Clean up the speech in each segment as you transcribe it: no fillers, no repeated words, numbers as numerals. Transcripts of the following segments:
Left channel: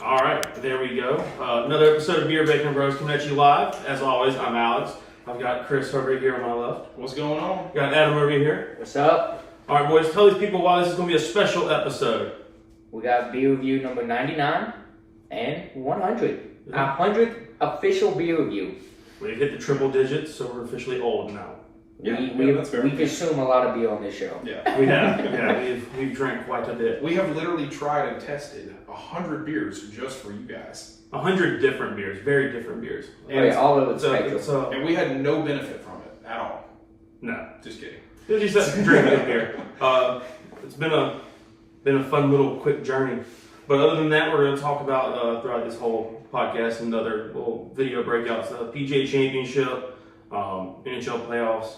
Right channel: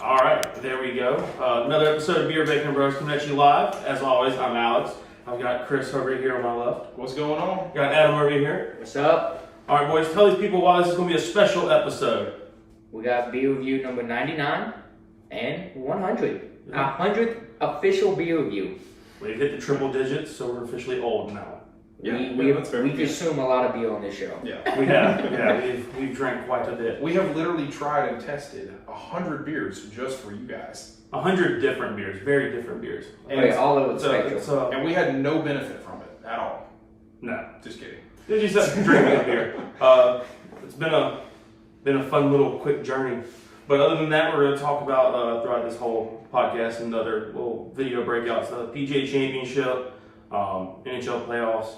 All right, there we go. Another episode of Beer Bacon Bros coming at you live. As always, I'm Alex. I've got Chris over here on my left. What's going on? Got Adam over here. What's up? All right, boys, tell these people why this is going to be a special episode. We got beer review number 99 and 100. Our 100th official beer review. We've hit the triple digits, so we're officially old now. We consume a lot of beer on this show. Yeah, We have. Yeah, we've drank quite a bit. we have literally tried and tested 100 beers just for you guys, 100 different beers, very different beers. And all of it's special. and we had no benefit from it at all. No. Just kidding. Did you say drink good beer? It's been a fun little quick journey. But other than that, we're going to talk about throughout this whole podcast and other little video breakouts, the PGA Championship, NHL playoffs.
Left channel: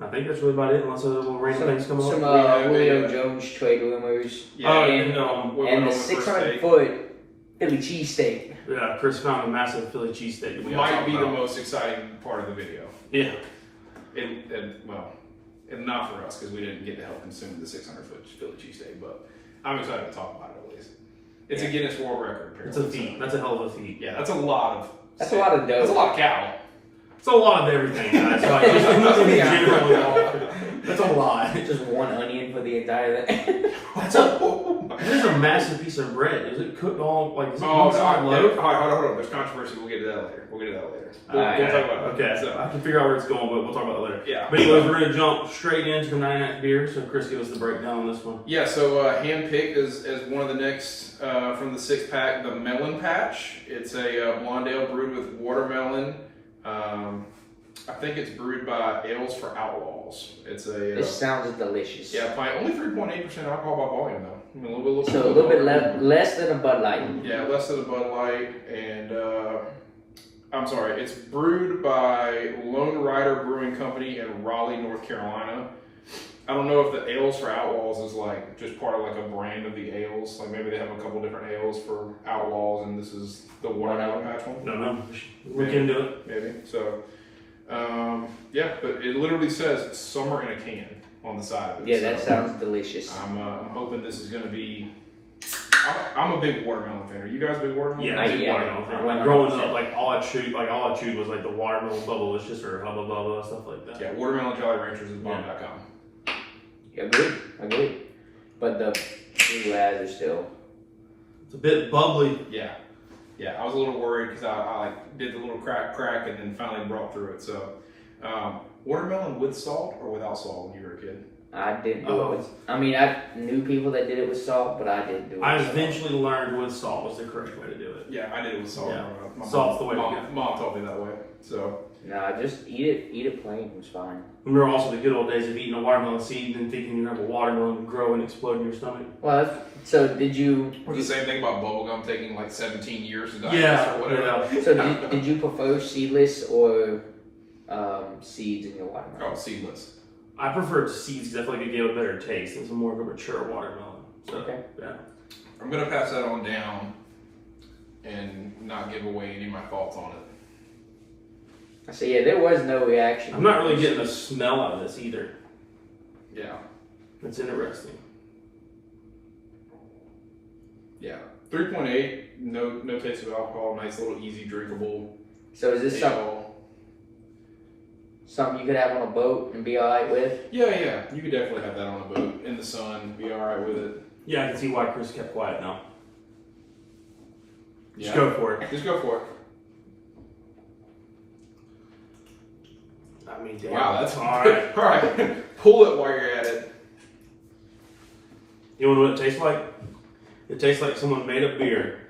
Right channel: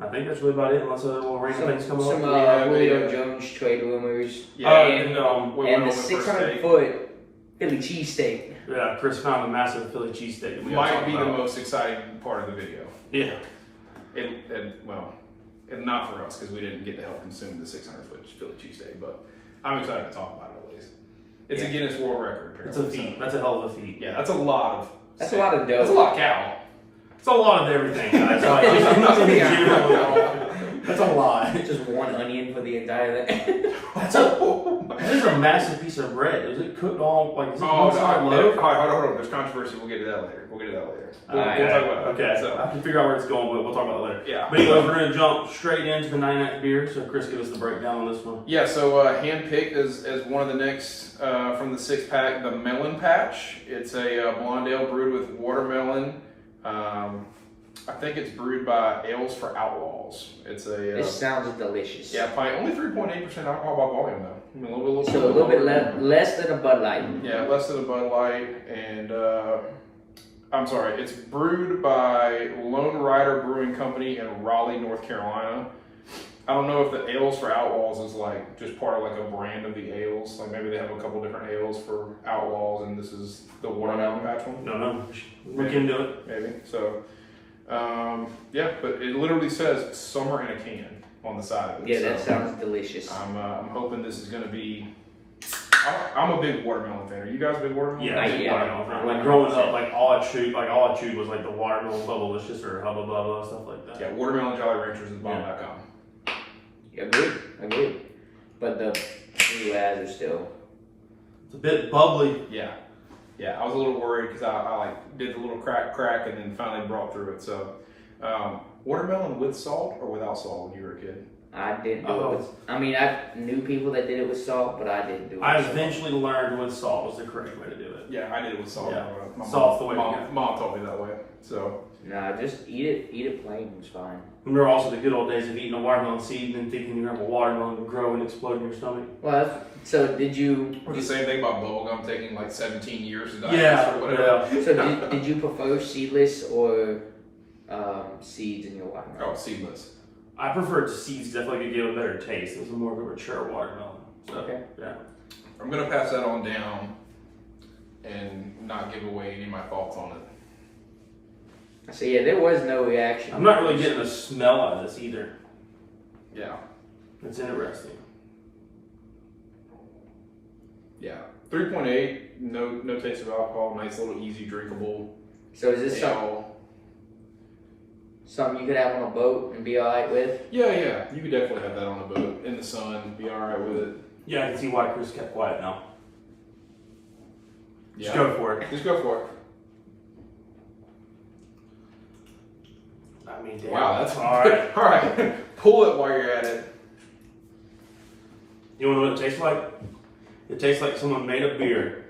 I think that's really about it, unless other little random things come up. Some Julio Jones trade rumors. Yeah, and the 600-foot Philly cheesesteak. Yeah, Chris found a massive Philly cheesesteak that we might be the most exciting part of the video. Yeah. And not for us because we didn't get to help consume the 600-foot Philly cheesesteak, but I'm excited to talk about it at least. It's a Guinness World Record. Apparently. It's a feat. That's a hell of a feat. Yeah, that's a lot of. That's a lot of dough. That's a lot of cow. It's a lot of everything, guys. Like, just nothing in general. That's a lot. Just one onion for the entire thing. That is a massive piece of bread. Is it cooked all like? Is it Oh, cooked on loaf? hold on. There's controversy. We'll get to that later. We'll Okay. talk about that. Okay. So, I can figure out where it's going, but we'll talk about that later. Yeah. But anyways, we're gonna jump straight into the 99th beer. So Chris, give us the breakdown on this one. Yeah, so handpicked as one of the next from the six pack, the Melon Patch. It's a blonde ale brewed with watermelon. I think it's brewed by Ales for Outlaws. It's a. It sounds delicious. Yeah, only 3.8% alcohol by volume though. A little bit less than a Bud Light. Yeah, less than a Bud Light, and I'm sorry, it's brewed by Lone Rider Brewing Company in Raleigh, North Carolina. I don't know if the Ales for Outlaws is like just part of like a brand of the ales. Like maybe they have a couple different ales for Outlaws, and this is the watermelon patch one. No. We can do it. Maybe so. Yeah, but it literally says "summer in a can" on the side of it. Yeah, that so sounds delicious. I'm hoping this is going to be. I'm a big watermelon fan. Are you guys a big watermelon? Yeah, I did watermelon fan. Like growing up, like all I chewed was like the watermelon bubblicious or hubba bubba stuff like that. Yeah, watermelon Jolly Ranchers is bomb.com. Agreed. But the blue ads are still. It's a bit bubbly. Yeah. I was a little worried because I like did the little crack and then finally brought through it. So, watermelon with salt or without salt when you were a kid? I didn't do it with. I mean, I knew people that did it with salt, but I didn't do it. I eventually learned with salt was the correct way to do it. Yeah, I did it with salt. Yeah. My Salt's the way to go. Mom taught me that way. So. Nah, just eat it plain. It was fine. Remember also the good old days of eating a watermelon seed and then thinking you're gonna have a watermelon grow and explode in your stomach. Well, so did you? Or the same thing about bubblegum taking like 17 years to digest Yeah. or whatever. Yeah. So did you prefer seedless or seeds in your watermelon? Oh, seedless. I preferred seeds because I feel like it gave a better taste. It was more of a mature watermelon. So, Okay. Yeah. I'm gonna pass that on down and not give away any of my thoughts on it. So yeah, there was no reaction. I'm not really getting a smell out of this either. Yeah. It's interesting. Yeah. 3.8, no taste of alcohol, nice little easy drinkable. So is this something you could have on a boat and be alright with? Yeah. You could definitely have that on a boat in the sun, be alright with it. Yeah, I can see why Chris kept quiet now. Just Yeah. go for it. Just go for it. I mean, damn. Wow, that's all right. All right. Pull it while you're at it. You wanna know what it tastes like? It tastes like someone made a beer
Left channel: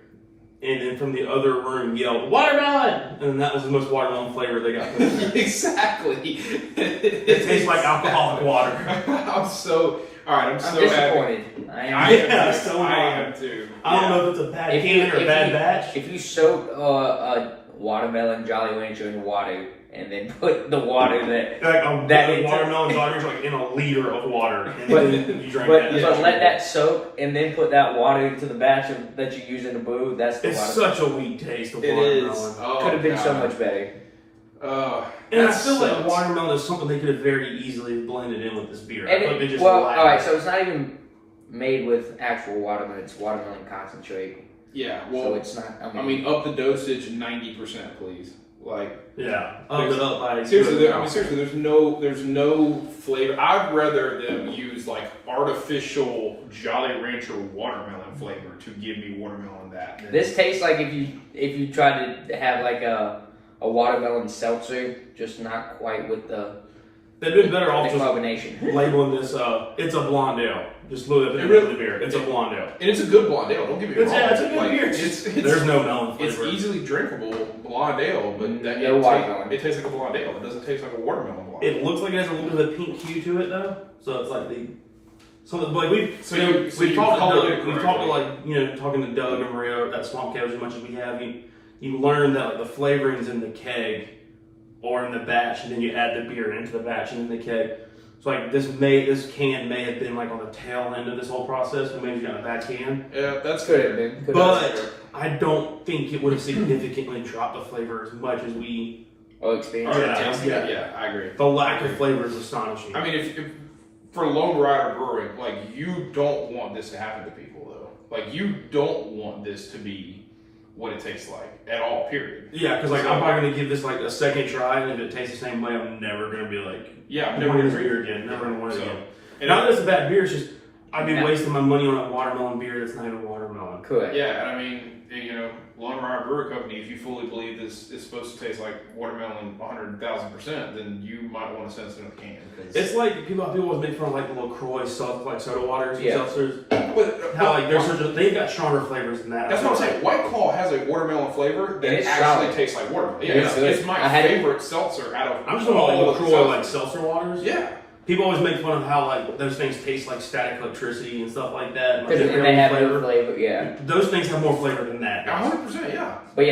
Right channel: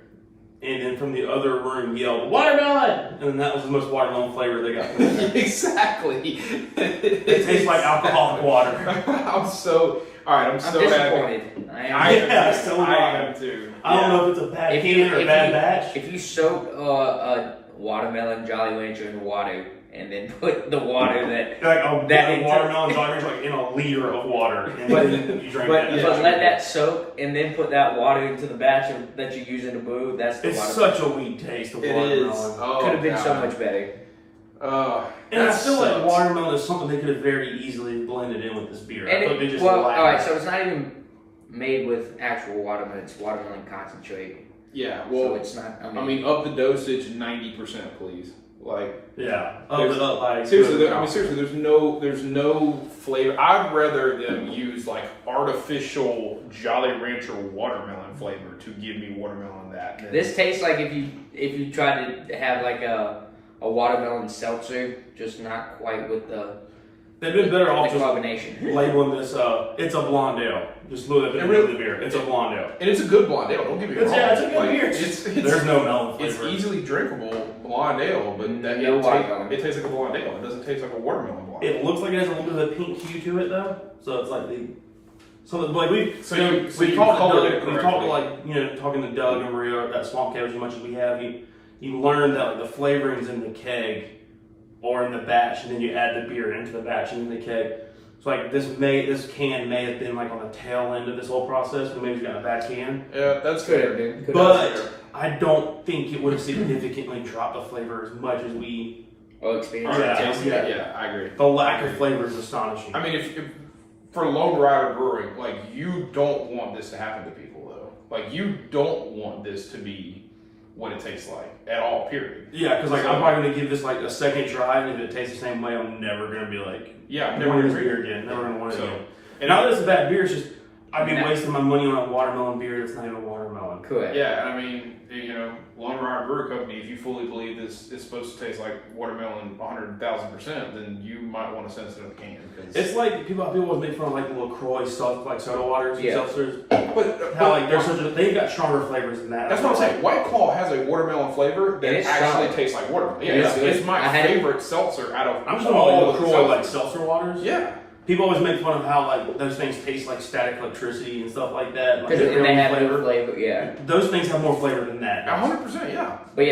and then from the other room yelled, "Watermelon!" And then that was the most watermelon flavor they got. Exactly. It tastes like alcoholic water. I'm so disappointed. happy. I am. I am too. I don't know if it's a bad can or a bad batch. If you soak a watermelon Jolly Rancher in water and then put the water That watermelon Jolly like in a liter of water, and But- then you drink But that. let that soak and then put that water into the batch that you use in the brew. That's the It's watermelon. such a weak taste of It watermelon. is. Oh, Could have been so God. much better. And I That feel like sucks. watermelon is something they could have very easily blended in with this beer. I And feel like they just all lack right, it. so it's not even made with actual watermelon. It's watermelon concentrate. Yeah, So well, it's not. I mean, up the dosage 90%, please. Like, Yeah, up it up by seriously. I mean, seriously. There's no flavor. I'd rather them use like artificial Jolly Rancher watermelon flavor to give me watermelon that. This tastes like if you tried to have like a watermelon seltzer, just not quite with the. They've been better off just combination. labeling this. It's a blonde ale. Just look at the beer. It's a blonde ale. And it's a good blonde ale. Don't get me wrong. Yeah, it's a good Like, beer. There's no melon flavor. It's easily drinkable blonde ale, but it tastes like a blonde ale. It doesn't taste like a watermelon blonde. It looks like it has a little bit of a pink hue to it though. So it's like we talked to like talking to Doug and Maria at Swamp Cabbage as much as we have. You learn that like, the flavorings in the keg or in the batch, and then you add the beer into the batch and in the keg. So like this can may have been like on the tail end of this whole process, but maybe you got a bad can. Yeah, that's good. But I don't think it would have significantly dropped the flavor as much as we. Experience. Yeah, I agree. The lack of flavor is astonishing. I mean, if for Lone Rider Brewing, like you don't want this to happen to people though. Like you don't want this to be what it tastes like at all. Period. Yeah, because like I'm probably gonna give this like a second try, and if it tastes the same way, I'm never gonna be like, I'm never gonna beer again. Never gonna want it again. And not that it's a bad beer, it's just I'd be wasting my money on a watermelon beer that's not even watermelon. Correct. Yeah, I mean, Lone Rider Brewery Company, if you fully believe this is supposed to taste like watermelon 100,000%, then you might want to send us another can. It's like people always make fun of like the LaCroix like soda waters and seltzers. But how like they've got stronger flavors than that. That's what I'm saying. White Claw has a watermelon flavor that actually tastes like watermelon. Yeah, it's my favorite seltzer out of I'm just talking about LaCroix like seltzer waters. Yeah. People always make fun of how like those things taste like static electricity and stuff like that. Like, they have flavor. Yeah. Those things have more flavor than that. 100%. Yeah. But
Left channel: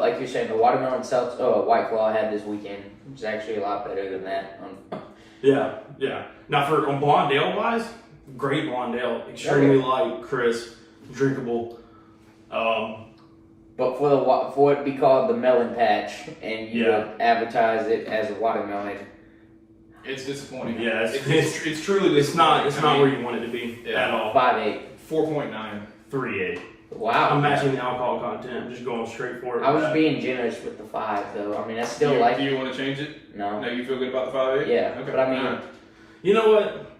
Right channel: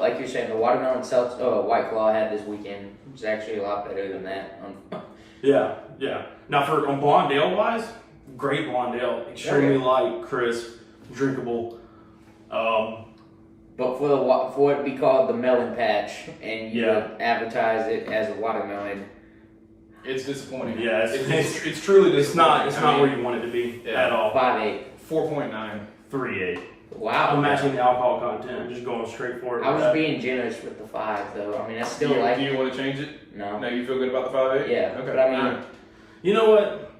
like you're saying, the watermelon seltzer, White Claw I had this weekend was actually a lot better than that. Yeah. Now for blonde ale wise, great blonde ale, extremely light, crisp, drinkable. But for it to be called the Melon Patch and you advertise it as a watermelon. It's disappointing. Yeah, it's truly disappointing. It's not where you want it to be at all. 5.8. 4.9. 3.8. Wow. I'm matching the alcohol content. I'm just going straight for it. I was being generous with the 5 though. I mean, that's still like. You don't want to change it? No. No, you feel good about the 5.8? Yeah. Okay. But I mean, you know what?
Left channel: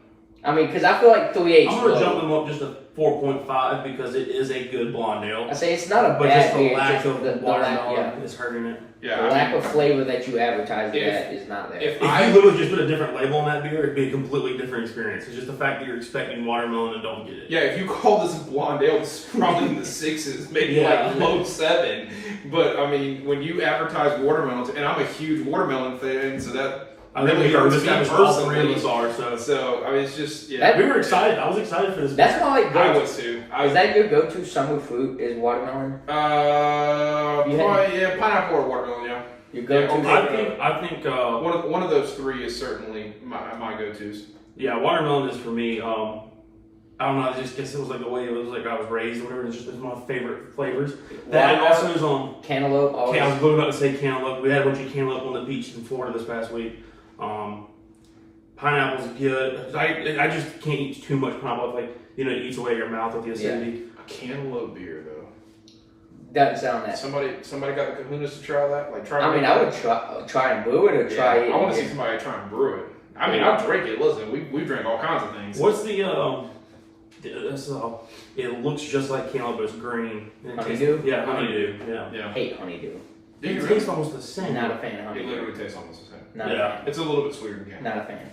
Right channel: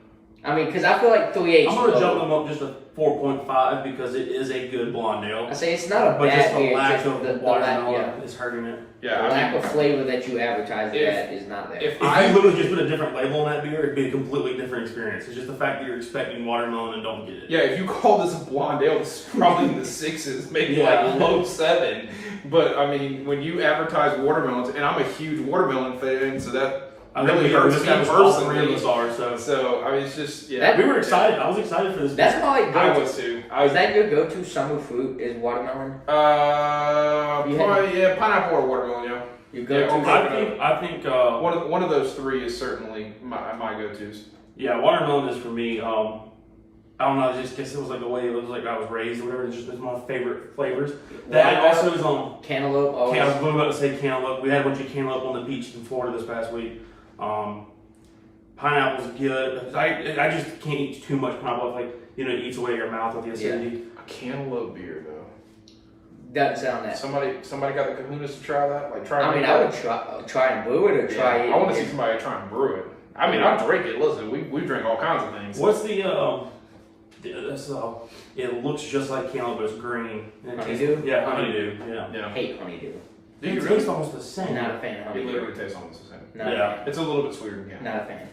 I mean, because I feel like 3.8. I'm gonna jump them up just a 4.5 because it is a good blonde ale. I say it's not a but bad just the beer, lack just of watermelon is hurting it. Yeah, the lack of flavor that you advertise it at is not there. If I literally just put a different label on that beer, it'd be a completely different experience. It's just the fact that you're expecting watermelon and don't get it. Yeah, if you call this a blonde ale, it's probably in the 6s, maybe like low 7. But I mean, when you advertise watermelons, and I'm a huge watermelon fan, so that. I think we established all 3 of us are, so I mean, it's just, we were excited. I was excited for this. That's my like I was too. Is that your go-to summer fruit, is watermelon? Probably, pineapple or watermelon, yeah. Your go-to? I think one of those 3 is certainly my go-tos. Yeah, watermelon is for me. I don't know, I just guess it was like the way it was like I was raised or whatever. It's just my favorite flavors. That also is on cantaloupe. I was about to say cantaloupe. We had a bunch of cantaloupe on the beach in Florida this past week. Pineapple's good. I just can't eat too much pineapple. It eats away your mouth with the acidity. A cantaloupe beer though. Doesn't sound that. Somebody got the kahunas to try that. I would try and brew it or try it. I want to see somebody try and brew it. I mean, I drink it. Listen, we drink all kinds of things. What's the it looks just like cantaloupe, but it's green. Honeydew? Yeah, honeydew. Yeah. I hate honeydew. It tastes almost the same. Not a fan of honeydew. It literally tastes almost the same. Not a fan. It's a little bit sweeter than cantaloupe. Not a fan.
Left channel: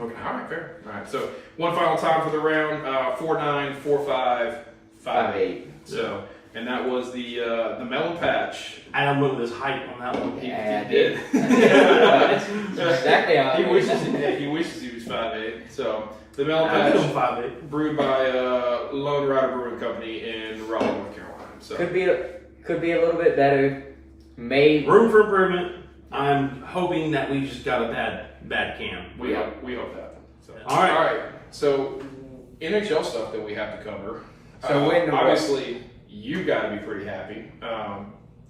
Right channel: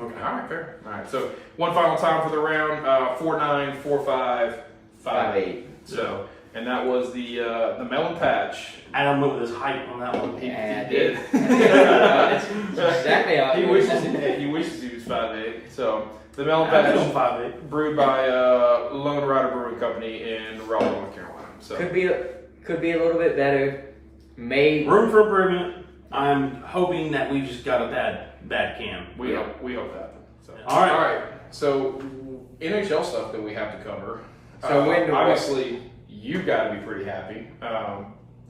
Okay. All right, fair. All right. So one final time for the round: 4.9, 4.5, 5.8. So, and that was the Melon Patch. Adam went with his hype on that one. Yeah, I did. Exactly how he wishes he was 5.8. So the Melon Patch, 5.8, brewed by Lone Rider Brewing Company in Raleigh, North Carolina. So could be a little bit better. Room for improvement. I'm hoping that we just got a bad can. We hope that. So. All right. All right. So NHL stuff that we have to cover. So obviously you got to be pretty happy.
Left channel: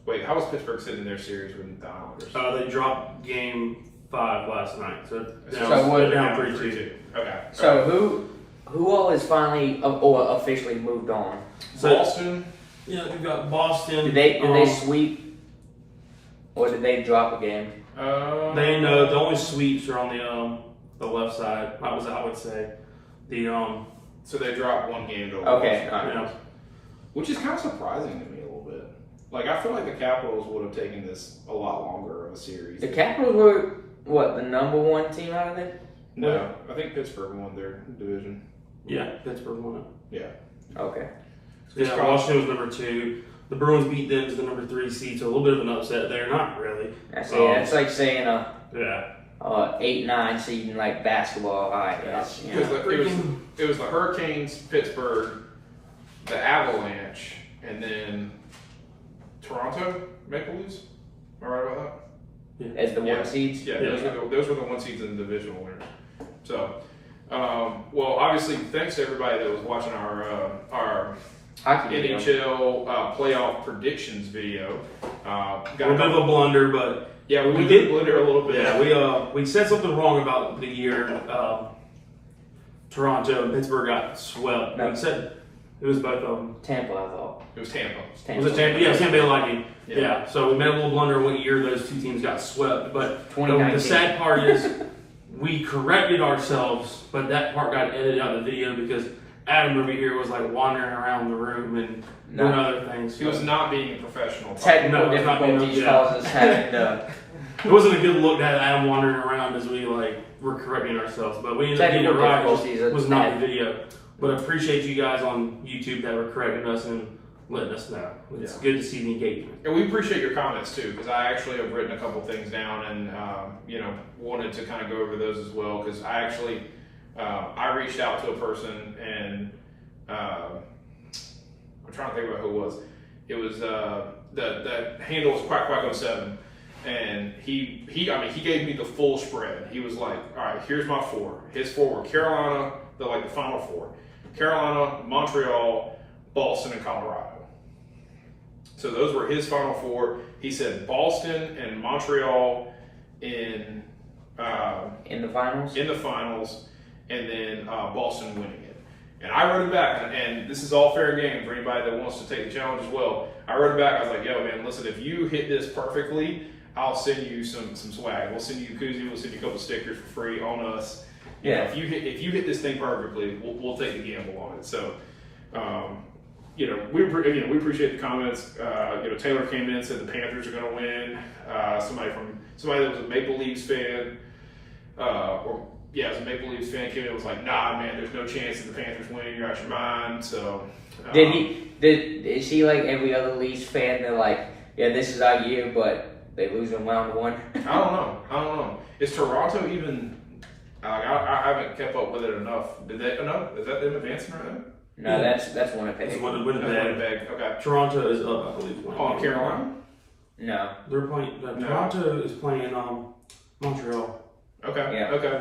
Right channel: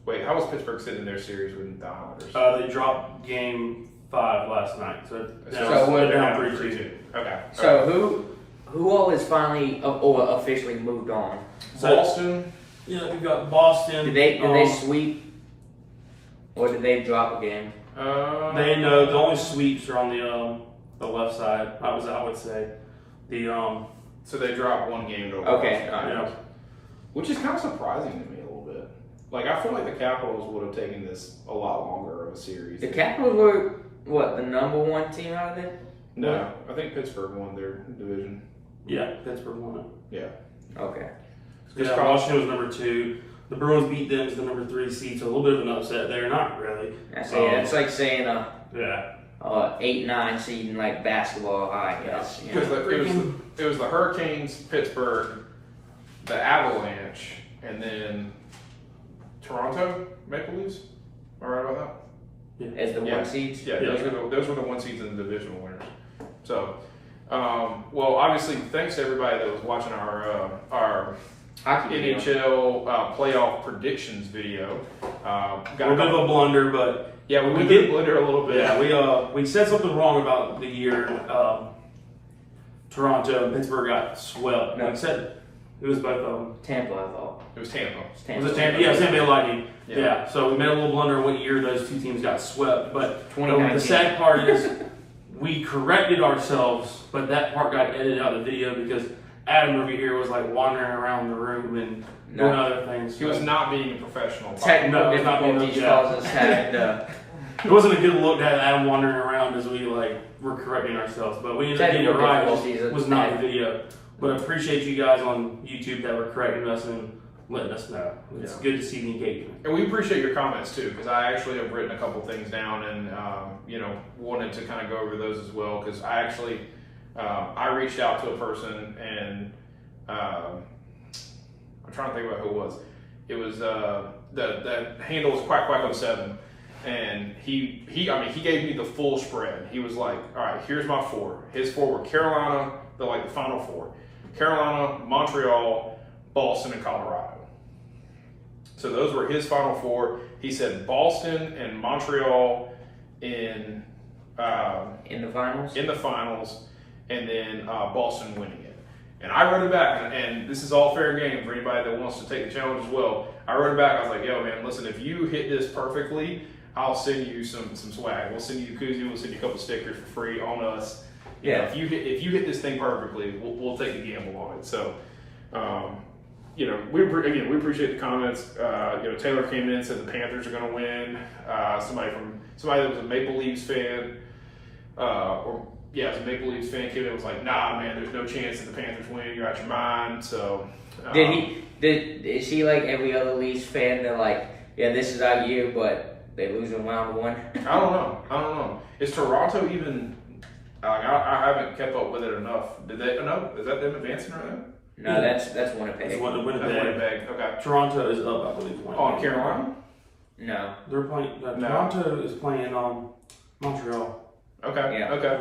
Wait, how was Pittsburgh sitting in their series with the Islanders? They dropped game 5 last night, so we're down 3-2. Okay. So who all is finally or officially moved on? Boston, Yeah, we've got Boston. Did they sweep, or did they drop a game? They know the only sweeps are on the left side. I would say the So they dropped one game to Okay, Washington, which is kind of surprising to me a little bit. Like I feel like the Capitals would have taken this a lot longer of a series. The Capitals were what, the number one team out of it? No, I think Pittsburgh won their division. Yeah, Pittsburgh won it. Yeah. Okay. Yeah, Washington was number 2. The Bruins beat them as the number 3 seed, so a little bit of an upset there. Not really. It's like saying a Yeah. 8-9 seed in like basketball, I guess. You know? It was the Hurricanes, Pittsburgh, the Avalanche, and then Toronto Maple Leafs. Am I right about that? As the one seeds? Yeah, those were the one seeds in the divisional winners. So, well, obviously, thanks to everybody that was watching our Hockey NHL playoff predictions video. Got a bit of a blunder, but yeah, we did blunder a little bit. Yeah, we said something wrong about the year Toronto and Pittsburgh got swept. No. We said it was both of them. Tampa, I thought. It was Tampa. Was it Tampa? Yeah, Tampa Bay Lightning. Yeah. So we made a little blunder on what year those two teams got swept. But the sad part is we corrected ourselves, but that part got edited out of the video because Adam over here was like wandering around the room and doing other things. He was not being a professional. Technical difficulties caused us having to... It wasn't a good look to have Adam wandering around as we were correcting ourselves, but we ended up getting it right. It was not the video. But I appreciate you guys on YouTube that were correcting us and letting us know. It's good to see the engagement. And we appreciate your comments too, because I actually have written a couple things down and wanted to kind of go over those as well. Because I actually I reached out to a person and I'm trying to think about who it was. It was the handle was Quack07. And he gave me the full spread. He was like, all right, here's my 4. His 4 were Carolina, the final 4. Carolina, Montreal, Boston, and Colorado. So those were his final 4. He said Boston and Montreal in the finals? In the finals, and then Boston winning it. And I wrote it back, and this is all fair game for anybody that wants to take the challenge as well. I wrote it back, I was like, yo man, listen, if you hit this perfectly, I'll send you some swag. We'll send you a koozie. We'll send you a couple stickers for free on us. Yeah. If you hit this thing perfectly, we'll take the gamble on it. So, we appreciate the comments. Taylor came in and said the Panthers are going to win. Somebody that was a Maple Leafs fan, it was a Maple Leafs fan came in and was like, nah, man, there's no chance that the Panthers win. You're out your mind. So, is he like every other Leafs fan? They're like, yeah, this is our year, but they lose in round 1. I don't know. Is Toronto even? I haven't kept up with it enough. Did they? No, is that them advancing right now? No, that's Winnipeg. It's Winnipeg. Okay. Toronto is up, I believe. Oh, Carolina? No. They're playing. Toronto is playing Montreal. Okay. Yeah. Okay.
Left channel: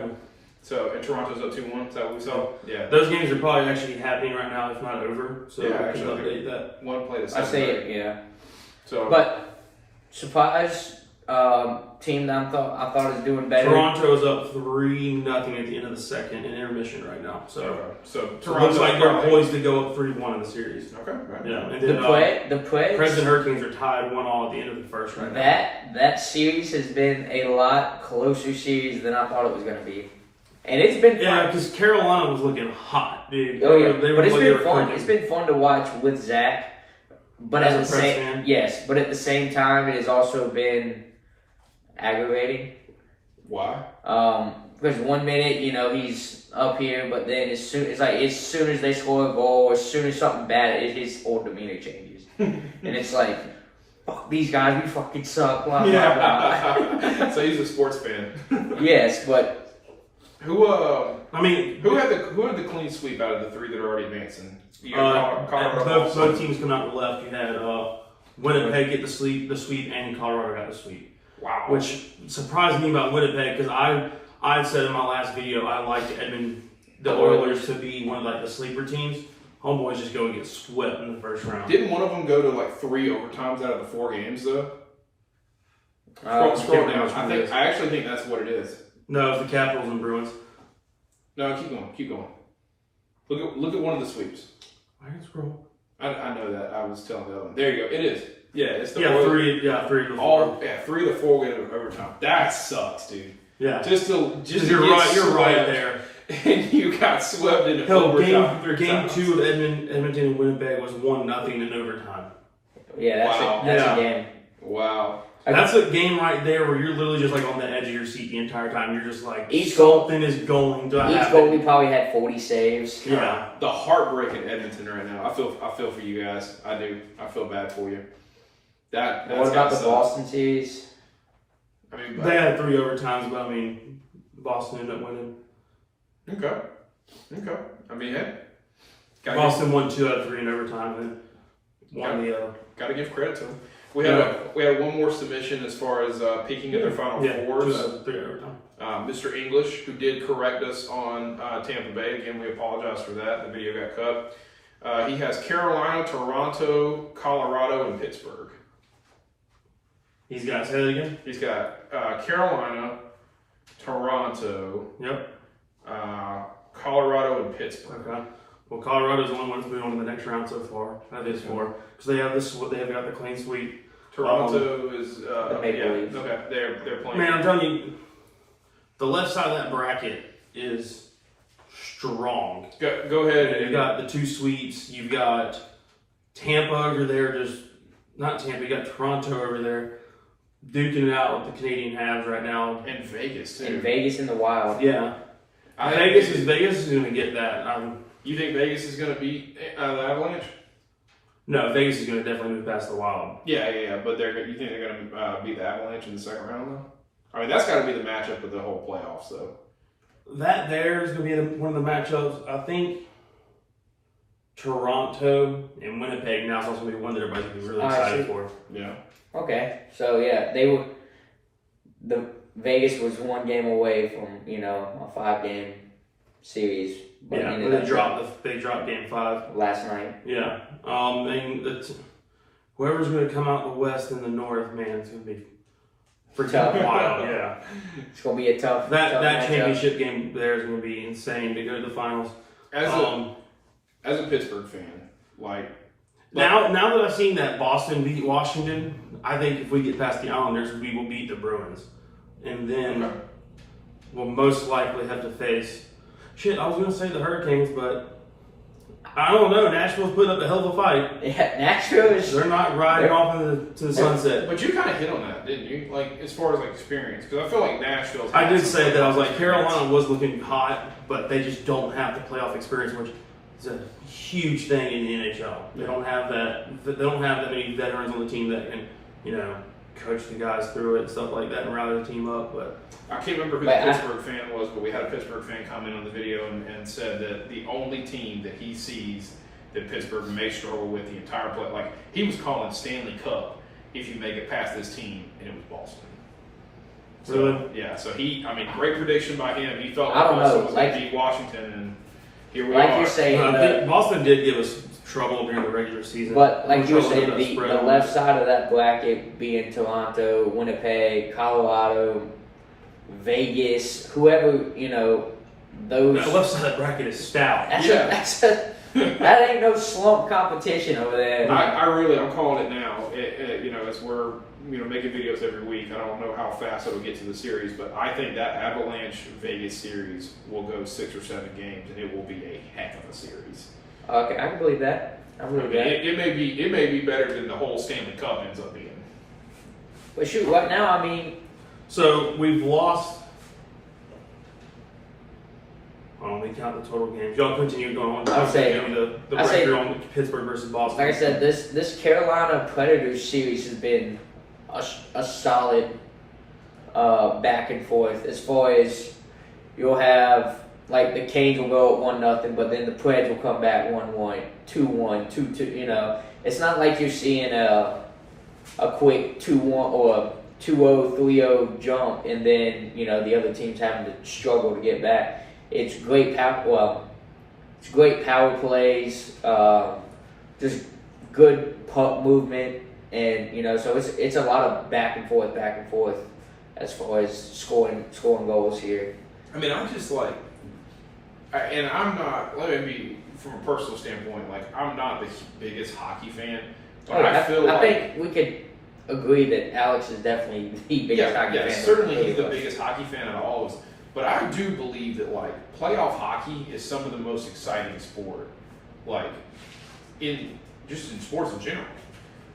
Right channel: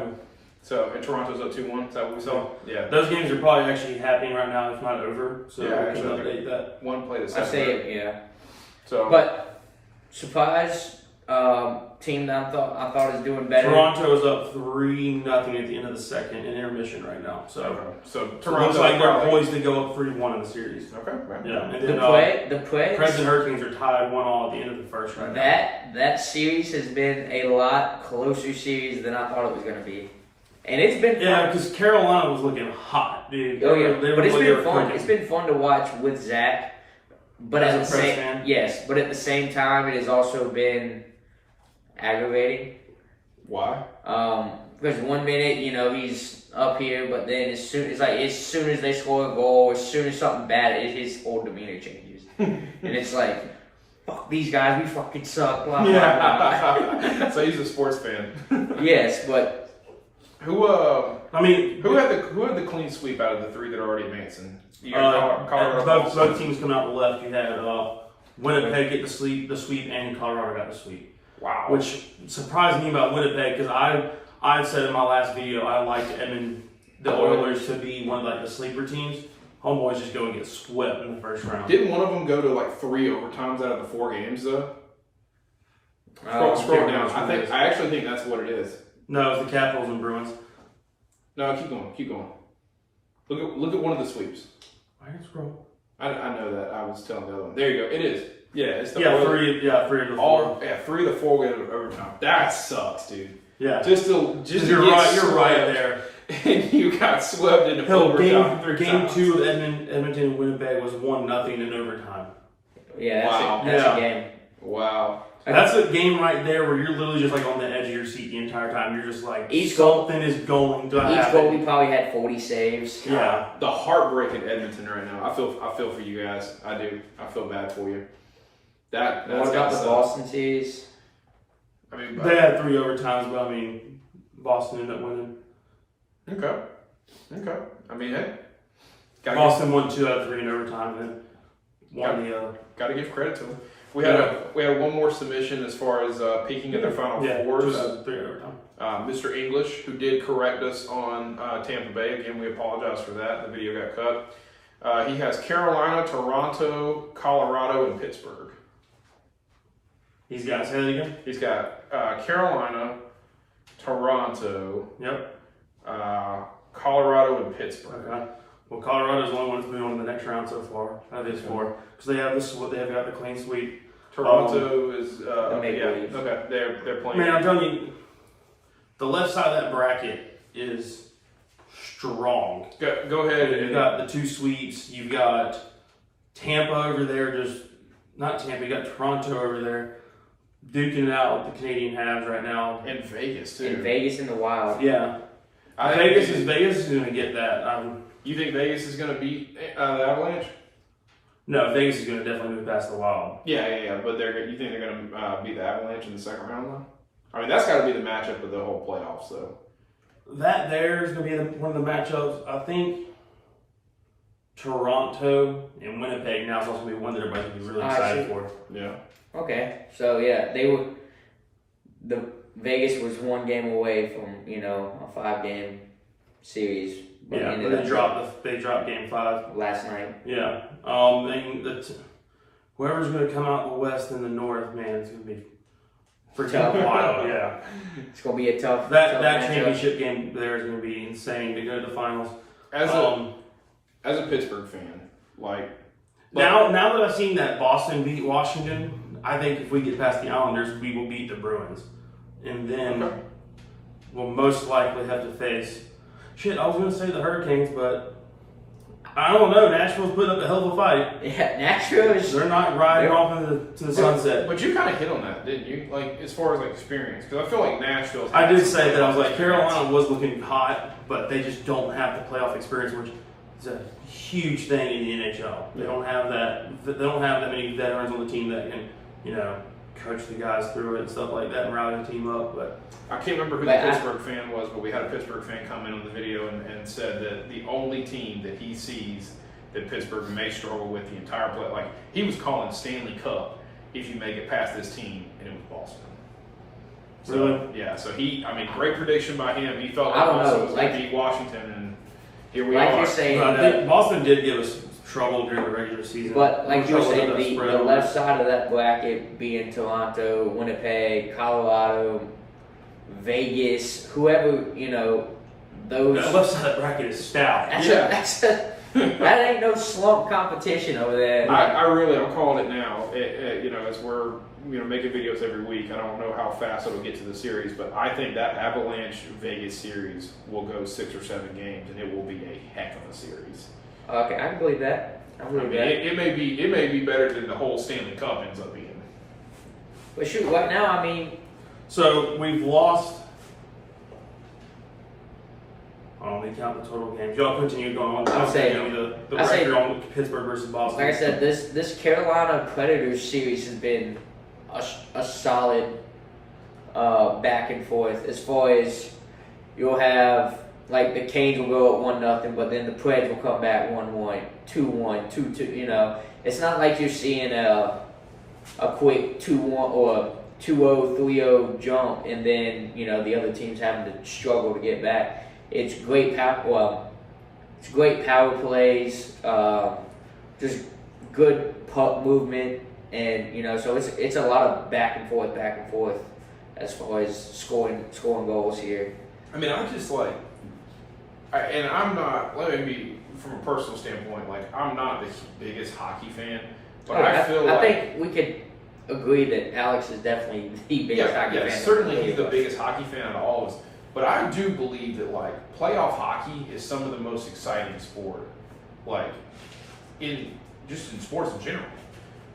So and Toronto's up 2-1. Is that what we saw? Yeah. Those games are probably actually happening right now, if not over. So we can update that. One play to I say it. Yeah. So, but surprise team that I thought is doing better. Toronto is up 3-0 at the end of the second in intermission right now. So Toronto it looks like they're poised to go up 3-1 in the series. Okay. Right. Yeah. And then the President Hurricanes are tied 1-1 at the end of the first right now. That series has been a lot closer series than I thought it was going to be. And it's been fun. because Carolina was looking hot, dude. Oh yeah, but it's been fun. It's been fun to watch with Zach. But as a Preds fan? Yes, but at the same time, it has also been aggravating. Why? Because 1 minute, he's up here, but then as soon as they score a goal, as soon as something bad, his whole demeanor changes, and it's like, fuck these guys, we fucking suck. Blah blah blah. So he's a sports fan. Yes, but who had the clean sweep out of the 3 that are already advancing? Both teams come out the left. You had Winnipeg get the sweep, and Colorado got the sweep. Wow. Which surprised me about Winnipeg because I said in my last video I liked the Oilers to be one of the sleeper teams. Homeboys just go and get swept in the first round. Didn't one of them go to 3 overtimes out of the 4 games though? Scroll down. I actually think that's what it is. No, it's the Capitals and Bruins. No, keep going. Look at one of the sweeps. I can scroll. I know that. I was telling the other one. There you go. It is. Yeah, it's the three of the four. Three of the four get overtime. That sucks, dude. Yeah. Just you're right there. And you got swept into overtime. Game 2 of Edmonton and Winnipeg was 1-0 in overtime. Yeah, that's a game. Wow. That's a game right there where you're literally just like on the edge of your seat the entire time. You're just like, something is going to happen. Each goalie probably had 40 saves. Yeah. The heartbreak in Edmonton right now. I feel for you guys. I do. I feel bad for you. What about the Boston series? I mean, they had 3 overtimes, but I mean, Boston ended up winning. Okay. I mean, hey. Boston won 2 out of 3 in overtime and won the other. Got to give credit to them. We have one more submission as far as peeking at their final fours. 2 out of 3 overtime. Mr. English, who did correct us on Tampa Bay. Again, we apologize for that. The video got cut. He has Carolina, Toronto, Colorado, and Pittsburgh. He's got, say that again? He's got Carolina, Toronto, Colorado, and Pittsburgh. Okay. Well, Colorado's the only one that's moving on to the next round so far. That is 4. Because they have got the clean sweep. Toronto is the Maple Leafs. Okay, they're playing. Man, I'm telling you, the left side of that bracket is strong. Go ahead. You've got the 2 sweeps. You've got Tampa over there. Not Tampa. You got Toronto over there, duking it out with the Canadian Habs right now. And Vegas too. And Vegas in the Wild. Yeah. Vegas is going to get that. You think Vegas is going to beat the Avalanche? No, Vegas is going to definitely move past the Wild. Yeah. But you think they're going to beat the Avalanche in the second round, though? I mean, that's got to be the matchup of the whole playoffs, though. That there is going to be one of the matchups. I think Toronto and Winnipeg now is also going to be one that everybody's going to be really excited for. Yeah. Okay. So, yeah, the Vegas was 1 game away from, a 5-game series. But they dropped game 5 last night. Yeah. Whoever's going to come out in the West and the North, man, it's going to be freaking wild. Yeah. It's going to be a tough. That matchup. championship game there is going to be insane to go to the finals. As a Pittsburgh fan, now that I've seen that Boston beat Washington, I think if we get past the Islanders, we will beat the Bruins, and then we'll most likely have to face. Shit, I was going to say the Hurricanes, but I don't know. Nashville's putting up a hell of a fight. Yeah, Nashville is. They're not riding off to the sunset. But you kind of hit on that, didn't you? As far as experience, because I feel like Nashville's. I did say that. I was like, Carolina was looking hot, but they just don't have the playoff experience, which is a huge thing in the NHL. They don't have that. They don't have that many veterans on the team that can, coach the guys through it and stuff like that and rally the team up. But I can't remember who the Pittsburgh fan was, but we had a Pittsburgh fan comment on the video and said that the only team that he sees that Pittsburgh may struggle with the entire play, he was calling Stanley Cup if you make it past this team, and it was Boston. So, really? Yeah. So great prediction by him. He felt I don't Boston know, was going to beat Washington, and here we like are. you're saying, I think Boston did give us trouble during the regular season. But like you were saying, the left on side of that bracket being Toronto, Winnipeg, Colorado, Vegas, whoever, those. That left side of that bracket is stout. That ain't no slump competition over there. I'm calling it now. As we're making videos every week, I don't know how fast it'll get to the series, but I think that Avalanche Vegas series will go 6 or 7 games, and it will be a heck of a series. Okay, I can believe that. It may be better than the whole Stanley Cup ends up being. But shoot, right now, So we've lost. Let me count the total games. Y'all continue going on. I'll say the record on Pittsburgh versus Boston. Like I said, this Carolina Predators series has been a solid back and forth. As far as you'll have, the Canes will go up 1-0, but then the Preds will come back 1-1, 2-1, 2-2. It's not like you're seeing a quick 2-1 or 2-0, 3-0 jump, and then the other team's having to struggle to get back. It's great power plays, just good puck movement, and so it's a lot of back and forth as far as scoring goals here. I just and I'm not. Let me be from a personal standpoint, like I'm not the biggest hockey fan, but Oh, I think we could agree that Alex is definitely the biggest hockey fan. Certainly he's the biggest hockey fan of all of us. But I do believe that like playoff hockey is some of the most exciting sport, like in sports in general.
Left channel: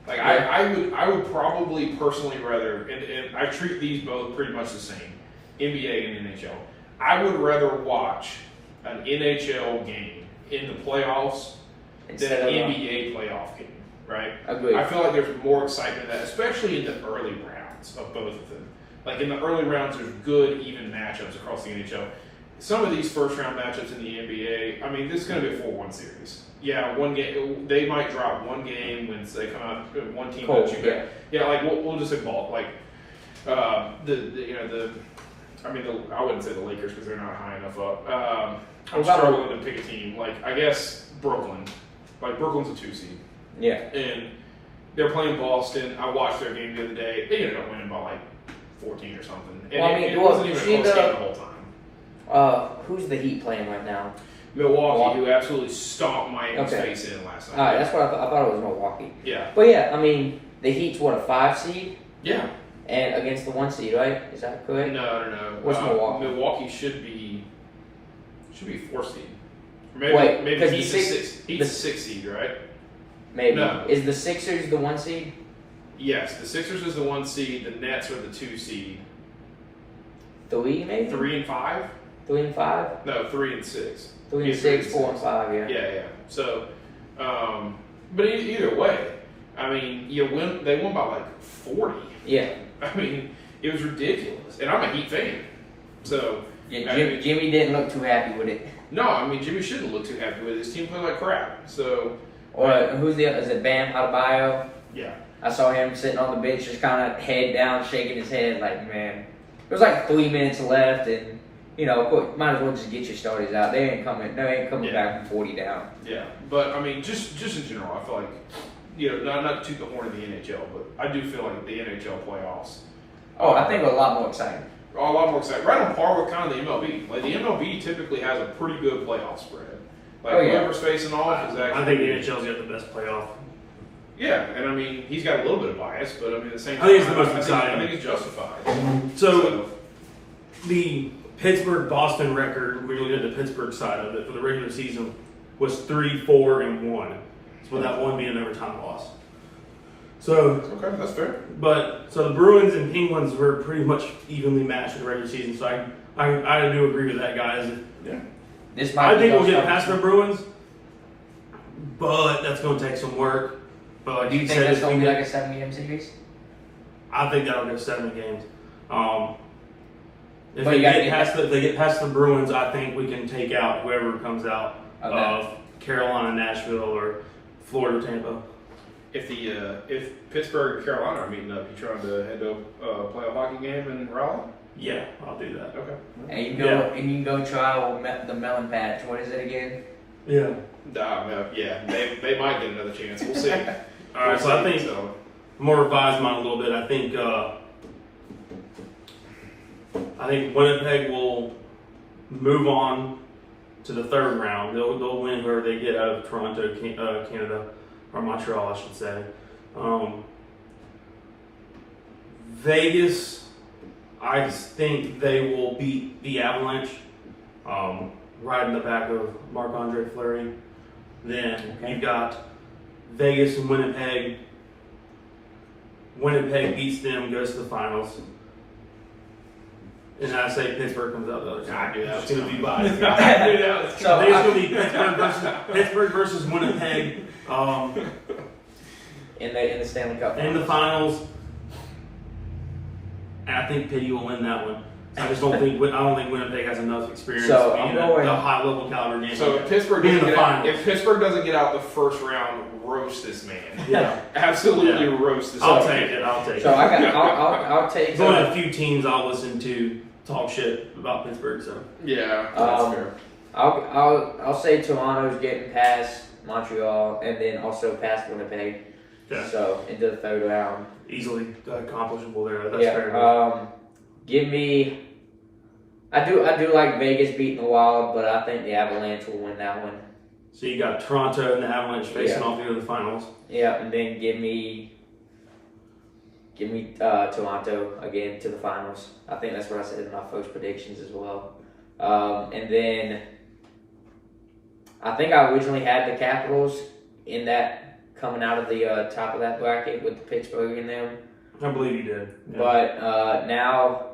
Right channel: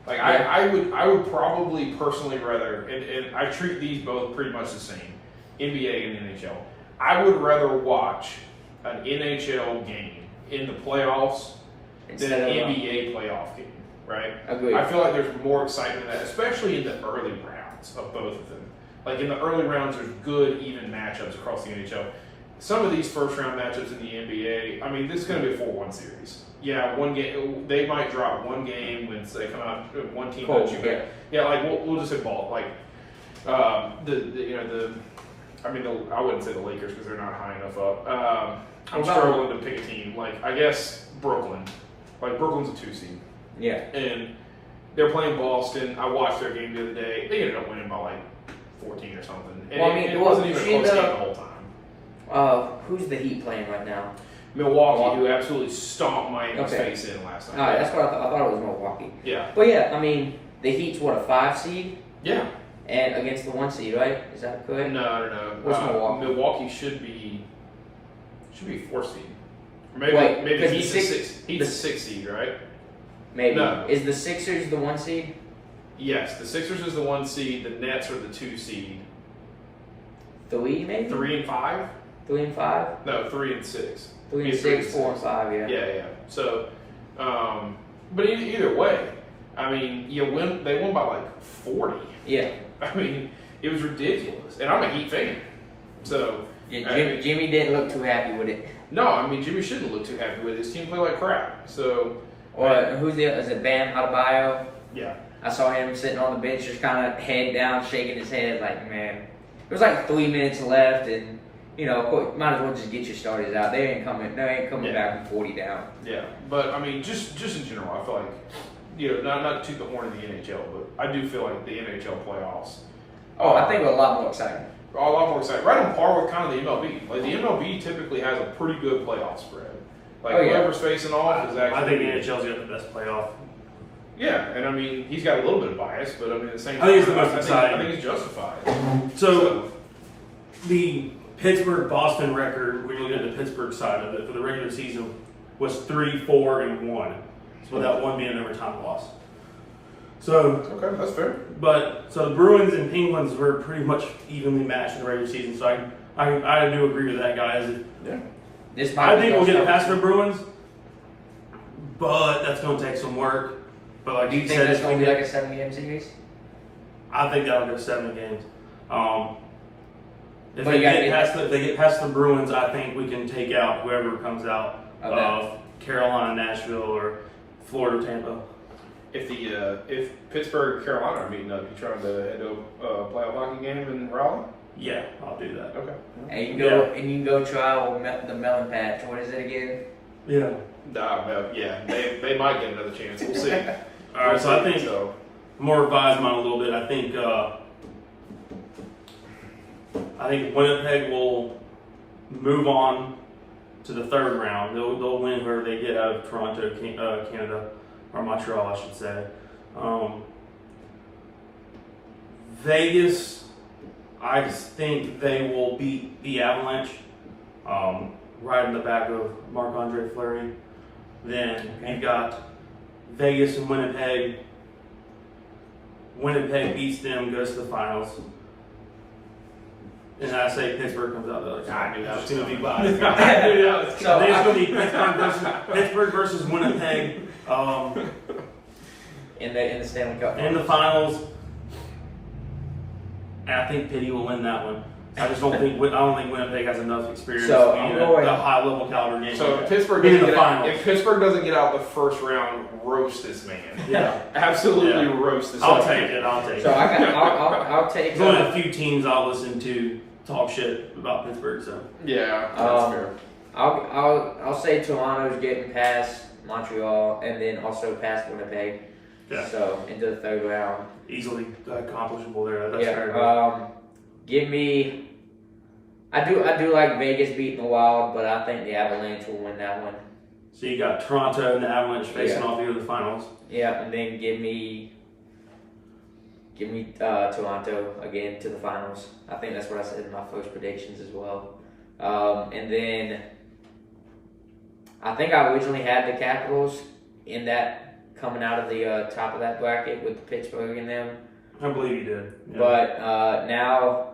Like I would probably personally rather, and I treat these both pretty much the same, NBA and NHL. I would rather watch an NHL game in the playoffs than an NBA playoff game, right? Agreed. I feel like there's more excitement in that, especially in the early rounds of both of them. Like in the early rounds, there's good, even matchups across the NHL. Some of these first round matchups in the NBA, I mean, this is going to be a 4-1 series. Yeah, one game, they might drop one game when they come out, one team. Cold, yeah, like we'll just say ball. Like, I wouldn't say the Lakers because they're not high enough up. I'm struggling to pick a team. Like, I guess Brooklyn. Like, Brooklyn's a 2 seed. Yeah. And they're playing Boston. I watched their game the other day. They ended up winning by like 14 or something. And it wasn't even a close game the whole time. Who's the Heat playing right now? Milwaukee, who absolutely stomped Miami's face in last night. All right, that's what I thought. I thought it was Milwaukee. Yeah. But yeah, I mean, the Heat's what, a 5 seed? Yeah. And against the 1 seed, right? Is that correct? No. What's Milwaukee? Milwaukee should be 4 seed. Or maybe he's a 6 seed, right? Maybe. No. Is the Sixers the 1 seed? Yes, the Sixers is the 1 seed. The Nets are the 2 seed. 3 maybe? 3 and 5? 3 and 5? No, 3 and 6. 3 and 6, 4 and 5, yeah. Yeah. So, but either way, I mean, they won by like 40. Yeah. I mean, it was ridiculous, and I'm a Heat fan. So Yeah, Jimmy didn't look too happy with it. No, I mean Jimmy shouldn't look too happy with it. His team played like crap. So, or who's the other? Is it Bam Adebayo? Yeah. I saw him sitting on the bench, just kind of head down, shaking his head, like, man. There was like 3 minutes left, and of course, might as well just get your starters out. They ain't coming back from 40 down. Yeah, but I mean, just in general, I feel like not to toot the horn of the NHL, but I do feel like the NHL playoffs. I think we're a lot more exciting. A lot more exciting. Right on par with kind of the MLB. Like the MLB typically has a pretty good playoff spread. Like whoever's facing off is actually. I think the NHL's got the best playoff. Yeah, and I mean he's got a little bit of bias, but I mean the same. I think it's the most exciting. I think he's justified. So the Pittsburgh-Boston record, when you look at the Pittsburgh side of it for the regular season, was 3-4-1. So with that one being an overtime loss. So okay, that's fair. But so the Bruins and Penguins were pretty much evenly matched in the regular season. So I do agree with that, guys. Yeah. I think we'll get past the Bruins, but that's going to take some work. But like do you think that's going to be like a 7-game series? I think that'll go 7 games. If but they get past the Bruins, I think we can take out whoever comes out of Carolina, Nashville, or Florida, Tampa. If Pittsburgh and Carolina are meeting up, you trying to head to a playoff hockey game in Raleigh? Yeah, I'll do that. Okay. And you can go try the melon patch. What is it again? Yeah. They might get another chance. We'll see. All right, so I think I'm gonna revise mine a little bit. I think Winnipeg will move on to the 3rd round. They'll win whoever they get out of Toronto, Canada, or Montreal, I should say. Vegas, I just think they will beat the Avalanche, right in the back of Marc-Andre Fleury. Then you've got Vegas and Winnipeg. Winnipeg beats them, goes to the finals. And I say Pittsburgh comes out the other side. It's going to be biased. I think it's going to be Pittsburgh versus Winnipeg. In the Stanley Cup. In the finals. And I think Pitt will win that one. I don't think Winnipeg has enough experience to be in a high level caliber game. So if Pittsburgh doesn't get out the first round, roast this man. Yeah, absolutely roast this. I'll take it. So I'll take. There's only a few teams I'll listen to talk shit about Pittsburgh. So yeah, that's fair. I'll say Toronto's getting past Montreal and then also past Winnipeg. Yeah. So into the 3rd round. Easily accomplishable there. That's fair. Give me. I do like Vegas beating the Wild, but I think the Avalanche will win that one. So you got Toronto and the Avalanche facing off here in the finals. Yeah, and then give me Toronto again to the finals. I think that's what I said in my first predictions as well. And then I think I originally had the Capitals in that coming out of the top of that bracket with the Pittsburgh in them. I believe you did. Yeah. But now,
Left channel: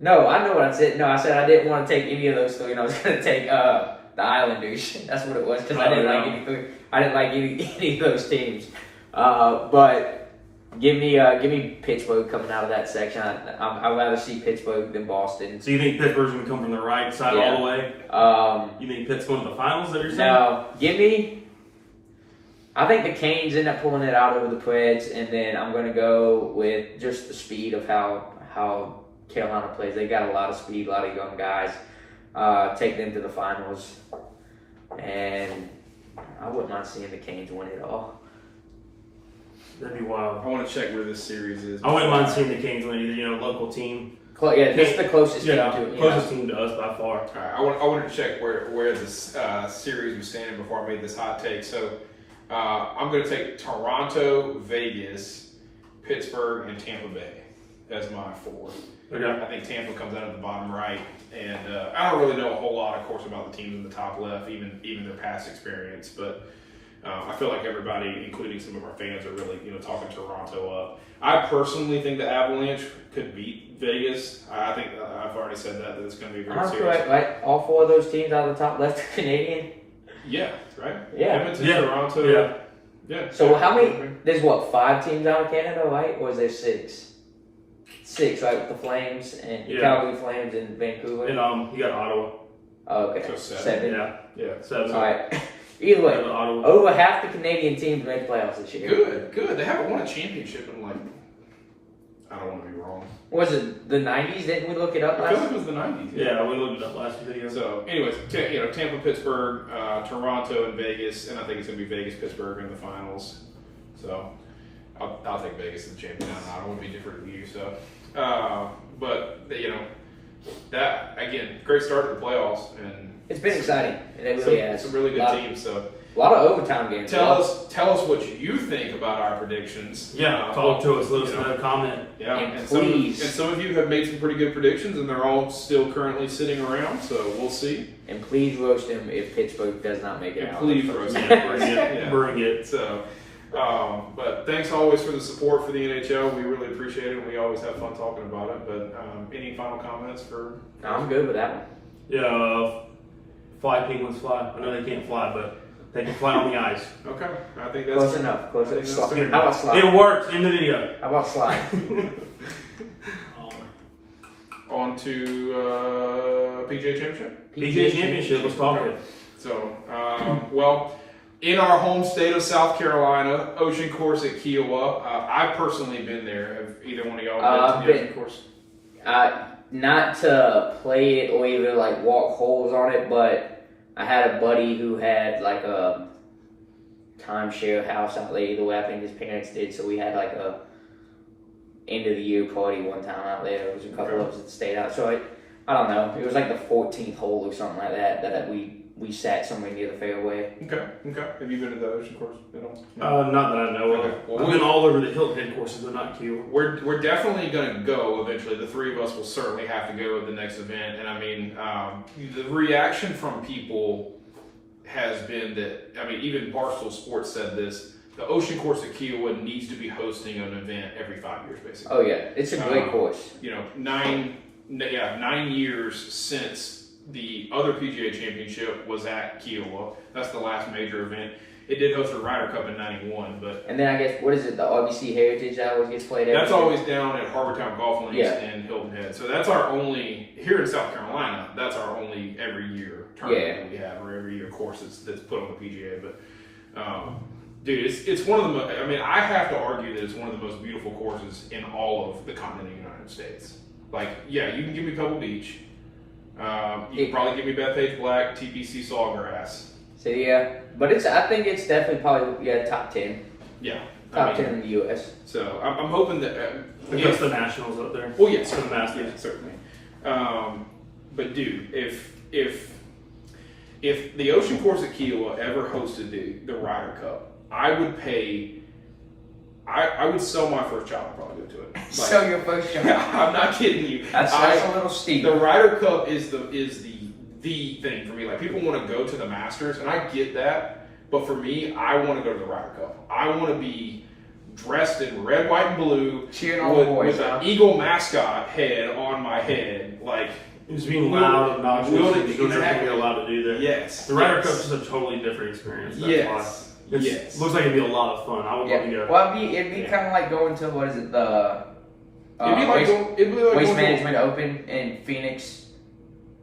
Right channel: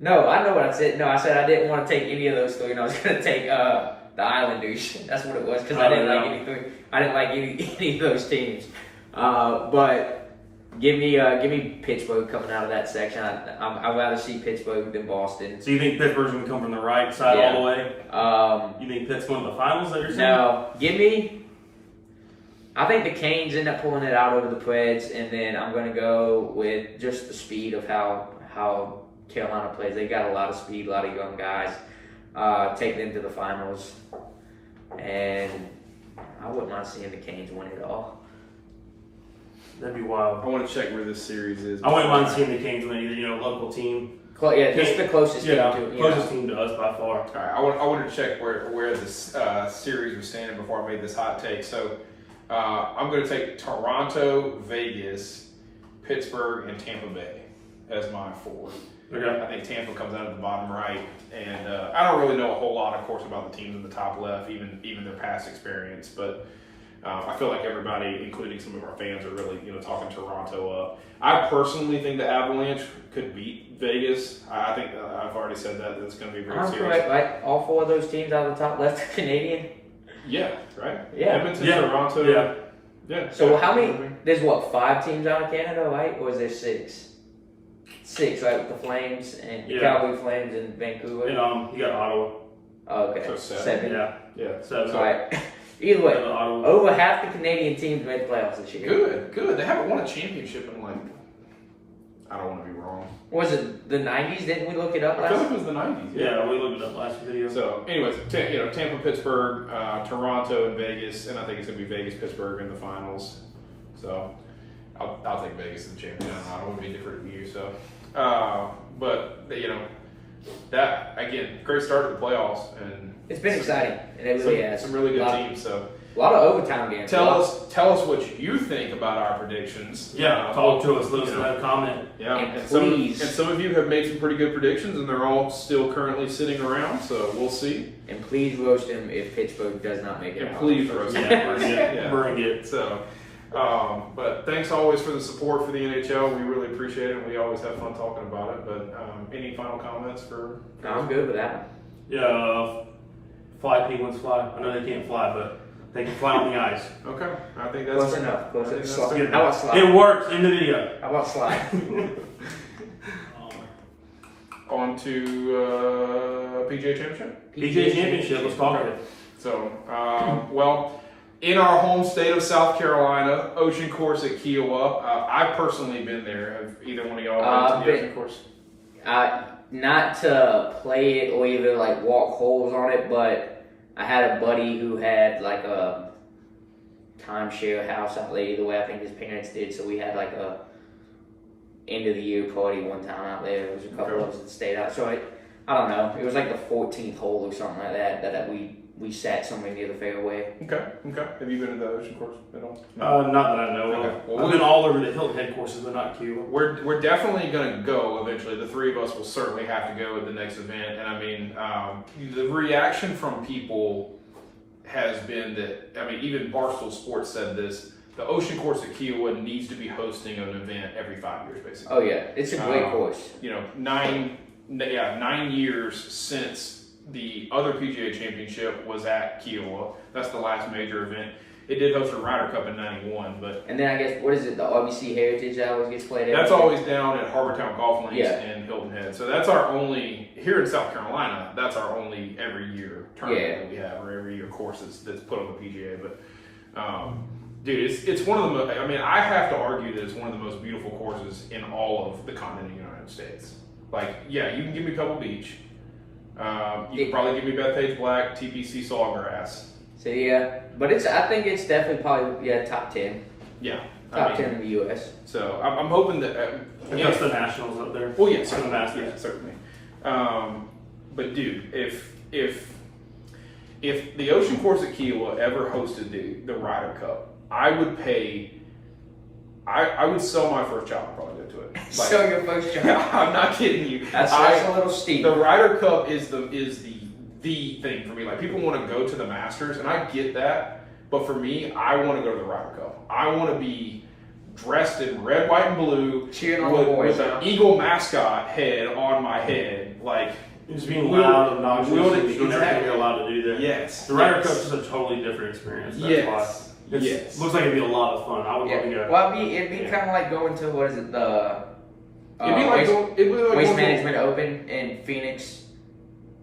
no, I know what I said. No, I said I didn't want to take any of those three, and I was going to take the Islanders. That's what it was, because I didn't like any three. I didn't like any of those teams. But give me Pittsburgh coming out of that section. I'd rather see Pittsburgh than Boston. So you think Pittsburgh's going to come from the right side all the way? You think Pitt's going to the finals that you're saying? No, I think the Canes end up pulling it out over the Preds, and then I'm going to go with just the speed of how Carolina plays. They got a lot of speed, a lot of young guys. Take them to the finals, and I wouldn't mind seeing the Canes win it all. That'd be wild. I want to check where this series is. I wouldn't mind seeing the Canes win either. Local team. Just the closest team to it. Closest team to us by far. All right, I wanted to check where this series was standing before I made this hot take. So I'm going to take Toronto, Vegas, Pittsburgh, and Tampa Bay as my four. Okay. I think Tampa comes out at the bottom right, and I don't really know a whole lot, of course, about the teams in the top left, even their past experience. But I feel like everybody, including some of our fans, are really talking Toronto up. I personally think the Avalanche could beat Vegas. I think I've already said that it's going to be very serious. Correct, right? All four of those teams out of the top left are Canadian. Yeah, right. Yeah. Edmonton, Toronto. Yeah. So how many? There's 5 teams out of Canada, right? Or is there 6? 6, right? With the Flames and Calgary Flames and Vancouver. And you got Ottawa. Oh, okay. So 7. Yeah. 7. All right. Either way, Ottawa. over half the Canadian teams made the playoffs this year. Good. They haven't won a championship in I don't want to be wrong. Was it the 90s? Didn't we look it up I last? feel like it was the 90s. Yeah, we looked it up last video. So, anyways, Tampa, Pittsburgh, Toronto, and Vegas, and I think it's going to be Vegas, Pittsburgh in the finals. So, I'll take Vegas as the champion. I don't want to be different with you. So, but that again, great start to the playoffs, and It's been exciting, and it really has. Some really good teams. So, a lot of overtime games. tell us what you think about our predictions. Yeah, talk to us. Let us know. Comment. Yeah, and please. Some of you have made some pretty good predictions, and they're all still currently sitting around. So we'll see. And please roast him if Pittsburgh does not make it out. Please roast him. Bring it. So, but thanks always for the support for the NHL. We really appreciate it. We always have fun talking about it. But any final comments for? No, I'm good with that one. Yeah, fly penguins fly. I know they can't fly, but they can fly on the ice. Okay, I think that's Close enough. Close I think enough. that's fair. How about slide? It works in the video. How about slide? On to PGA Championship. PGA Championship. Let's talk it. So, well, in our home state of South Carolina, Ocean Course at Kiowa. I've personally been there. Have either one of y'all been to the Ocean Course? Not to play it or even walk holes on it, but I had a buddy who had a timeshare house out there. Either way, I think his parents did. So we had a end of the year party one time out there. There was a couple of us that stayed out. So I don't know. It was the 14th hole or something like that. That we sat somewhere near the fairway. Okay. Have you been to the Ocean Course at all? Not that I know of. Okay. Well, I've been all over the Hilton Head courses, but not Q. We're definitely going to go eventually. The three of us will certainly have to go at the next event. And I mean, the reaction from people has been that, even Barstool Sports said this, the Ocean Course at Kiowa needs to be hosting an event every 5 years, basically. Oh yeah, it's a great course. 9 years since the other PGA Championship was at Kiowa. That's the last major event. It did host a Ryder Cup in '91, but and then I guess what is it? The RBC Heritage that always gets played. That's always down at Harbortown Golf Links in Hilton Head. So that's our only here in South Carolina. That's our only every year tournament that we have, or every year course that's put on the PGA. But dude, it's one of the most. I have to argue that it's one of the most beautiful courses in all of the continental United States. You can give me Pebble Beach. You can probably give me Bethpage Black, TPC Sawgrass. So but I think it's definitely probably top 10. Yeah, top 10 in the U.S. So I'm hoping that against the Nationals up there. Well, yes, for the Masters, certainly. But dude, if if the Ocean Course at Kiowa ever hosted the Ryder Cup, I would pay. I would sell my first child and probably go to it. Like, Sell your first child. I'm not kidding you. That's a little steep. The Ryder Cup is the thing for me. Like, people want to go to the Masters, and I get that. But for me, I want to go to the Ryder Cup. I want to be dressed in red, white, and blue, cheering all the boys with an Eagle mascot head on my head, like. Just being loud, obnoxious, and doing everything you're allowed to do there. Yes. The Ryder Cup is a totally different experience. That's why. It looks like it'd be a lot of fun. I would love to go. Well, it'd be kind of like going to, what is it, the Waste Management Open in Phoenix,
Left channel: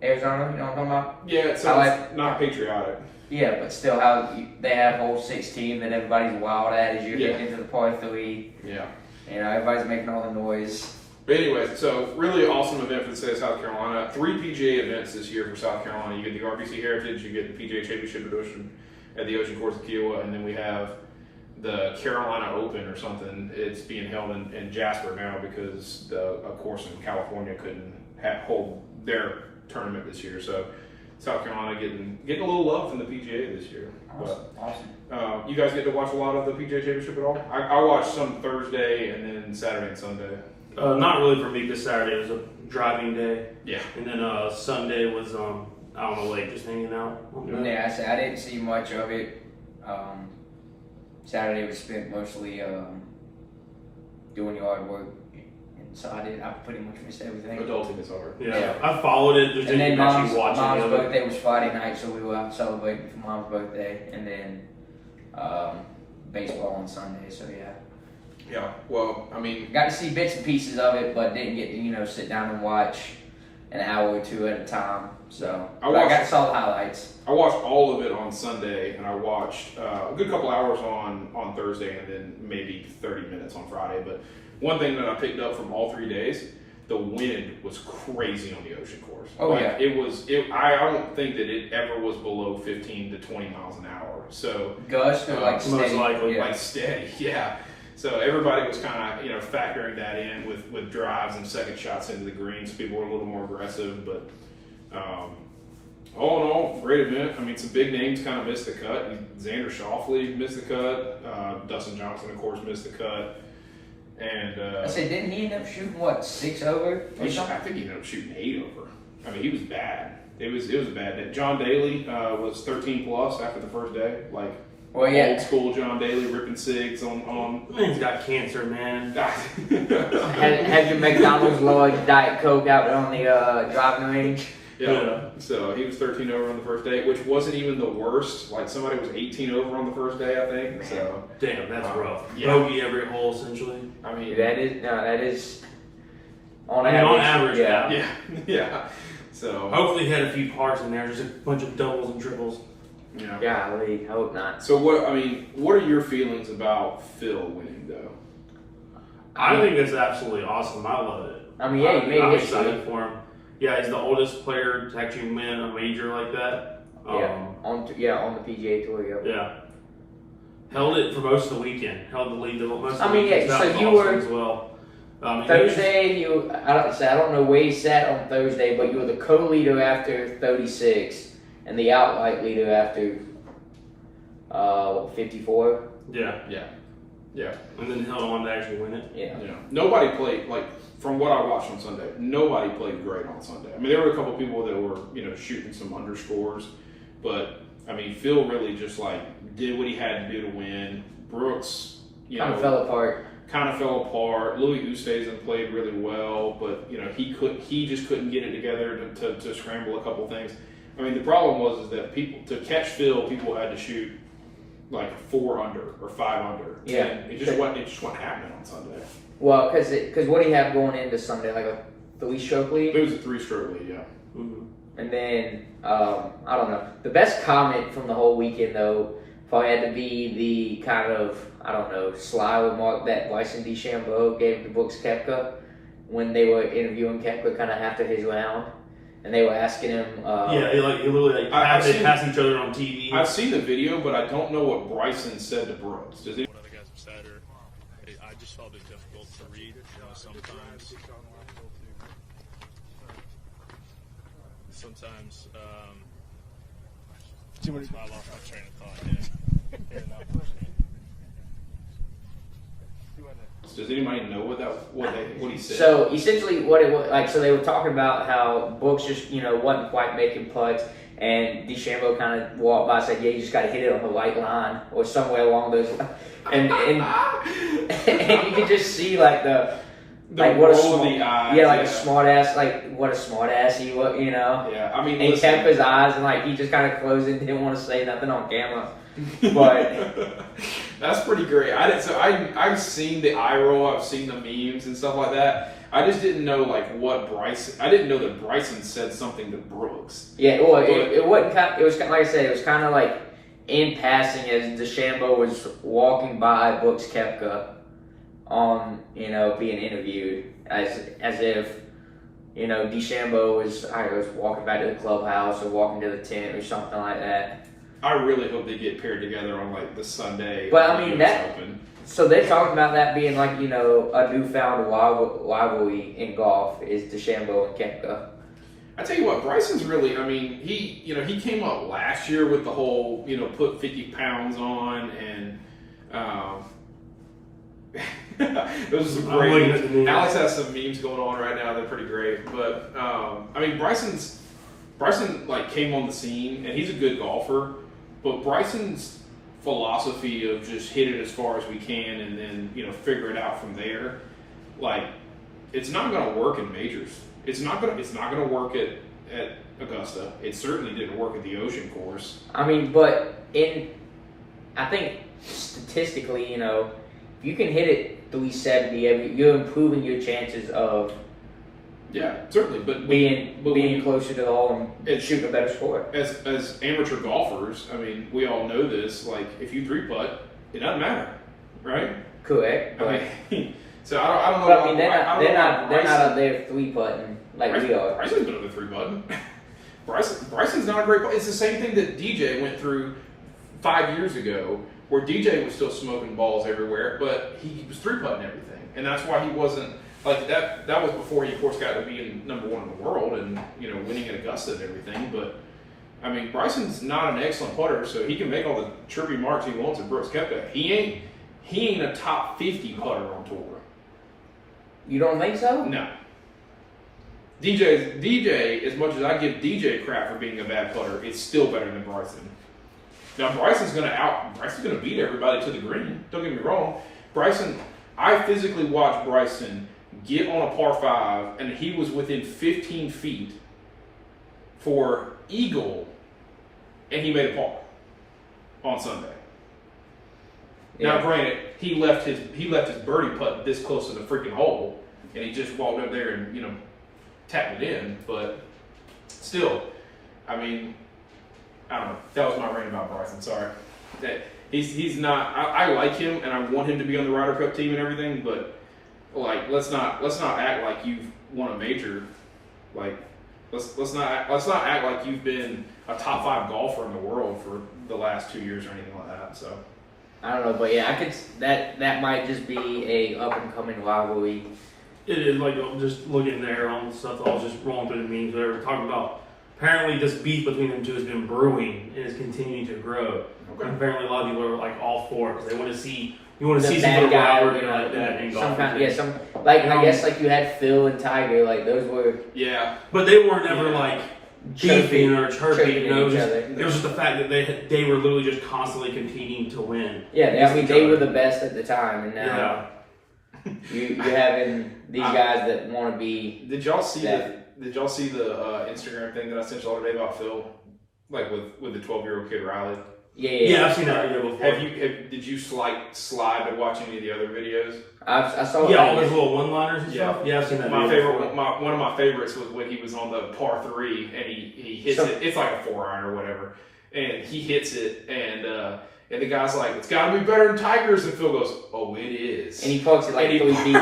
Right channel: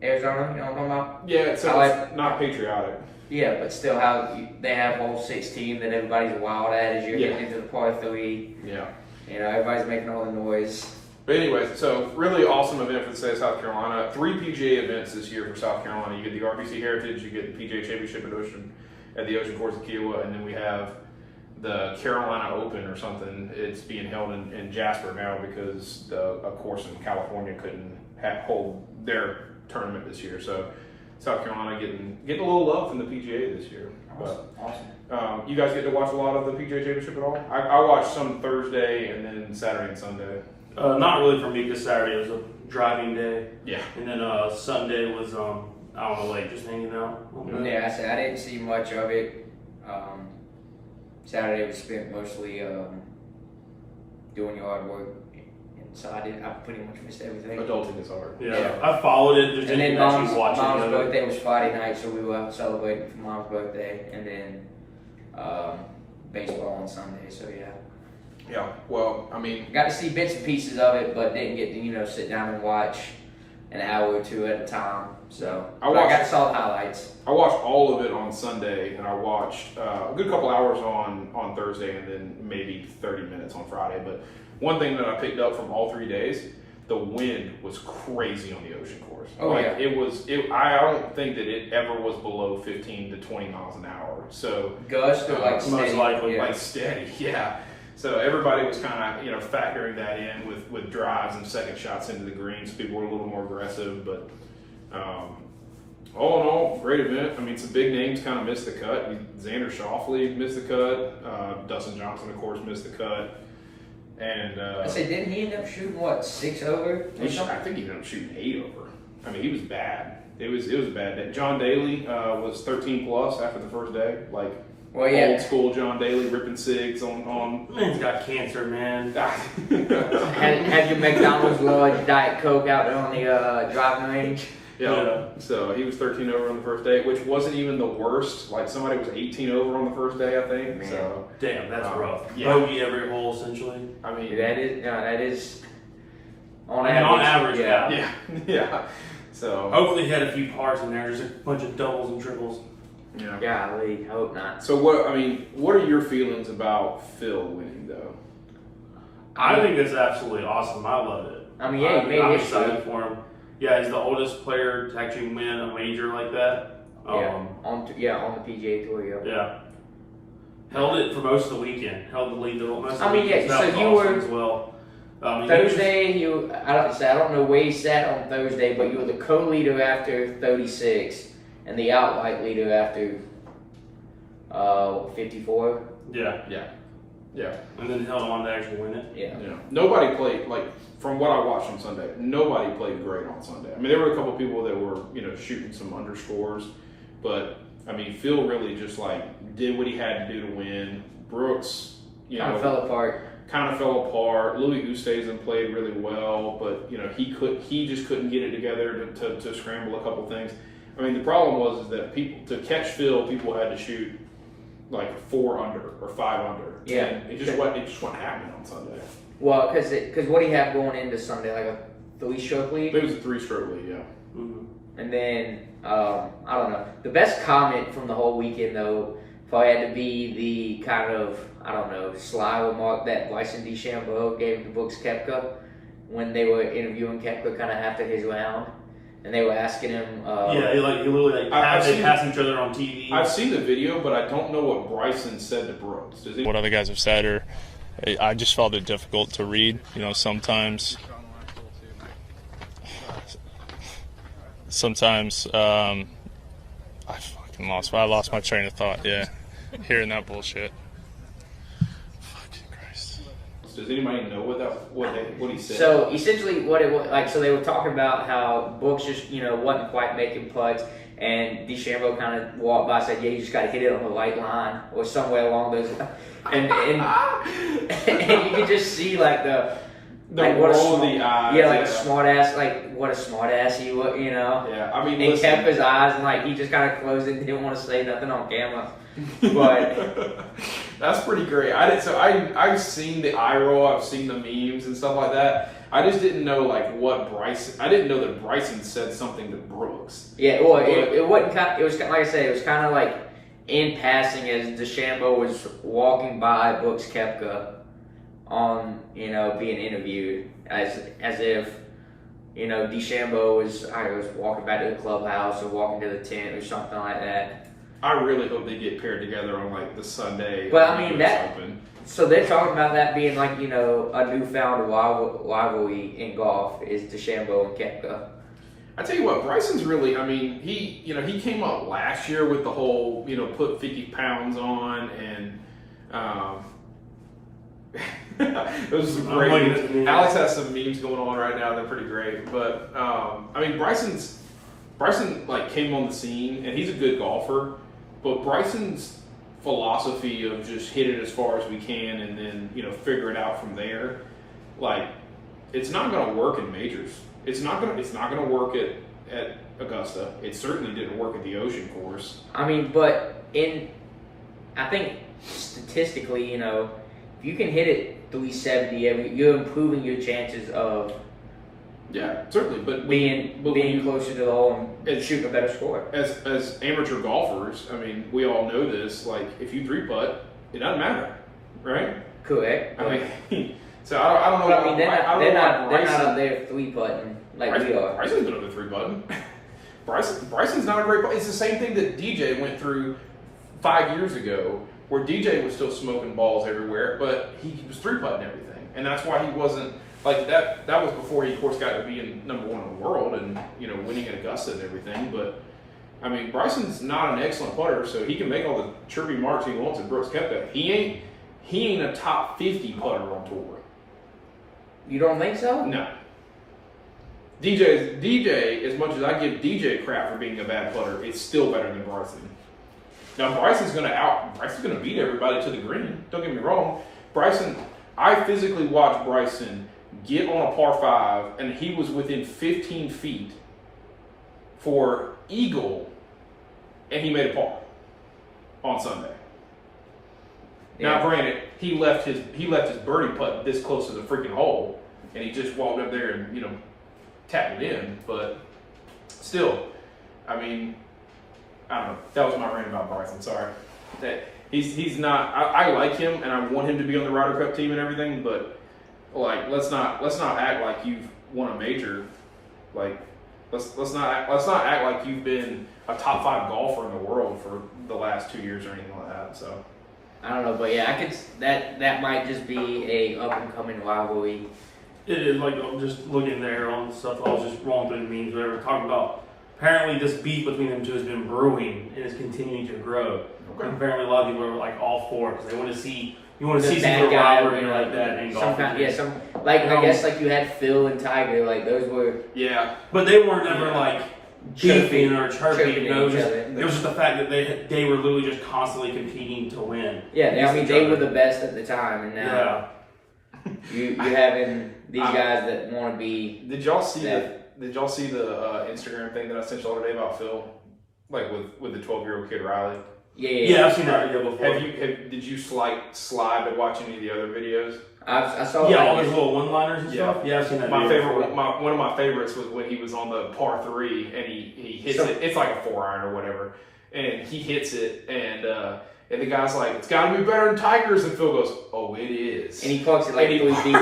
Arizona. You know what I'm talking about? Yeah, it's not patriotic. Yeah, but still, how they have whole 16 that everybody's wild at as you're getting into the par 3. Yeah. You know, everybody's making all the noise. But anyway, so really awesome event for the state of South Carolina. 3 PGA events this year for South Carolina. You get the RBC Heritage, you get the PGA Championship at the Ocean Course of Kiowa, and then we have the Carolina Open or something. It's being held in Jasper now because a course in California couldn't hold their tournament this year. So South Carolina getting a little love from the PGA this year. Awesome. You guys get to watch a lot of the PGA Championship at all? I watched some Thursday and then Saturday and Sunday. Not really for me because Saturday was a driving day. Yeah. And then Sunday was out on the lake just hanging out. Yeah, I didn't see much of it. Saturday was spent mostly doing yard work, and so I pretty much missed everything. Adulting is hard. Yeah. I followed it. Just didn't actually watch it. Mom's birthday was Friday night, so we were out celebrating for Mom's birthday, and then baseball on Sunday. So yeah. Yeah. Well, I mean, got to see bits and pieces of it, but didn't get to sit down and watch an hour or two at a time. So I saw the highlights. I watched all of it on Sunday, and I watched a good couple hours on Thursday, and then maybe 30 minutes on Friday. But one thing that I picked up from all 3 days, the wind was crazy on the Ocean Course. Oh yeah, it was. I don't think that it ever was below 15 to 20 miles an hour. So gust or like steady, most likely, like steady, yeah. So everybody was kind of factoring that in with drives and second shots into the green. So people were a little more aggressive, but all in all, great event. I mean, some big names kind of missed the cut. Xander Schauffele missed the cut. Dustin Johnson, of course, missed the cut. And I said, didn't he end up shooting 6 over? I think he ended up shooting 8 over. I mean, he was bad. It was a bad day. John Daly was 13 plus after the first day, old school John Daly ripping cigs on. Man's got cancer, man. had your McDonald's Lloyd Diet Coke out there on the driving range. Yeah. So he was 13 over on the first day, which wasn't even the worst. Like, somebody was 18 over on the first day, I think. Man. So damn, that's rough. Yeah. Bogey every hole, essentially. I mean, that is on average. Yeah. Yeah. So hopefully he had a few pars in there, just a bunch of doubles and triples. Yeah. Golly, I hope not. So what are your feelings about Phil winning though? I think that's absolutely awesome. I love it. I mean, yeah, I'm excited for him. Yeah, he's the oldest player to actually win a major like that. On the PGA Tour. Yeah. Held it for most of the weekend. Held the lead to most of the weekend. So you were as well. Thursday. I don't know where you sat on Thursday, but you were the co-leader after 36, and the outright leader after 54. Yeah. And then held him on to actually win it. Yeah. Nobody played from what I watched on Sunday. Nobody played great on Sunday. I mean, there were a couple people that were shooting some underscores, but I mean, Phil really just did what he had to do to win. Brooks, kind of fell apart. Louis Oosthuizen played really well, but he just couldn't get it together to scramble a couple things. I mean, the problem was that to catch Phil, people had to shoot 4 under or 5 under. Yeah, and it just wasn't happening on Sunday. Well, because what do you have going into Sunday? A 3-stroke lead? It was a 3-stroke lead, yeah. Mm-hmm. And then, I don't know. The best comment from the whole weekend, though, probably had to be the kind of, sly remark that Bryson DeChambeau gave to Brooks Koepka when they were interviewing Koepka kind of after his round. And they were asking him... he literally passed each other on TV. I've seen the video, but I don't know what Bryson said to Brooks. What other guys have said, or I just felt it difficult to read. Sometimes and lost. I lost my train of thought. Yeah, hearing that bullshit. Fucking Christ. Does anybody know what he said? So essentially, what it was like, so they were talking about how Brooks just wasn't quite making putts, and DeChambeau kind of walked by and said, "Yeah, you just got to hit it on the right line or somewhere along those lines." And you could just see like the what a roll of the eyes. a smart ass, like what a smart ass he was, Yeah, I mean, and he kept his eyes and like he just kind of closed it, didn't want to say nothing on camera, but. That's pretty great. I've seen the eye roll, I've seen the memes and stuff like that. I just didn't know what Bryson. I didn't know that Bryson said something to Brooks. Yeah, well, it wasn't. It was like I said, it was kind of like in passing as DeChambeau was walking by Brooks Koepka on being interviewed as if DeChambeau was walking back to the clubhouse or walking to the tent or something like that. I really hope they get paired together on the Sunday. But I mean so they're talking about that being like a newfound rivalry in golf is DeChambeau and Koepka. I tell you what, Bryson's really. I mean, he came up last year with the whole put 50 pounds on and. Those are great. Alex has some memes going on right now. They're pretty great. But I mean, Bryson came on the scene and he's a good golfer. But Bryson's philosophy of just hit it as far as we can and then figure it out from there, it's not going to work in majors. It's not going to work at Augusta. It certainly didn't work at the Ocean Course. I mean, but I think statistically, if you can hit it 370, you're improving your chances of. Yeah, certainly, but being closer to the hole and shooting a better score. As amateur golfers, I mean, we all know this. If you 3-putt, it doesn't matter, right? Correct. So I don't know. But I mean, they're not up there 3-putting like we are. Bryson's good at 3-putting. Bryson's not a great putt. It's the same thing that DJ went through 5 years ago, where DJ was still smoking balls everywhere, but he was 3-putting everything, and that's why he wasn't. That was before he, of course, got to be number one in the world and winning at Augusta and everything. But I mean, Bryson's not an excellent putter, so he can make all the chirpy marks he wants at Brooks Koepka. He ain't a top 50 putter on tour. You don't think so? No. DJ, as much as I give DJ crap for being a bad putter, it's still better than Bryson. Now Bryson's gonna beat everybody to the green. Don't get me wrong. I physically watched Bryson get on a par 5, and he was within 15 feet for eagle, and he made a par on Sunday. Yeah. Now, granted, he left his birdie putt this close to the freaking hole, and he just walked up there and tapped it in. But still, I mean, I don't know. That was my rant about Bryson. Sorry. He's not. I like him, and I want him to be on the Ryder Cup team and everything. But let's not act like you've won a major. Let's not act like you've been a top 5 golfer in the world for the last 2 years or anything like that. So I don't know, but yeah, I could. That might just be a up and coming rivalry. It is just looking there on the stuff. I was just rolling through the memes. They were talking about. Apparently, this beef between them two has been brewing and is continuing to grow. Okay. And apparently, a lot of people are all for it because they want to see some sort of rivalry like that in golf. I guess you had Phil and Tiger, those were. Yeah, but they weren't ever beefing or chirping. It was just the fact that they were literally just constantly competing to win. Yeah, I mean they were the best at the time, and now you're having these guys that want to be. Did y'all see the Instagram thing that I sent y'all today about Phil, with the 12-year-old kid Riley? Yeah, I've seen that video before. Did you slide to watch any of the other videos? I saw. Yeah, all those little one-liners and stuff. Yeah, I've seen that. One of my favorites was when he was on the par 3 and he hits it. It's like a 4-iron or whatever, and he hits it and the guy's like, "It's got to be better than Tiger's," and Phil goes, "Oh, it is." And he parks it 3 feet.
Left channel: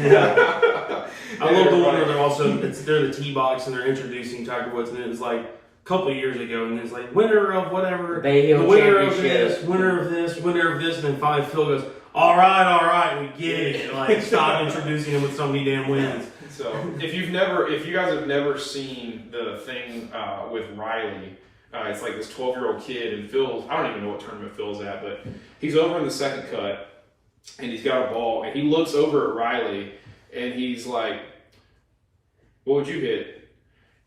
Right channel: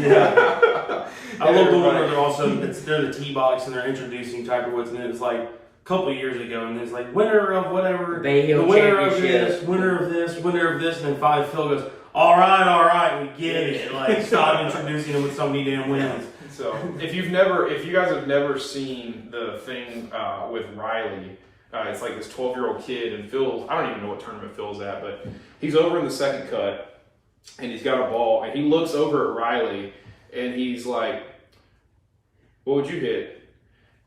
Yeah. I love the one where they're the tee box and they're introducing Tiger Woods, and it's a couple of years ago, and it's winner of whatever, the winner of this, winner of this, winner of this, and then finally Phil goes, all right, we get it. Stop introducing him with so many damn wins. So if you guys have never seen the thing with Riley, It's like this 12-year-old kid, and Phil, I don't even know what tournament Phil's at, but he's over in the second cut, and he's got a ball, and he looks over at Riley, and he's like, what would you hit?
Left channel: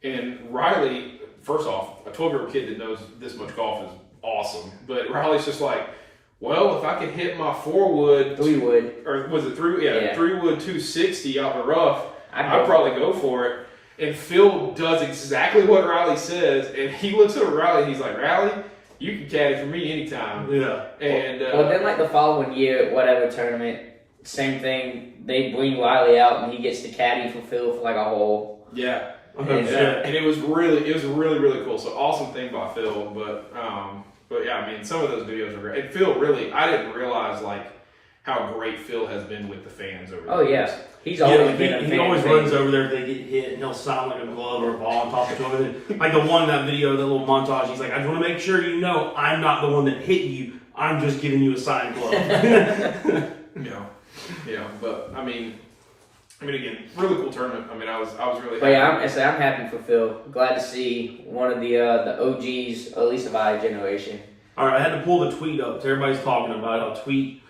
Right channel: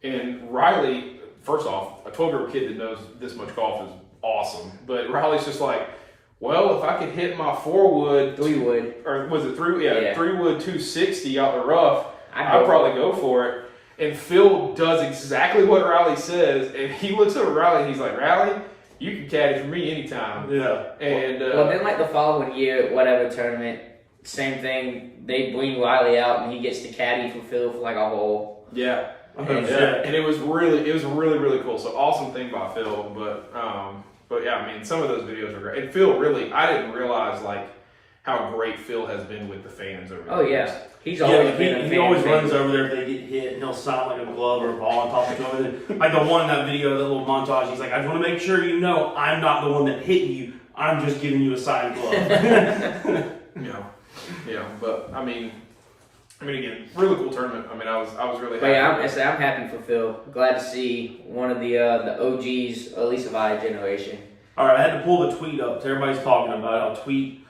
And Riley, first off, a 12-year-old kid that knows this much golf is awesome, but Riley's just like, well, if I could hit my 4-wood, 3-wood, or was it 3-wood 260 out the rough, I'd probably go for it. And Phil does exactly what Riley says, and he looks over Riley and he's like, Riley, you can caddy for me anytime. Yeah. And well, then like the following year, whatever tournament, same thing. They bring Riley out and he gets to caddy for Phil for like a hole. Yeah. And it was really cool. So awesome thing by Phil, but yeah, I mean, some of those videos are great. And Phil really, I didn't realize like how great Phil has been with the fans over the years. Yeah. He's always been a fan. He always runs over there if they get hit, and he'll sound like a glove or a ball and talk to him. And like the one in that video, that little montage, he's like, I just want to make sure you know I'm not the one that hit you. I'm just giving you a signed glove. Yeah, but I mean, again, really cool tournament. I mean, I was really happy. But yeah, I'm happy for Phil. Glad to see one of the OGs, at least of our generation. All right, I had to pull the tweet up. Everybody's talking about it. I'll tweet.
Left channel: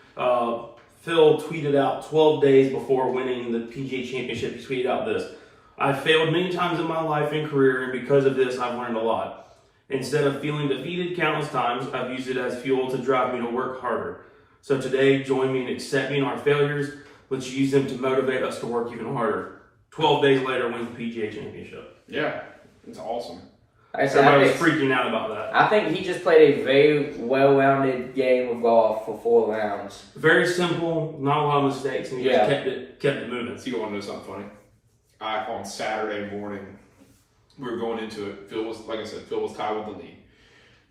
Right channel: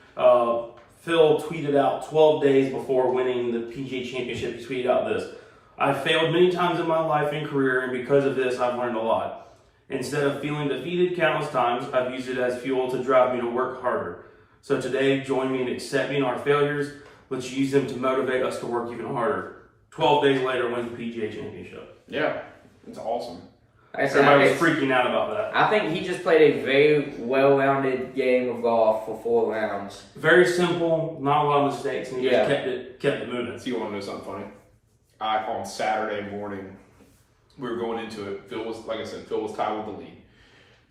Phil tweeted out 12 days before winning the PGA Championship. He tweeted out this: I've failed many times in my life and career, and because of this, I've learned a lot. Instead of feeling defeated countless times, I've used it as fuel to drive me to work harder. So today, join me in accepting our failures. Let's use them to motivate us to work even harder. 12 days later, wins the PGA Championship. Yeah, it's awesome. Everybody was freaking out about that. I think he just played a very well-rounded game of golf for 4 rounds. Very simple, not a lot of mistakes, and he just kept it moving. So you want to know something funny? On Saturday morning, we were going into it. Phil was, like I said, Phil was tied with the lead.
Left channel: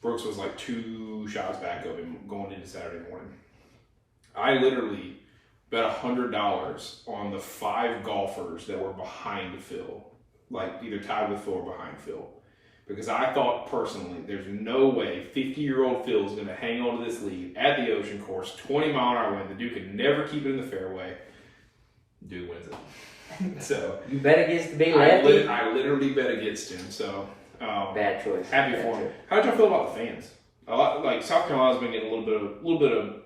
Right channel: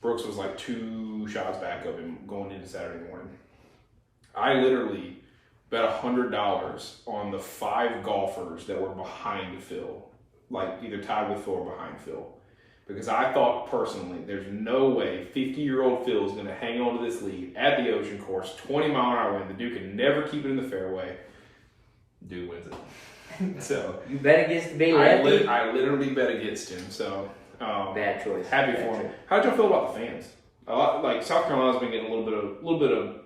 Brooks was like 2 shots back of him going into Saturday morning. I literally bet $100 on the 5 golfers that were behind Phil, like either tied with Phil or behind Phil. Because I thought personally, there's no way 50-year-old Phil is going to hang on to this lead at the Ocean Course, 20-mile-an-hour wind. The dude could never keep it in the fairway. Dude wins it. So you bet against the big lefty? I literally bet against him. So bad choice. Happy for him. How did y'all feel about the fans? A lot, like South Carolina's been getting a little bit of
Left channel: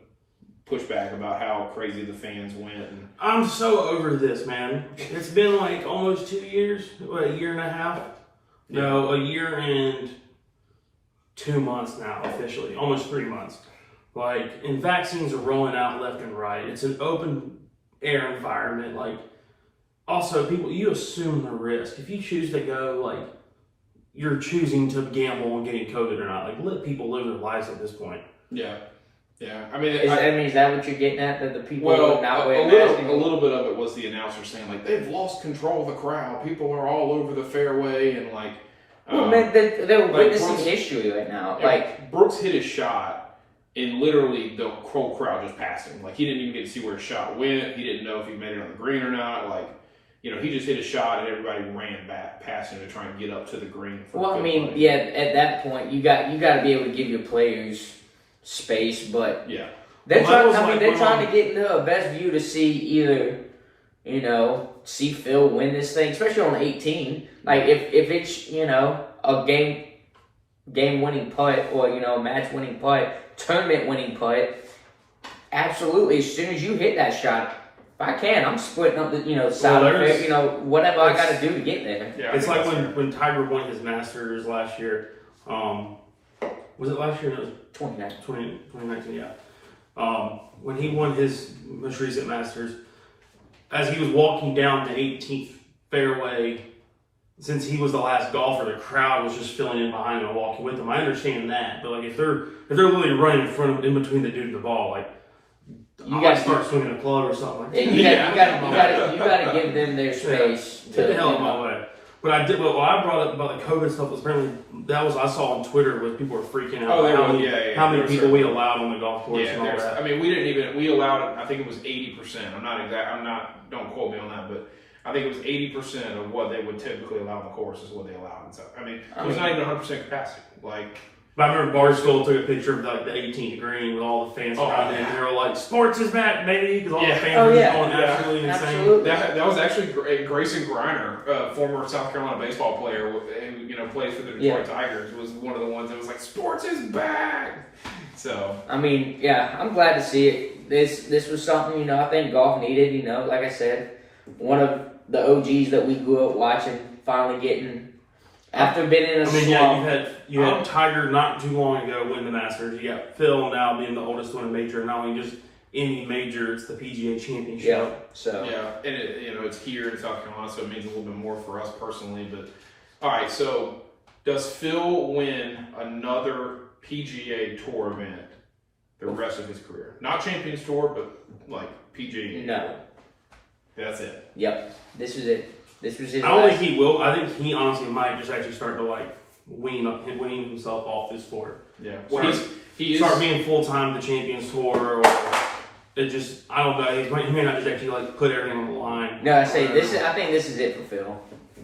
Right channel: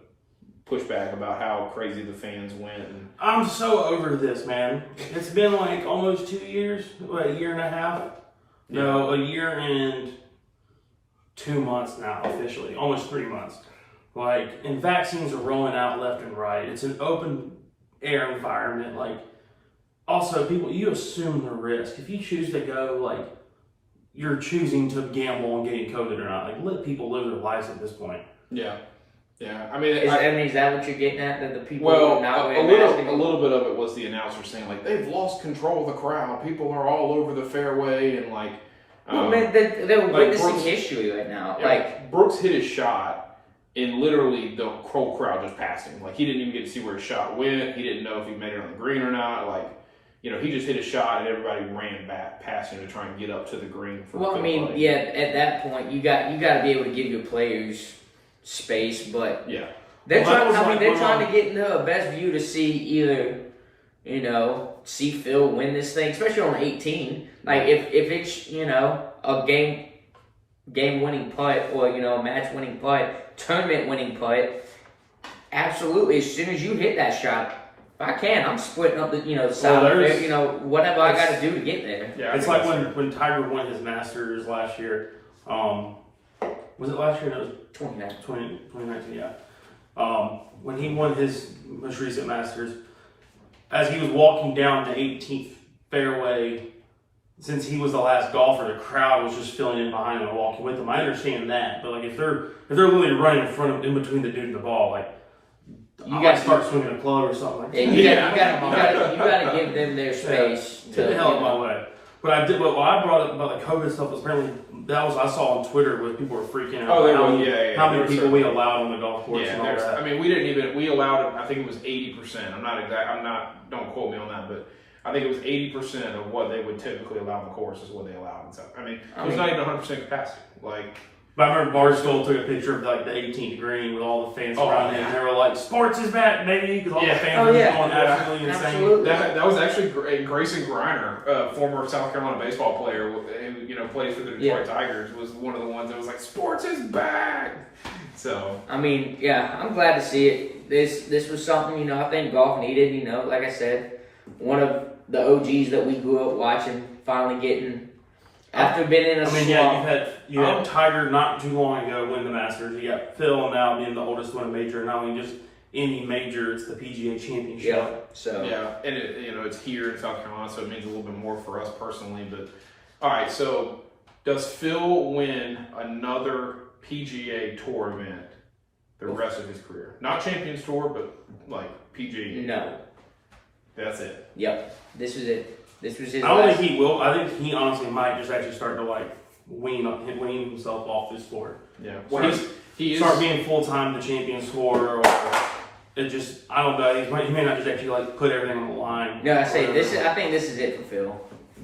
pushback about how crazy the fans went. And I'm so over this, man. It's been like almost 2 years, a year and a half. No, a year and 2 months now, officially. Almost 3 months. And vaccines are rolling out left and right. It's an open air environment. Also, people, you assume the risk. If you choose to go, you're choosing to gamble on getting COVID or not. Let people live their lives at this point. Yeah. Yeah, I mean, is that what you're getting at? That the people well, not a little bit of it was the announcer saying they've lost control of the crowd. People are all over the fairway and man, they're witnessing history right now. Brooks hit his shot, and literally the whole crowd just passed him. He didn't even get to see where his shot went. He didn't know if he made it on the green or not. He just hit a shot, and everybody ran back past him to try and get up to the green. At that point, you got to be able to give your players space, but yeah, they're trying to get into a best view to see either, see Phil win this thing, especially on 18. If it's a game winning putt or match winning putt, tournament winning putt, absolutely. As soon as you hit that shot, if I can, I'm splitting up the side of it, whatever I got to do to get there. Yeah, it's like when Tiger won his Masters last year. Was it last year? No, it was 2019, yeah. When he won his most recent Masters, as he was walking down the 18th fairway, since he was the last golfer, the crowd was just filling in behind him and walking with him. I understand that, but if they're literally running in front of in between the dude and the ball, you got to start swinging a club or something like that. You got to give them their space. Get the hell out of my way. What I brought up about the COVID stuff was apparently I saw on Twitter where people were freaking out. How many people we allowed on the golf course and all that. I mean, we allowed it. I think it was 80%. Don't quote me on that, but I think it was 80% of what they would typically allow on the course is what they allowed. And so, it was not even 100% capacity. But But I remember Barstool took a picture of like the 18th green with all the fans around it, and they were like, "Sports is back, baby!" Because all the fans were just going absolutely insane. Absolutely. That was actually Grayson Griner, former South Carolina baseball player who plays for the Detroit Tigers, was one of the ones that was like, "Sports is back." So I mean, yeah, I'm glad to see it. This was something, I think golf needed. Like I said, one of the OGs that we grew up watching finally getting. After being in a slump. You had Tiger not too long ago win the Masters. You got Phil now being the oldest one in major. Not only just any major, it's the PGA Championship. Yeah. So and it's here in South Carolina, so it means a little bit more for us personally. But all right, so does Phil win another PGA Tour event the rest of his career? Not Champions Tour, but like PGA. No. That's it. Yep. This was it. This was his. I don't think he will. I think he honestly might just actually start to like wean himself off this sport. Yeah. Well, he start being full time the Champions Tour, or it just I don't know. He may not just actually like put everything on the line. No, I think this is it for Phil.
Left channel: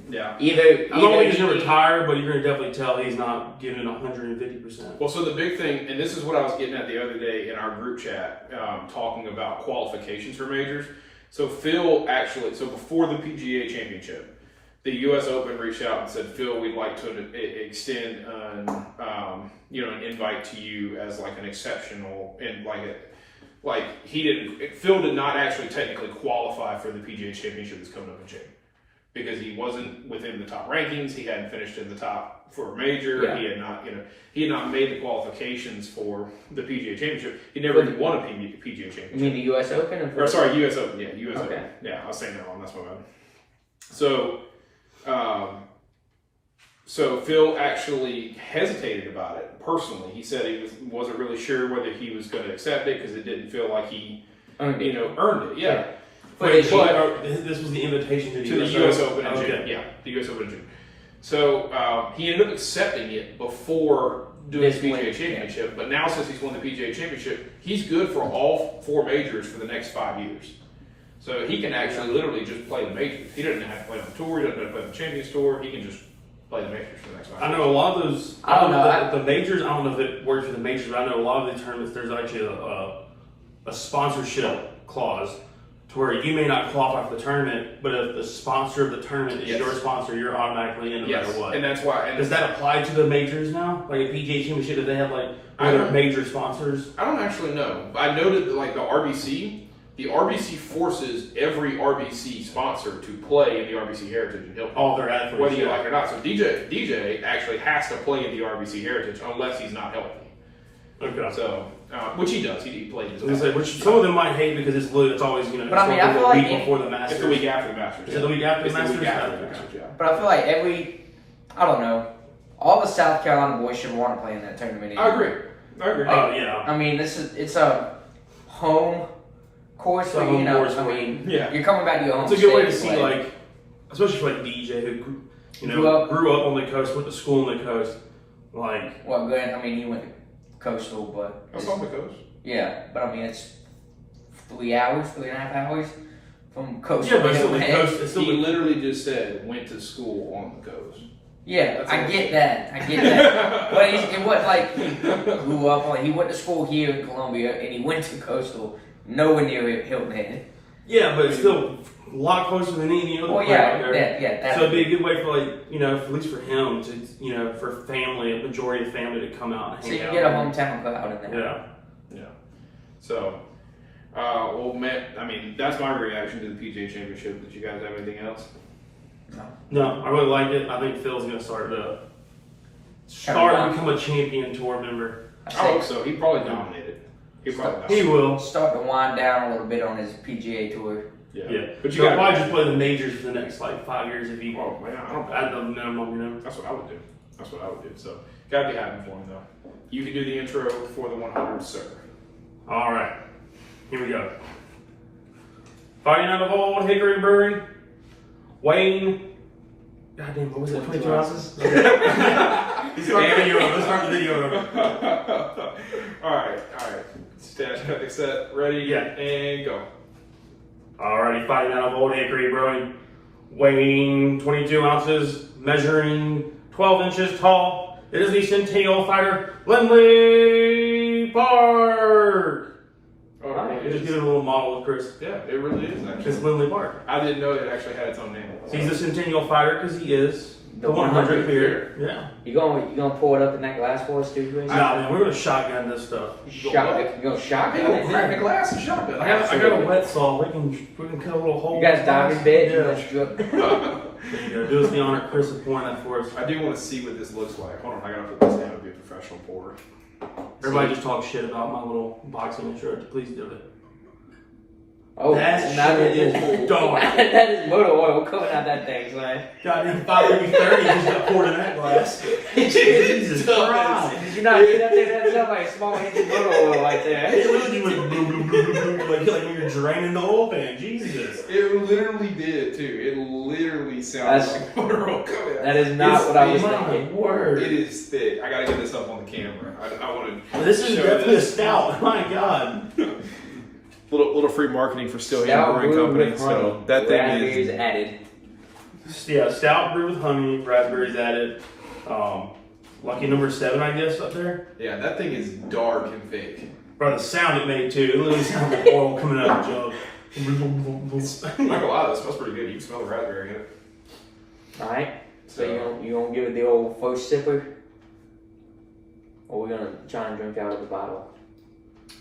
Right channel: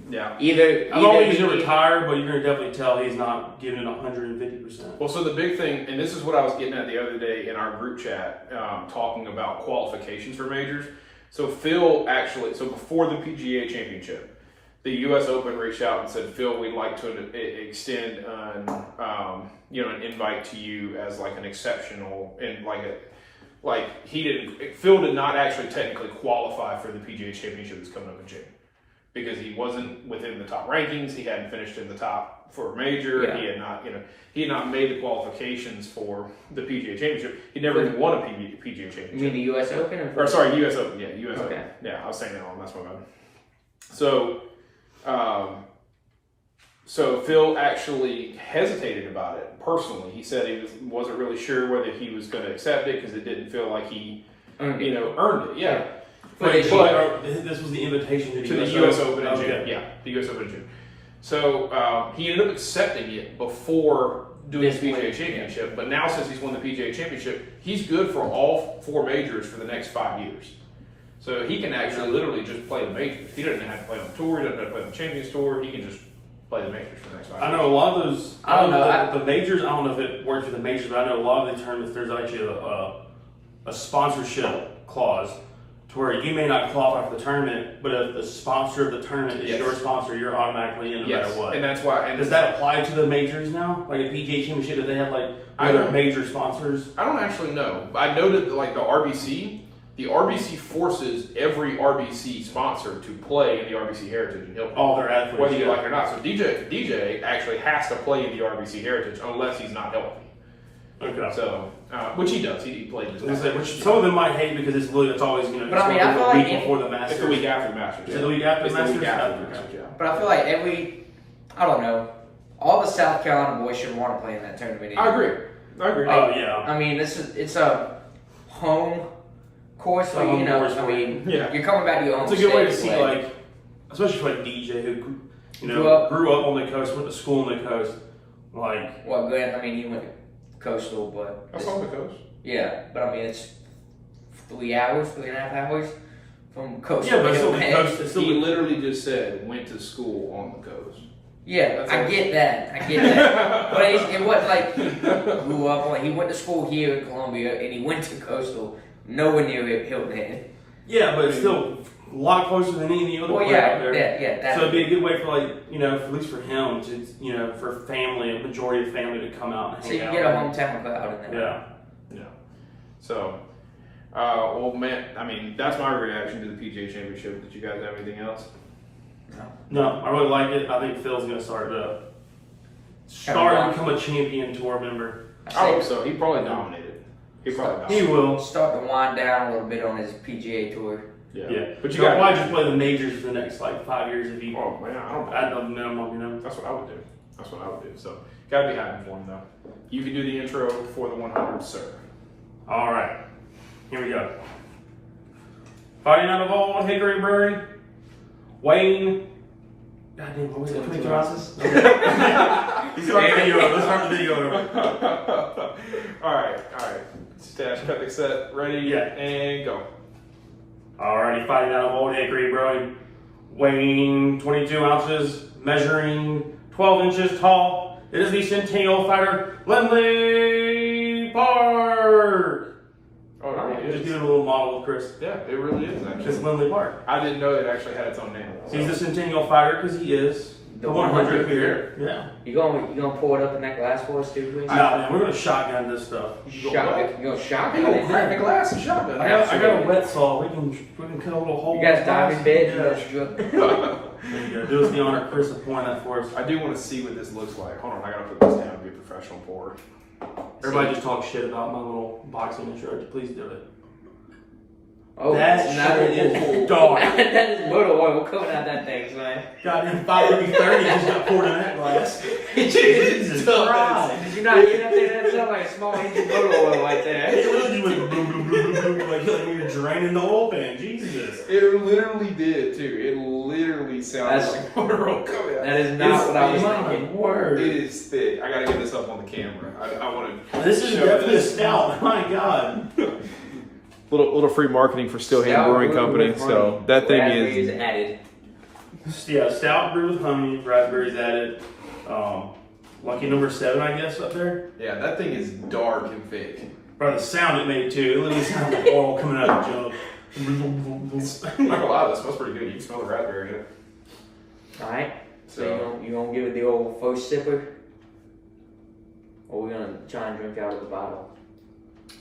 Yeah. Either I don't think he's gonna retire, but you're gonna definitely tell he's not giving it 150%. Well, so the big thing, and this is what I was getting at the other day in our group chat, talking about qualifications for majors. So Phil actually, before the PGA Championship, the U.S. Open reached out and said, "Phil, we'd like to extend an invite to you as like an exceptional and Phil did not actually technically qualify for the PGA Championship that's coming up in June because he wasn't within the top rankings. He hadn't finished in the top for a major. Yeah. He had not made the qualifications for the PGA Championship. He never even won a PGA Championship. You mean the U.S. Open? Or sorry, U.S. Open. Yeah, U.S. Okay. Open. Yeah, I was saying that wrong. That's what I meant. So, so Phil actually hesitated about it personally. He said he wasn't really sure whether he was going to accept it because it didn't feel like he, earned it. Yeah. But this was the invitation to the U.S. Open in June. Yeah, the U.S. Open in June. So he ended up accepting it before doing the PGA Championship. But now, since he's won the PGA Championship, he's good for all 4 majors for the next 5 years. So he can actually literally just play the majors. He doesn't have to play on the tour. He doesn't have to play on the Champions Tour. He can just play the majors for the next 5 years. I know a lot of those. I don't know the majors. I don't know if it works for the majors, but I know a lot of the tournaments. There's actually a sponsorship clause to where you may not qualify for the tournament, but if the sponsor of the tournament is your sponsor, you're automatically in no matter what. And that's why. Does that apply to the majors now? Like a PGA Championship, do they have like other major sponsors? I don't actually know. I know that like the RBC forces every RBC sponsor to play in the RBC Heritage and Hilton. All their athletes, whether you like it or not. So DJ actually has to play in the RBC Heritage unless he's not healthy. Okay. So, which he does. He plays. Which some of them might hate because it's always But I mean, I feel like week before the Masters. It's the week after the Masters. Is it the week after the Masters? Yeah. But I feel like I don't know, all the South Carolina boys should want to play in that tournament. I agree. Oh yeah. I mean, it's a home course for you know. I mean, you're coming back to your home. It's a good way to see, like, especially for like DJ who grew up on the coast, went to school on the coast. Like, well, Glenn, I mean, he went to Coastal, but that's on the coast. Yeah, but I mean, it's 3.5 hours from Coastal. Yeah, but still the coast. He literally just said went to school on the coast. Yeah, I get that. But it wasn't like he grew up on. He went to school here in Columbia, and he went to Coastal, nowhere near Hilton Head. Yeah, but it's still a lot closer than any other player out there. So it'd be a good way for at least for him to, for family, a majority of family to come out and hang out. So you get a hometown crowd in there. Yeah. So, well, Matt, I mean, that's my reaction to the PGA Championship. Did you guys have anything else? No, I really like it. I think Phil's going to start to become a champion tour member. I hope so. He probably nominated. He will start to wind down a little bit on his PGA tour. Yeah. But you got why just play the majors for the next 5 years if you. Oh man, I don't. At the minimum, That's what I would do. So gotta be happy for him though. You can do the intro for the 100, sir. All right, here we go. Fighting out of Old Hickory Brewery, Wayne. Goddamn, what was it? 22 ounces. Okay. Let's start the video over. All right. Stash, cut, set, ready, and go. Alrighty, fighting out of Old Hickory Brewing, weighing 22 ounces, measuring 12 inches tall, It is the Centennial Fighter, Lindley Park. Oh, it really Just is. giving a little model of Chris. Yeah, it really is It's actually. Lindley Park. I didn't know it actually had its own name. He's the Centennial Fighter because he is the 100th beer. Yeah. You gonna pour it up in that glass for us too, please? Nah, man, we're gonna shotgun this stuff. You gonna shotgun Go it? grab the glass and shotgun. I got a wet saw. We can cut a little hole. You guys dive in bed? You Yeah. guys drunk? There you go. Do us the honor, Chris, of pouring that for us. I do want to see what this looks like. Hold on, I gotta put this down and be a professional pourer. Everybody just talk shit about my little boxing intro. Please do it. Oh, That not shit is dark. That is motor oil coming out that thing, man. Goddamn 530 just got poured in that glass. Jesus Christ. Did you not get up there? That sounds like a small engine motor oil right there. It literally went boom, boom, boom, boom, boom, like you're draining the oil pan. Jesus. It literally did too. It literally sounds That's- like motor oil coming out. That is not It's what I was thick. My thinking. word. It is thick. I gotta get this up on the camera. I want to. This is definitely a stout. My God. Little free marketing for Still Stout Brewing brew Company. with So honey. that thing Raspberries is. added. Yeah, stout brew with honey, raspberries added. Lucky number 7, I guess, up there. Yeah, that thing is dark and thick. Bro, the sound it made too. It literally sounded like oil coming out of the jug. I'm not gonna lie, that smells pretty good. You can smell the raspberry in it. All right. So you gonna give it the old first sipper, or we're gonna try and drink out of the bottle?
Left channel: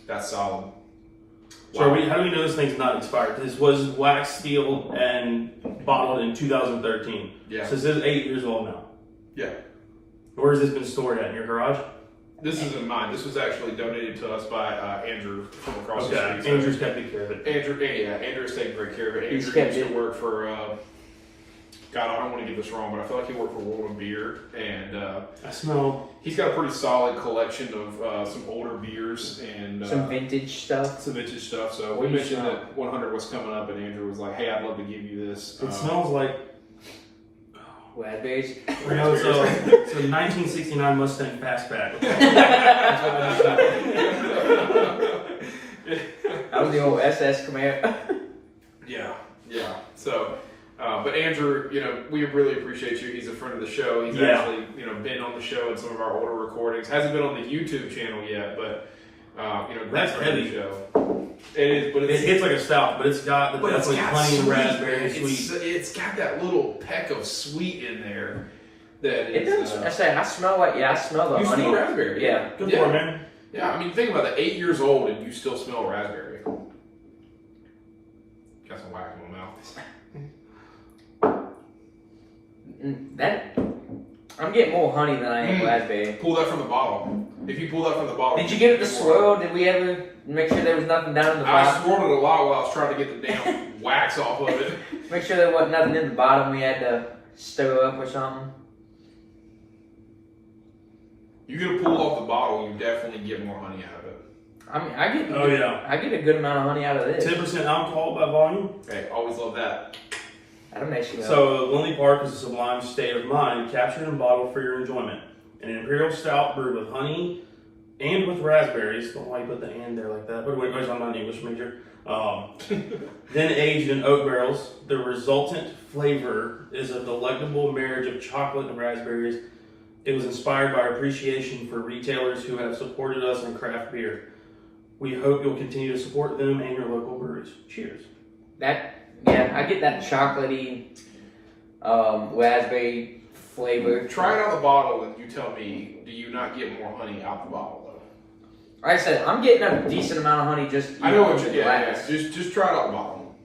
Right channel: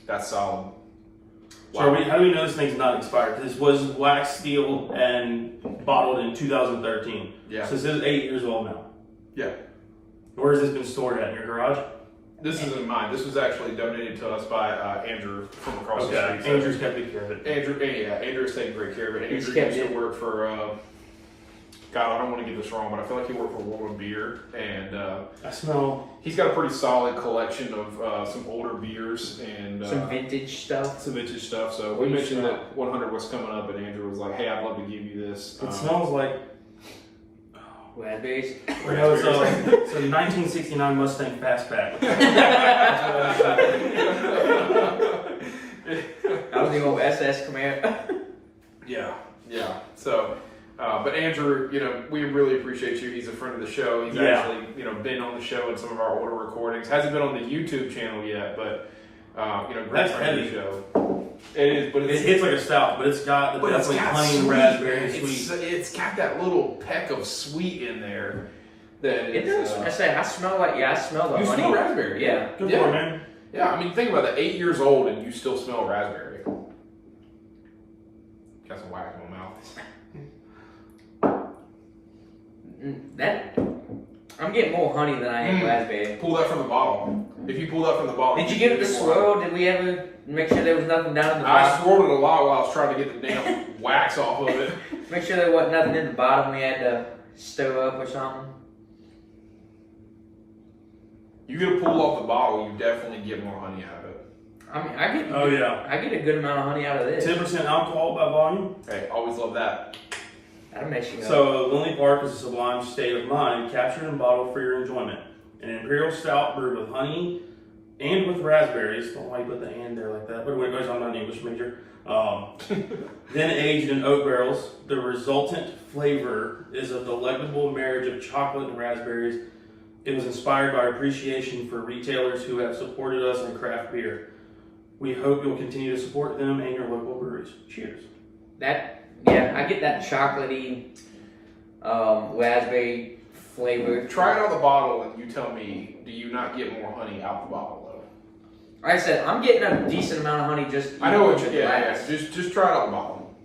That's solid. So how do we know this thing's not expired? This was wax sealed and bottled in 2013. Yeah. So this is 8 years old now. Yeah. Where has this been stored at? In your garage? This isn't mine. This was actually donated to us by Andrew from across the Okay. street. Andrew's kept good care of it. Andrew's taking great care of it. He's Andrew kept used to it. work for, God, I don't want to get this wrong, but I feel like he worked for World Beer, and I smell. he's got a pretty solid collection of some older beers and Some vintage stuff. some vintage stuff. So What we do you mentioned smell? that 100 was coming up, and Andrew was like, "Hey, I'd love to give you this." It smells like. Raspberries. I know it's a 1969 Mustang Fastback. That was the old SS Camaro. Yeah. So, but Andrew, we really appreciate you. He's a friend of the show. He's Yeah. actually, been on the show in some of our older recordings. Hasn't been on the YouTube channel yet, but great That's friend of heavy. the show. It is, but It hits like a stout, but it's got the definitely honey and raspberry and sweet. It's got that little peck of sweet in there. That It is, does. I say I smell like I smell the you honey. smell raspberry. Yeah. Good for it, man. Yeah, I mean, think about that. 8 years old and you still smell raspberry. Got some wax in my mouth. That I'm getting more honey than I am raspberry. Pull that from the bottle. If you pull that from the bottle, Did you give it the swirl? Did we ever make sure there was nothing down in the I bottom? swirled it a lot while I was trying to get the damn wax off of it. Make sure there wasn't nothing in the bottom we had to stir up or something. You get a pull off the bottle, you definitely get more honey out of it. I mean, I get Oh yeah. I get a good amount of honey out of this. 10% alcohol by volume. Hey, always love that. That'll make you go. So, Lindley Park is a sublime state of mind captured and bottled for your enjoyment. An imperial stout brewed with honey and with raspberries. Don't know why you put the "and" there like that. But anyway, I'm not an English major. Then aged in oak barrels. The resultant flavor is a delectable marriage of chocolate and raspberries. It was inspired by appreciation for retailers who have supported us in craft beer. We hope you'll continue to support them and your local breweries. Cheers. I get that chocolatey raspberry flavor. Try it on the bottle and you tell me, do you not get more honey out the bottle though? Like I said, I'm getting a decent amount of honey just. I know what from you the glass. Just try it on the bottle.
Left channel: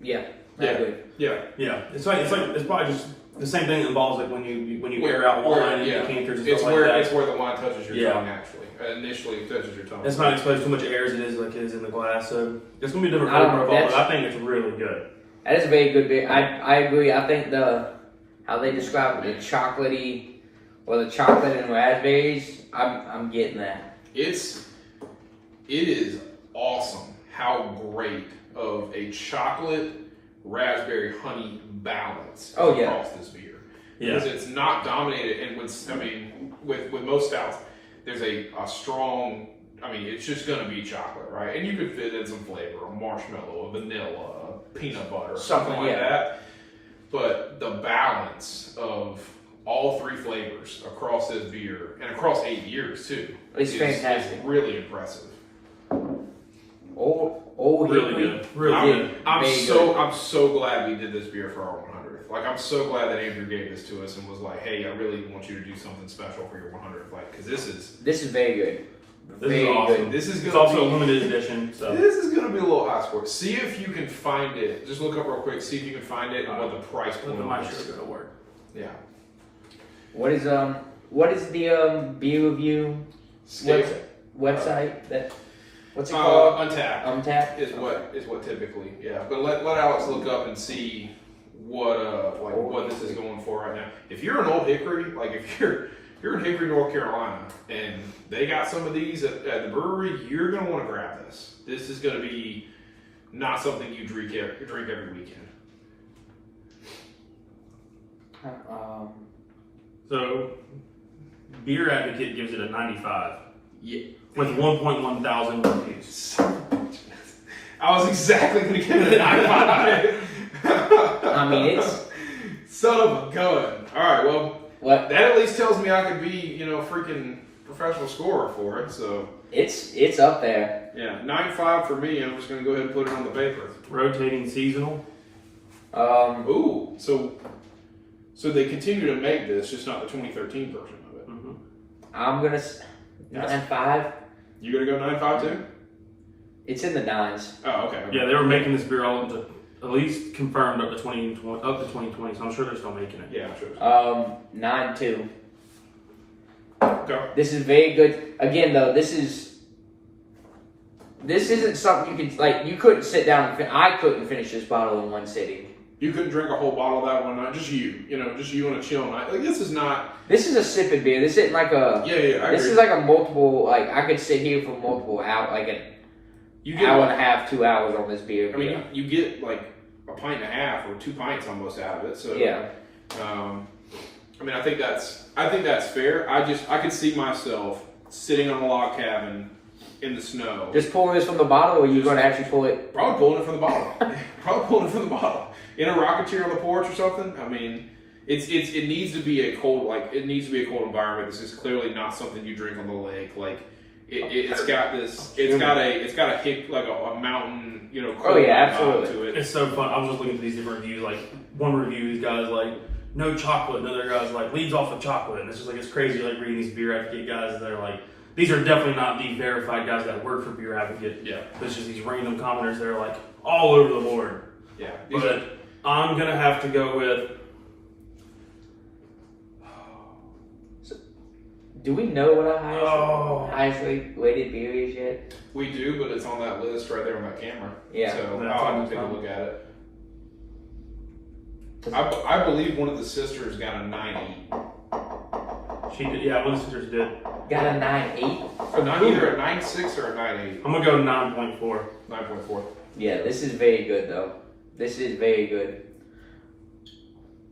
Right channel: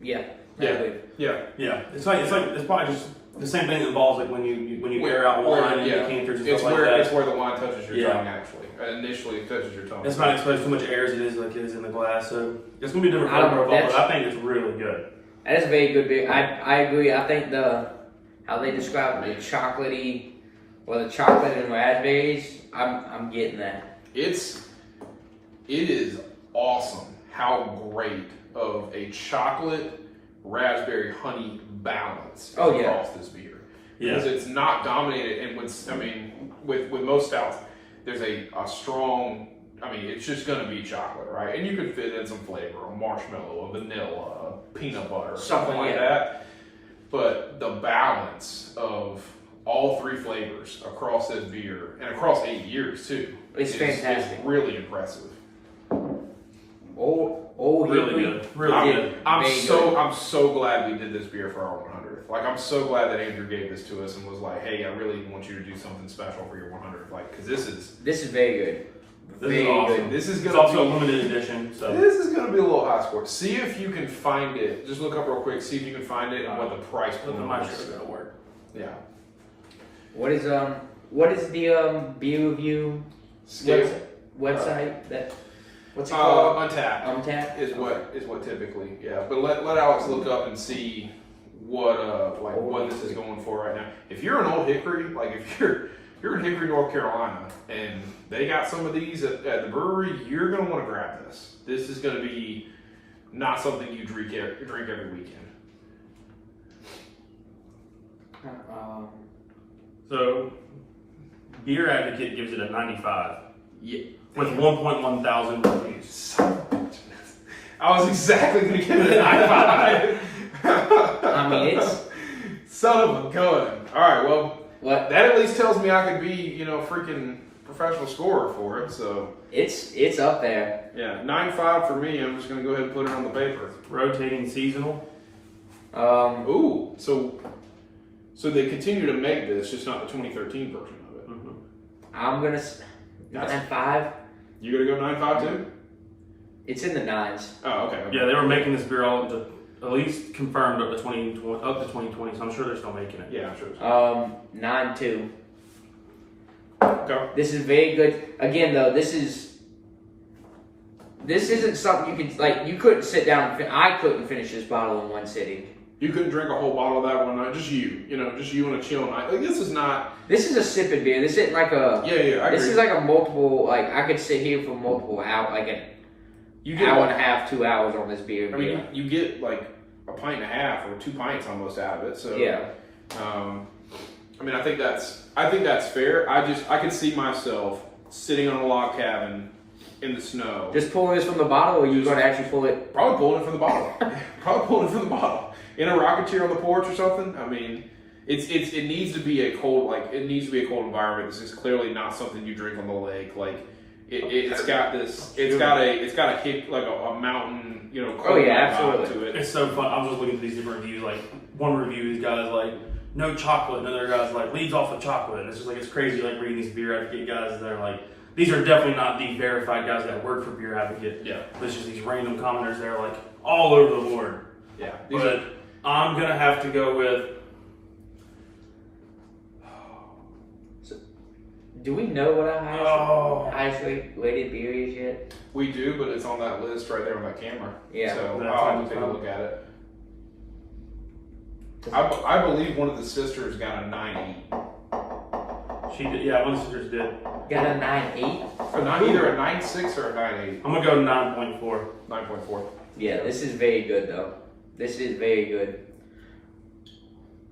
Yeah, I agree. Yeah. Yeah, it's probably just the same thing that involves like when you air out wine and decanters and stuff like that. It's where the wine touches your Yeah. tongue actually. Initially it touches your tongue. It's not exposed too much air as it is like it is in the glass, so it's gonna be a different I don't flavor know, profile. But that's- I think it's really good. That is a very good beer. I agree. I think how they describe it, the chocolatey or the chocolate and raspberries. I'm getting that. It is awesome how great of a chocolate raspberry honey balance Oh, yeah. across this beer. Yeah, Because it's not dominated, and with most stouts, there's a strong I mean, it's just gonna be chocolate, right? And you could fit in some flavor, a marshmallow, a vanilla, a peanut butter, something like that. But the balance of all three flavors across this beer and across 8 years too, it's fantastic. It's really impressive. Really good. Really good. I'm so glad we did this beer for our 100th. Like, I'm so glad that Andrew gave this to us and was like, "Hey, I really want you to do something special for your 100th." Like, because this is very good. This is awesome. good. This is It's gonna also be a limited edition, so this is gonna be a little high score. See if you can find it. Just look up real quick. See if you can find it and what the price let point the mic is. show go to work. Yeah. What is the beer review Scale. website that? What's it called? Untapped. Untapped Is what typically, yeah. But let Alex look up and see what this is going for right now. If you're an Old Hickory, like if you're in Hickory, North Carolina, and they got some of these at the brewery, you're gonna want to grab this. This is gonna be not something you drink every weekend. So, Beer Advocate gives it a 95 Yeah. with 1.1 thousand reviews. I was exactly gonna give it a 95. I mean, it's son of a gun. All right, well. what That at least tells me I could be, freaking professional scorer for it. So it's up there. yeah, 9.5 for me. I'm just gonna go ahead and put it on the paper. Rotating seasonal. Ooh, so they continue to make this, just not the 2013 version of it. Mm-hmm. I'm gonna 9.5. You gonna go 9.5 too? It's in the 9s. Oh, okay. Yeah, they were making this beer all to at least confirmed up to 2020, so I'm sure they're still making it. Yeah, I'm sure. 9.2. Okay. This is very good. Again, though, this isn't something you can like. You couldn't sit down. I couldn't finish this bottle in one sitting. You couldn't drink a whole bottle of that one night. Just you on a chill night. Like, this is not. This is a sipping beer. This isn't like a. Yeah. This is like a multiple. Like, I could sit here for multiple hours, like an hour and a half, 2 hours on this beer. I mean, you get like a pint and a half or 2 pints almost out of it. So yeah. I mean, I think that's fair. I could see myself sitting on a log cabin in the snow. Just pulling this from the bottle, or are you going to actually pull it? Probably pulling it from the bottle. In a rocking chair on the porch or something. I mean, it needs to be a cold environment. This is clearly not something you drink on the lake. Like it's got a hip, like a mountain, Oh yeah, absolutely. To it. It's so fun. I was just looking at these different reviews. Like one review, these guys like no chocolate, and another guy's like leads off with chocolate, and it's just like it's crazy. Like reading these Beer Advocate guys, they're like these are definitely not the verified guys that work for Beer Advocate. Yeah, it's just these random commenters. They're like all over the board. Yeah, but I'm gonna have to go with. Do we know what our highest rated beer is yet? We do, but it's on that list right there on that camera. Yeah. So That's I'll have on to take a the look at it. I believe one of the sisters got a 9.8. She did, yeah, one of the sisters did. Got a 9.8? Either a 9.6 or a 9.8. I'm gonna go 9.4. 9.4. Yeah, this is very good though. This is very good.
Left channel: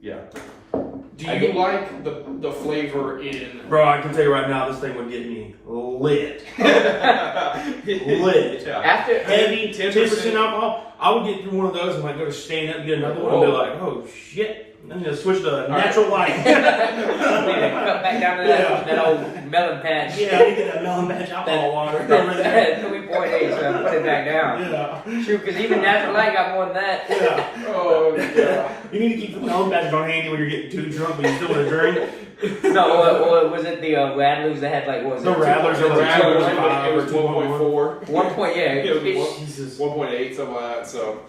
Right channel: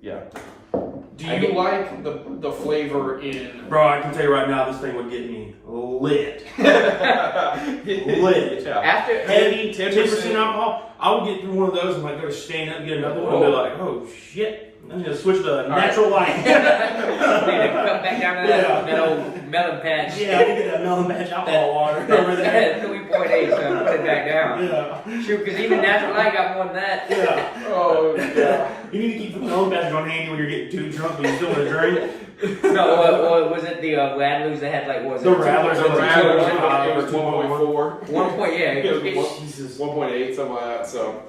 Yeah. Do you like the flavor in? Bro, I can tell you right now, this thing would get me lit. Lit. Yeah. After Heavy 10% alcohol. I would get through one of those and like go to stand up and get another one and be like, oh shit. I'm gonna switch to natural light. Cut back down to that old melon patch. Yeah, we get that melon patch alcohol water over there. 3.8, so put it back down. Yeah. Shoot, because even natural light got more than that. Yeah. Oh yeah. You need to keep the melon patch on handy when you're getting too drunk, but you still want to drink. No, or was it the Rattlers that had like what was The it? Rattlers are like It was 1.4. 1 point, yeah. It was Jesus. 1.8, something like that. So,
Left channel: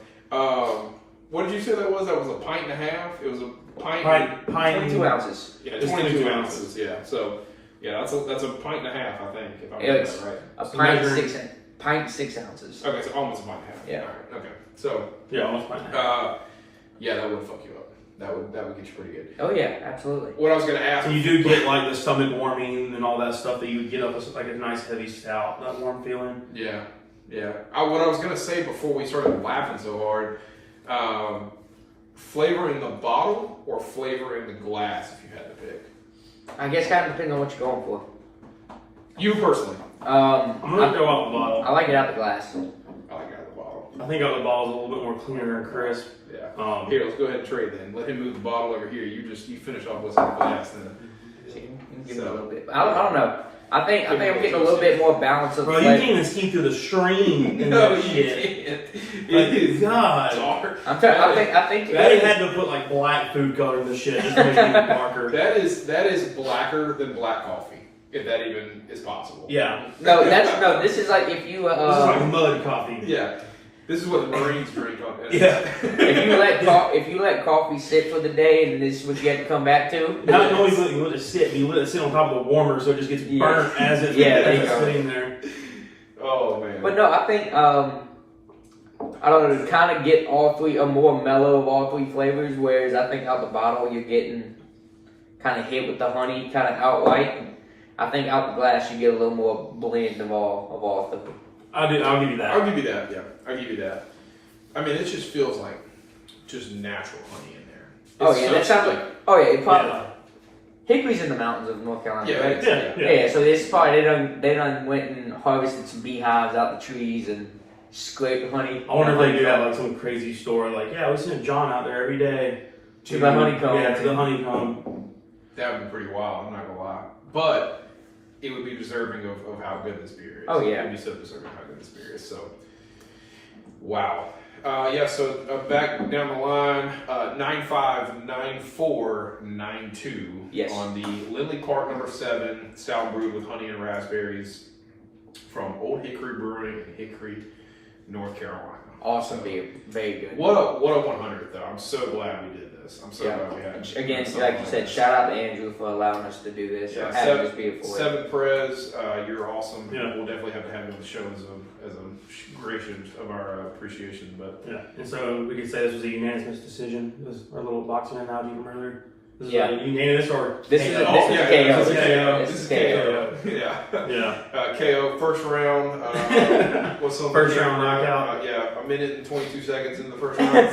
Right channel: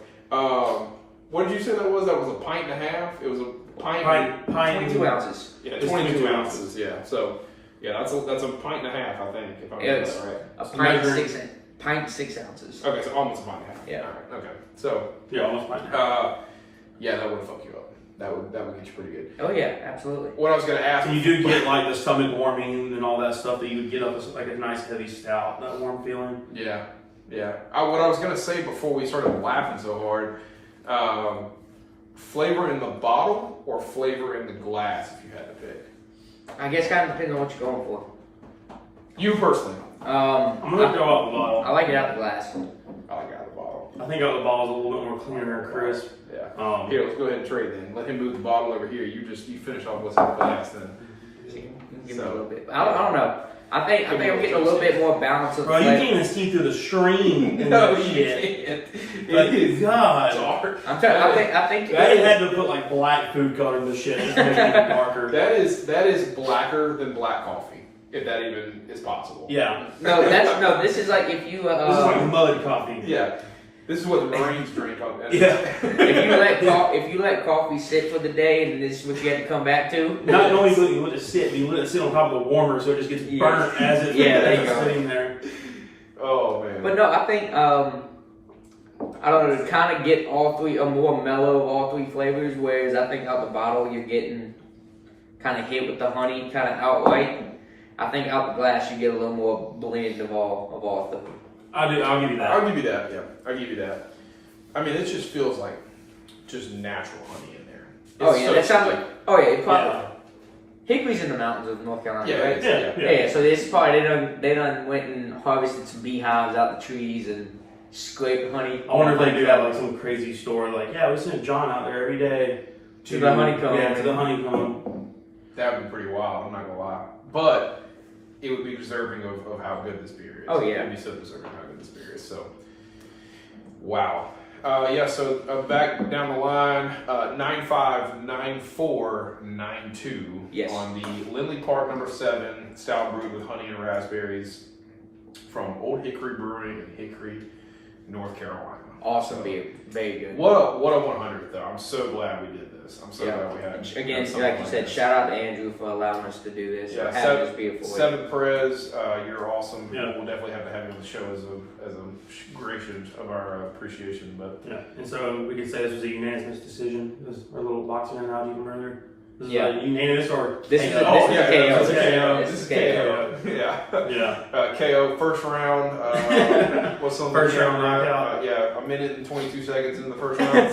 what did you say that was? That was a pint and a half. It was a pint. Pint. 22 ounces. Yeah, It's 22 ounces. Yeah. So, yeah, that's a pint and a half, I think. If I'm getting It's that right. a So pint, measuring- 6 ounces. Okay, so almost a pint and a half. Yeah. All right. Okay. So, Yeah, almost fine. yeah, that would fuck you up. That would get you pretty good. Oh yeah, absolutely. What I was gonna ask. So you do get like the stomach warming and all that stuff that you would get up like a nice heavy stout, that warm feeling. Yeah. What I was gonna say before we started laughing so hard, flavor in the bottle or flavor in the glass, if you had to pick. I guess kind of depends on what you're going for. You personally? I'm gonna go off the bottle. I like it out the glass. I like it out of the bottle. I think out the bottle is a little bit more cleaner and crisp. Yeah. Here, let's go ahead and trade then. Let him move the bottle over here. You finish off what's in the glass then. Give me a little bit. I don't know. I think I'm getting a little bit more balance of Bro, you can't even see through the screen in that shit. Like, God. I think They had to put like black food color in the shit just to make it even darker. That is blacker than black coffee, if that even is possible. Yeah. This is like if you This is like mud coffee. Yeah. This is what the Marines drink. Yeah. if you let coffee sit for the day, and this is what you had to come back to. Not only do you let it sit, you let it sit on top of the warmer so it just gets burnt as it's sitting there. Oh man. But no, I think I don't know, to kind of get all three, a more mellow of all three flavors, whereas I think out the bottle you're getting kind of hit with the honey kind of outright. I think out the glass you get a little more blend of all three. I'll give you that. I'll give you that, yeah. I'll give you that. I mean, it just feels like just natural honey in there. That sounds like, it probably, hickory's in the mountains of North Carolina, yeah, right? Yeah. So it's probably, they done went and harvested some beehives out the trees and scraped honey. I wonder if they do have like some crazy story, like, we send John out there every day to the honeycomb. Yeah, to the honeycomb. That would be pretty wild, I'm not gonna lie. But it would be deserving of how good this beer is. Oh, yeah. It would be so deserving of how good this beer is. So, wow. So back down the line, 959492 yes. on the Lindley Park number 7 stout brewed with honey and raspberries from Old Hickory Brewing in Hickory, North Carolina. Awesome beer, very good. What a 100th though. I'm so glad we did this. I'm so glad we had. Again, like you said, shout out to Andrew for allowing us to do this. Yeah, for having this beautiful. Seven Perez, you're awesome. Yeah. We'll definitely have to have you on the show as a gration of our appreciation. But yeah, and so we can say this was a unanimous decision. It was our little boxing analogy from earlier. This is Yeah. a unanimous or This is KO? this is KO. This is KO. Yeah. KO first round. What's on First round knockout. A minute and 22 seconds in the first round.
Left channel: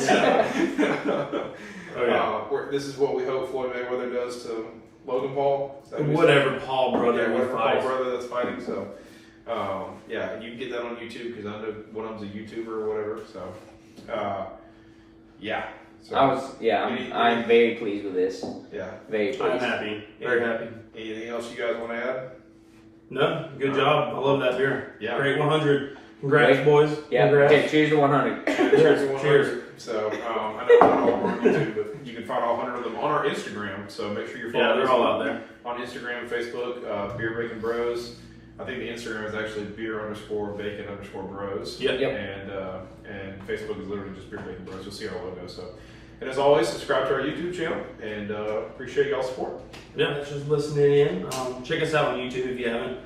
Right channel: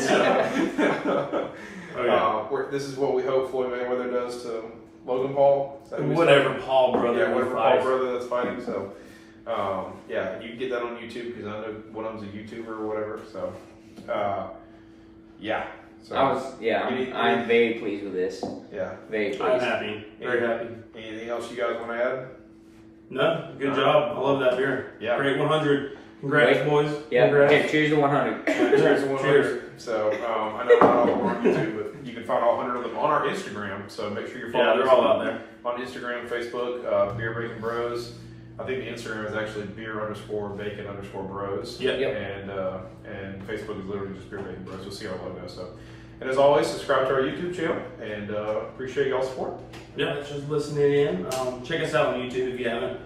This is what we hope Floyd Mayweather does to Logan Paul. Whatever Paul brother whatever Paul fights. brother that's fighting. So, you can get that on YouTube because I know one of them's a YouTuber or whatever. So, So I'm very pleased with this. Yeah. Very pleased. I'm happy. Very happy. Anything else you guys want to add? No, good job. I love that beer. Yeah. Great 100. Congrats, boys. Yeah. Congrats. Okay, cheers to 100. Cheers to 100. Cheers. So, I know they're all over on YouTube, but you can find all 100 of them on our Instagram. So make sure you're following they're all out there. On Instagram, Facebook, Beer Bacon Bros. I think the Instagram is actually beer_bacon_bros. Yep. And Facebook is literally just Beer Bacon Bros. You'll see our logo. So, and as always, subscribe to our YouTube channel and appreciate y'all's support. Yeah, just listening in. Check us out on YouTube if you haven't.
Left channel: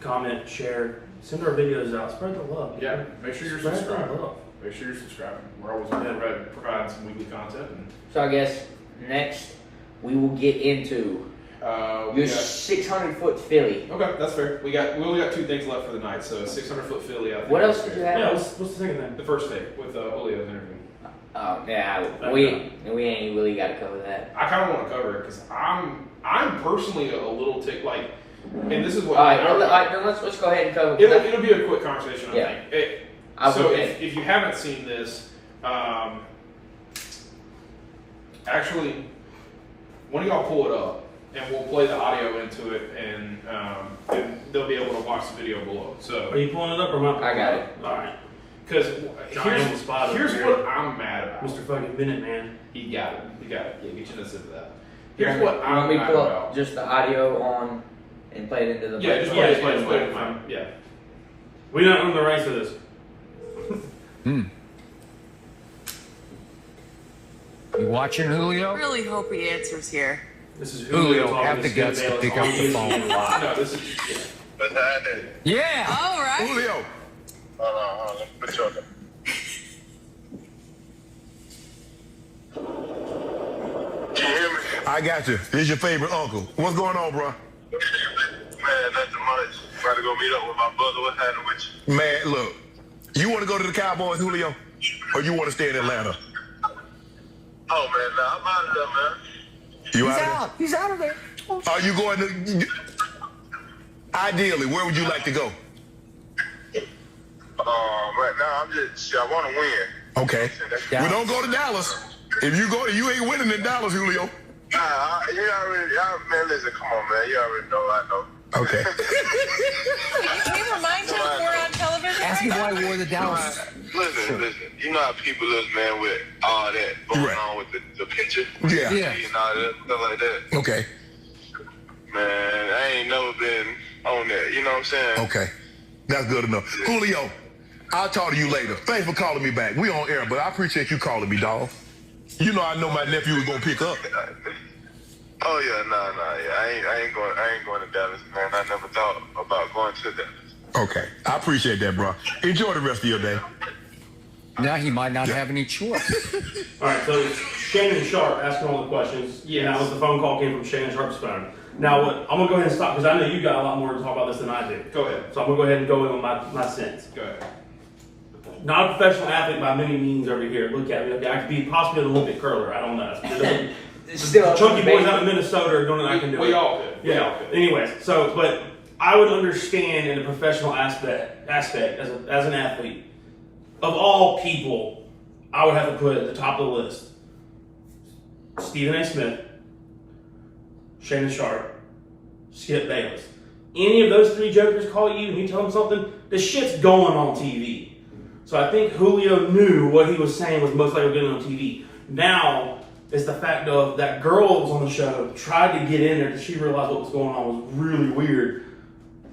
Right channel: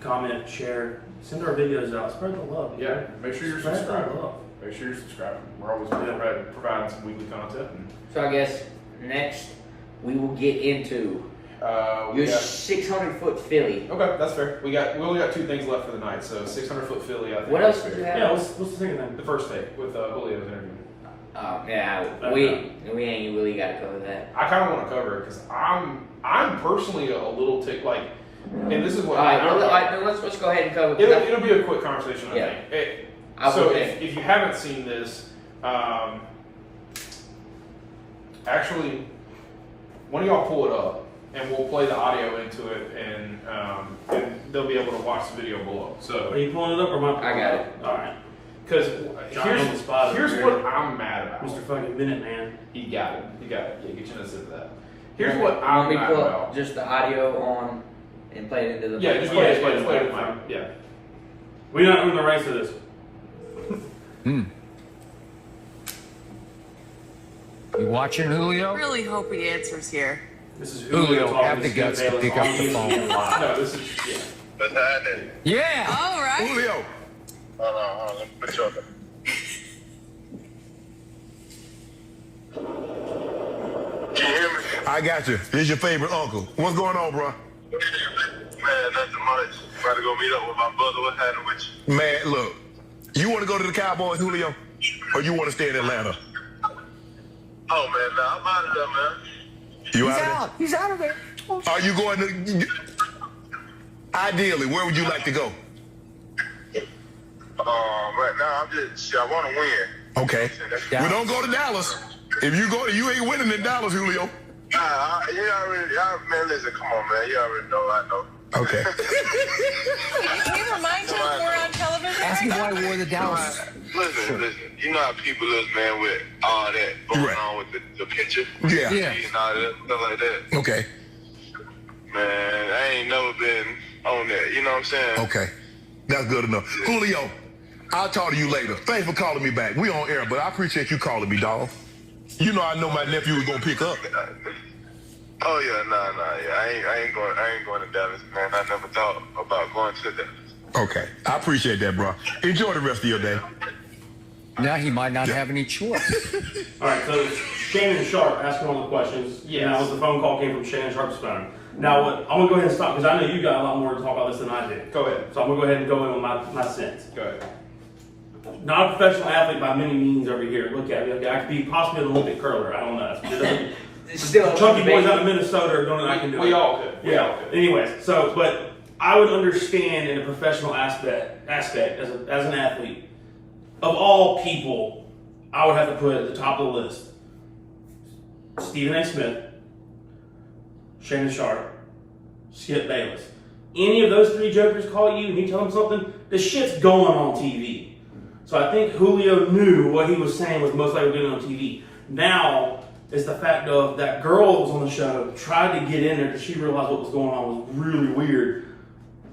Comment, share, send our videos out. Spread the love. Yeah, make sure you're Spread the subscribing. love. Make sure you're subscribing. We're always providing some weekly content. So I guess next we will get into your 600-foot Philly. Okay, that's fair. We only got 2 things left for the night, so 600-foot Philly. I think What else did you have? Yeah, what's the second thing? The first take with Julio's interview. Oh yeah, we ain't really got to cover that. I kind of want to cover it because I'm personally a little like, and this is what. All right, let's go ahead and cover it. It'll be a quick conversation. I think. If you haven't seen this, actually, one of y'all pull it up, and we'll play the audio into it, and they'll be able to watch the video below. So, Are you pulling it up or am I? I got it. All right. because Here's what I'm mad about. Mr. Fucking Minuteman. You got it. Yeah, get you to sit that. Here's what Want I'm me to mad pull about. up just the audio on and play it into the Yeah, just play it. Yeah. We don't own the rights to this. You watching, Julio? Really hope he answers here. This is Julio, talking have the to guts to Bayless pick up on the YouTube phone. Live. No, this is What's happening? Yeah. All right. Julio. Hold on. Let me put you on the... Can you hear me? I got you. This is your favorite uncle. What's going on, bro? Man, nothing much. About to go meet up with my brother. What's happening with you? Man, look. You want to go to the Cowboys, Julio? Or you want to stay in Atlanta? Oh, man, nah, I'm out of there, man. You He's out out. He's out of there. Are you going to... Ideally, where would you like to go? Right now, I want to win. Okay. Well, don't go to Dallas. If you go, you ain't winning in Dallas, Julio. Man, listen, come on, man. You already know, I know. Okay. Can you remind him we're on television? Ask him right why now? he wore the Dallas. Listen. You know how people is, man, with all that going on with the picture? Yeah. And all that, stuff like that. Okay. Man, I ain't never been on that. You know what I'm saying? Okay. That's good enough. Julio, I'll talk to you later. Thanks for calling me back. We on air, but I appreciate you calling me, dog. You know I know my nephew was gonna pick up. Oh yeah, yeah. I ain't going to Dallas, man. I never thought about going to Dallas. Okay. I appreciate that, bro. Enjoy the rest of your day. Now he might not have any choice. All right, so Shannon Sharp asking all the questions. Yes. Now, the phone call came from Shannon Sharp's phone. Now, what I'm gonna go ahead and stop because I know you got a lot more to talk about this than I did. Go ahead. So I'm gonna go ahead and go in on my sense. Go ahead. Not a professional athlete by many means over here. Look at me. Okay, I could be possibly an Olympic curler. I don't know. Still, Chunky boys out of Minnesota are doing it. I can do it. We all could. We all Yeah. could. Anyways, so but I would understand in a professional aspect as an athlete, of all people, I would have to put at the top of the list Stephen A. Smith, Shannon Sharp, Skip Bayless. Any of those three jokers call you and you tell them something, the shit's going on TV. So I think Julio knew what he was saying was most likely going on TV. Now, it's the fact of that girl that was on the show tried to get in there because she realized what was going on was really weird.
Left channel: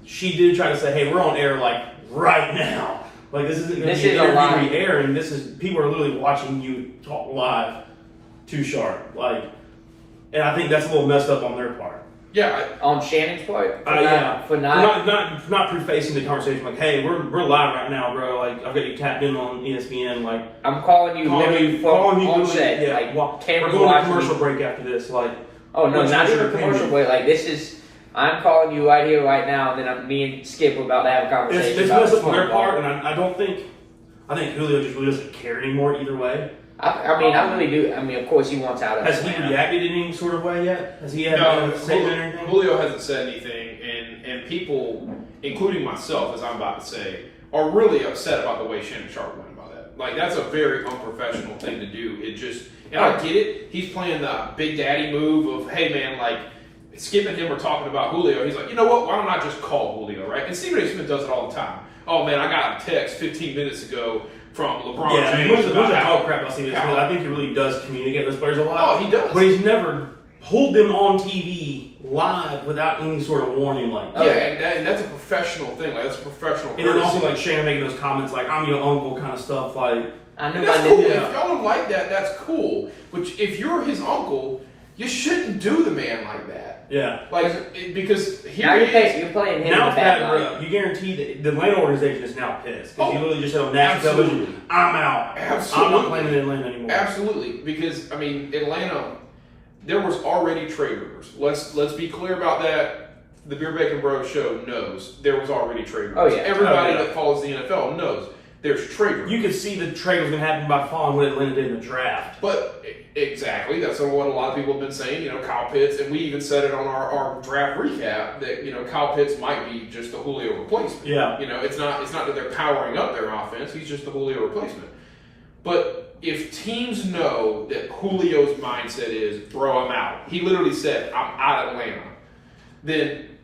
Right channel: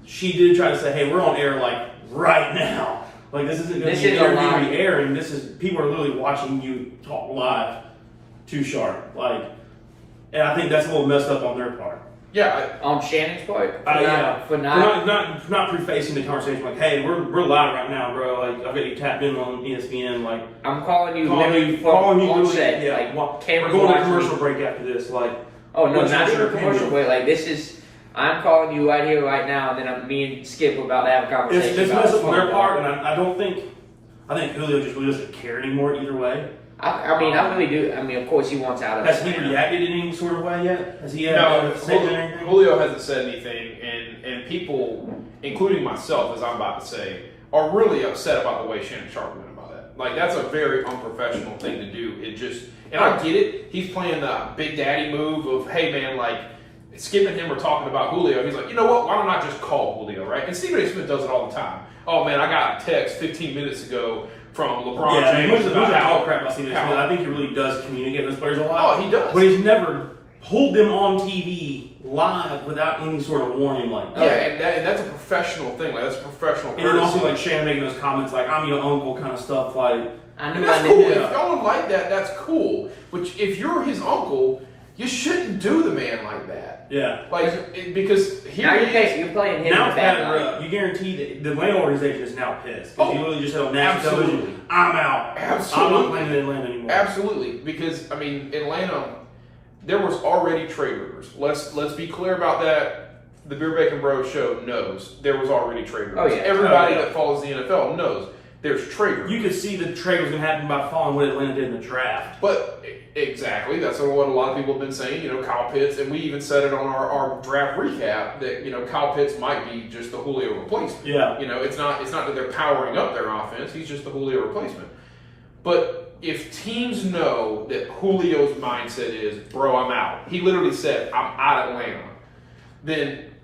She did try to say, hey, we're on air like right now. Like this isn't going to be an interview airing. This is people are literally watching you talk live to Sharp. Like, and I think that's a little messed up on their part. Yeah. On Shannon's part? For not prefacing the conversation like, hey, we're live right now, bro. Like I've got you tapped in on ESPN. Like I'm calling you calling you on literally, set. yeah. Like, we're going to commercial break after this. Like, oh no, what's not your even a commercial break. Like this is. I'm calling you right here, right now, and then me and Skip are about to have a conversation. It's messed up on their part, and I think Julio just really doesn't care anymore either way. I really do. I mean, of course, he wants out of it. Has he reacted in any sort of way yet? Has he said anything? Julio hasn't said anything, and people, including myself, as I'm about to say, are really upset about the way Shannon Sharp went about that. Like, that's a very unprofessional thing to do. It just, and I get it. He's playing the big daddy move of, hey, man, like, Skip and him were talking about Julio. He's like, you know what? Why don't I just call Julio, right? And Stephen A. Smith does it all the time. Oh, man, I got a text 15 minutes ago from LeBron James. James. Who's talk crap about Stephen A. Smith? I think he really does communicate with those players a lot. Oh, he does. But he's never pulled them on TV live without any sort of warning like that. Yeah, and that's a professional thing. Like, that's a professional And then also, like, Shannon making those comments like, I'm your uncle kind of stuff. Like, I knew that's I cool. did. If y'all don't like that, that's cool. But if you're his uncle, you shouldn't do the man like that. yeah. Like, because Now you're playing him. Now it's bad road. You guarantee that the Atlanta organization is now pissed. Because you literally just said on national television, I'm out. Absolutely. I'm not playing in Atlanta anymore. Absolutely. Because, I mean, Atlanta, there was already trade rumors. Let's be clear about that. The Beer Bacon Bros show knows there was already trade rumors. Oh, yeah. Everybody that follows the NFL knows there's trade rumors. You could see the trade was going to happen by following what Atlanta did in the draft. But exactly, that's what a lot of people have been saying. You know, Kyle Pitts, and we even said it on our draft recap that, you know, Kyle Pitts might be just the Julio replacement. Yeah. You know, it's not that they're powering up their offense. He's just the Julio replacement. But if teams know that Julio's mindset is, bro, I'm out. He literally said, I'm out of Atlanta. Then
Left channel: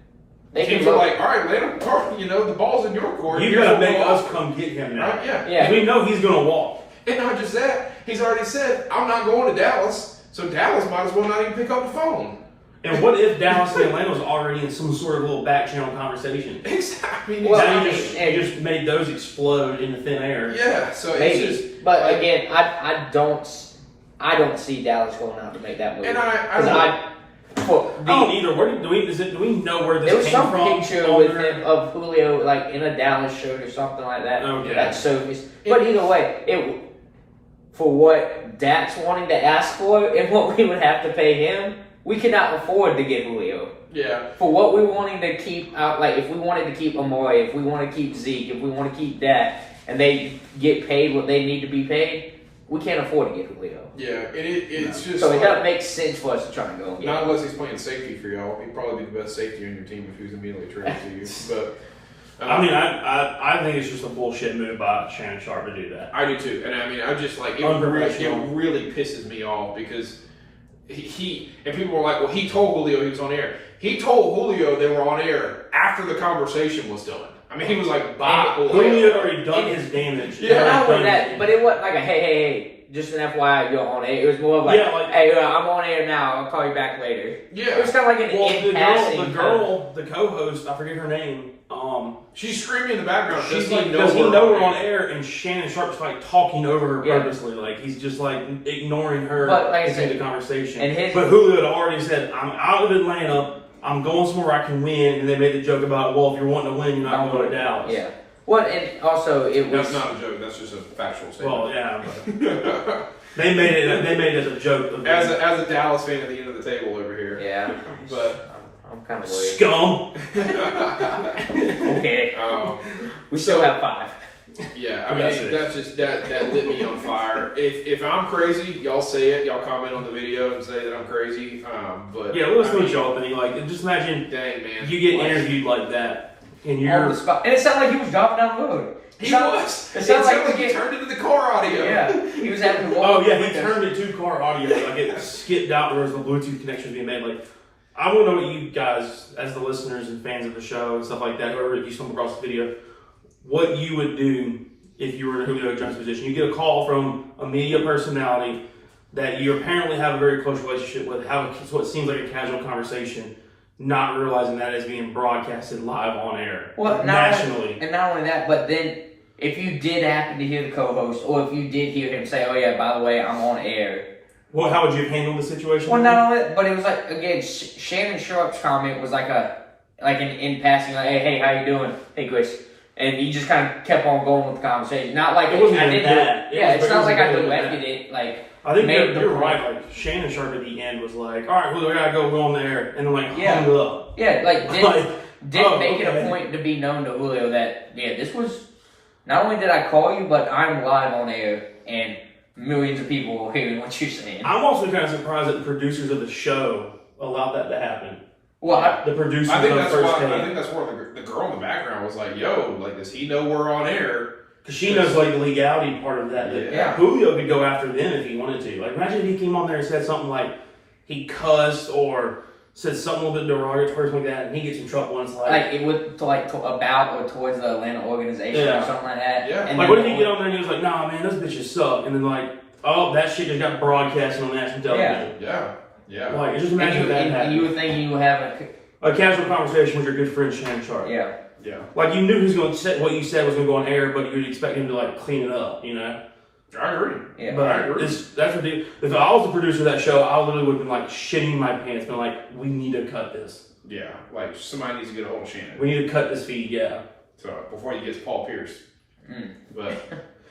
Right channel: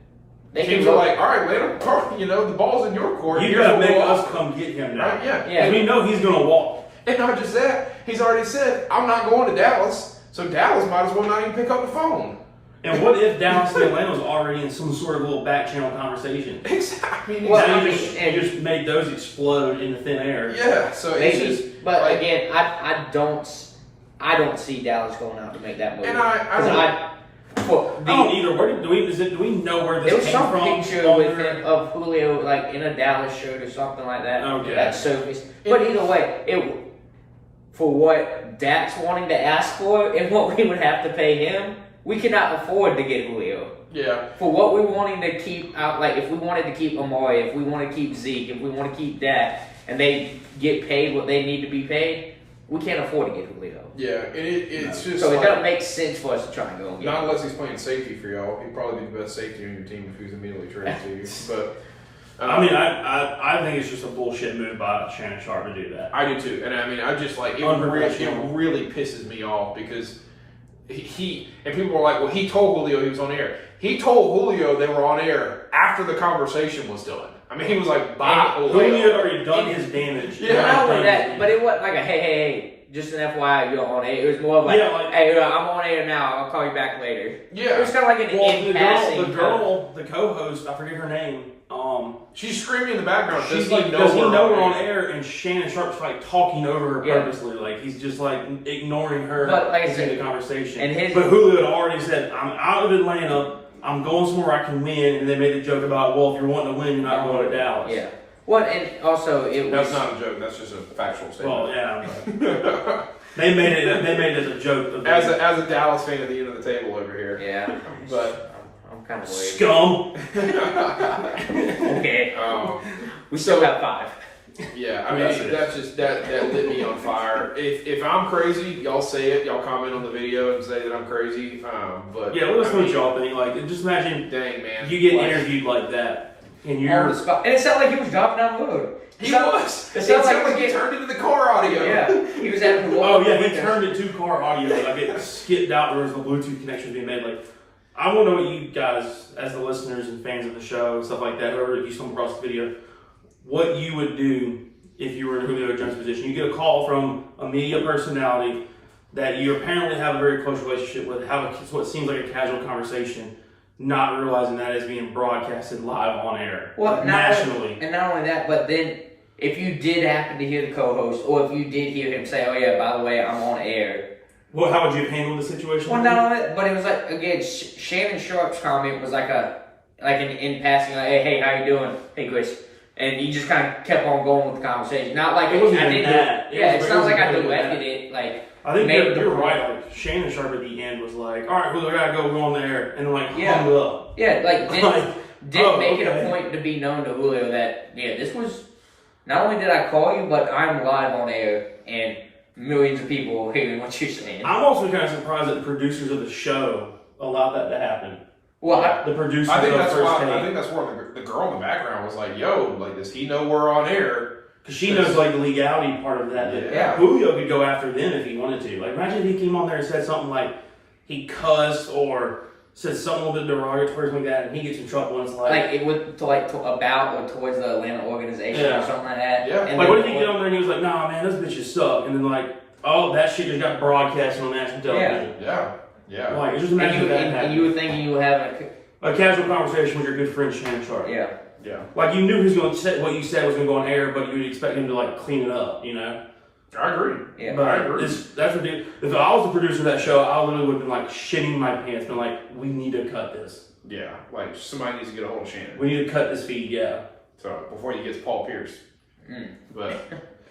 teams are like, all right, Atlanta, you know, the ball's in your court. You got to make us come get him now. Right? Yeah. Because we know he's going to walk. And not just that, he's already said, I'm not going to Dallas, so Dallas might as well not even pick up the phone. And what if Dallas and Atlanta was already in some sort of little back channel conversation? Exactly. Now you just made those explode into thin air. Yeah, so Maybe. it's just... But like, again, I don't see Dallas going out to make that move. And I don't either. Do we know where this there was came some from? picture with him of Julio like in a Dallas shirt or something like that. Okay. That surfaced. But either way, for what Dak's wanting to ask for and what we would have to pay him, we cannot afford to get Julio. Yeah. For what we're wanting to keep out, like if we wanted to keep Amari, if we want to keep Zeke, if we want to keep that, and they get paid what they need to be paid, we can't afford to get Julio. Yeah, and it's just So it like, doesn't make sense for us to try and go and get not him. unless he's playing safety for y'all. He'd probably be the best safety on your team if he was immediately traded to you. But I mean, I think it's just a bullshit move by Shannon Sharp to do that. I do too, and I mean, I just like it really pisses me off because he and people were like, well, he told Julio he was on air. He told Julio they were on air after the conversation was done. I mean, he was like, bye, Julio had already done his damage. Yeah, not only that, but it wasn't like a hey, just an FYI, you're on air. It was more of like, hey, I'm on air now. I'll call you back later. Yeah, it was kind of like an the girl, the co-host, I forget her name. She's screaming in the background. Does he know we're on air? And Shannon Sharp's like talking over her purposely, like he's just like ignoring her in the conversation. But Julio had already said, "I'm out of Atlanta. I'm going somewhere I can win." And they made the joke about, well, if you're wanting to win, you're not going to Dallas. Yeah. Well, and also it was. That's not a joke. That's just a factual statement. Well, yeah. But they made it as a joke. As a Dallas fan at the end of the table over here. Yeah. But. I'm kind of worried. Scum. Okay. We still have 5. Yeah, I mean that's just that lit me on fire. If I'm crazy, y'all say it. Y'all comment on the video and say that I'm crazy. But yeah, let us know what y'all think. Like, just imagine, dang man, you get interviewed like that, and you're on the spot. And it sounded like he was dropping down the road. He was. It sounded like he turned into the car audio. Yeah, he was having to. Oh yeah, he turned it to car audio. Like it skipped out where the Bluetooth connection was being made. Like, I want to know what you guys, as the listeners and fans of the show and stuff like that, whoever you stumble across the video, what you would do if you were in a Julio Jones position. You get a call from a media personality that you apparently have a very close relationship with, have what seems like a casual conversation, not realizing that is being broadcasted live on air, nationally. And not only that, but then if you did happen to hear the co-host, or if you did hear him say, "Oh yeah, by the way, I'm on air." Well, how would you have handled the situation? Well, not only that, but it was like, again, Shannon Sharp's comment was like in passing, like, hey, how you doing? Hey, Chris. And he just kind of kept on going with the conversation. Not like it wasn't even that. It's not like I directed it. Like, I think you're right. Like, Shannon Sharp at the end was like, all right, Julio, I gotta go on there, and then like hung it up. Yeah, like didn't make it a point to be known to Julio that this was not only did I call you, but I'm live on air and millions of people hearing what you're saying. I'm also kind of surprised that the producers of the show allowed that to happen. Well, the producers I think of that's First why. Take. I think that's where the girl in the background was like, "Yo, like, does he know we're on air?" Because she knows like the legality part of that. Yeah. Julio could go after them if he wanted to. Like, imagine if he came on there and said something like he cussed or said something a little bit derogatory like that, and he gets in trouble. And it's like it would about or towards the Atlanta organization or something like that. Yeah. And like, what if he get on there and he was like, "Nah, man, those bitches suck," and then like, oh, that shit just got broadcast on national television. Yeah. Like, just imagine that happened. And you would think you would have a casual conversation with your good friend Shannon Sharp. Yeah. Like, you knew he was going to say what you said was going to go on air, but you would expect him to like clean it up, you know? I agree. Yeah. But I agree. That's ridiculous. If I was the producer of that show, I literally would have been like shitting my pants, been like, we need to cut this. Yeah. Like, somebody needs to get a hold of Shannon. We need to cut this feed, yeah. So before he gets Paul Pierce. But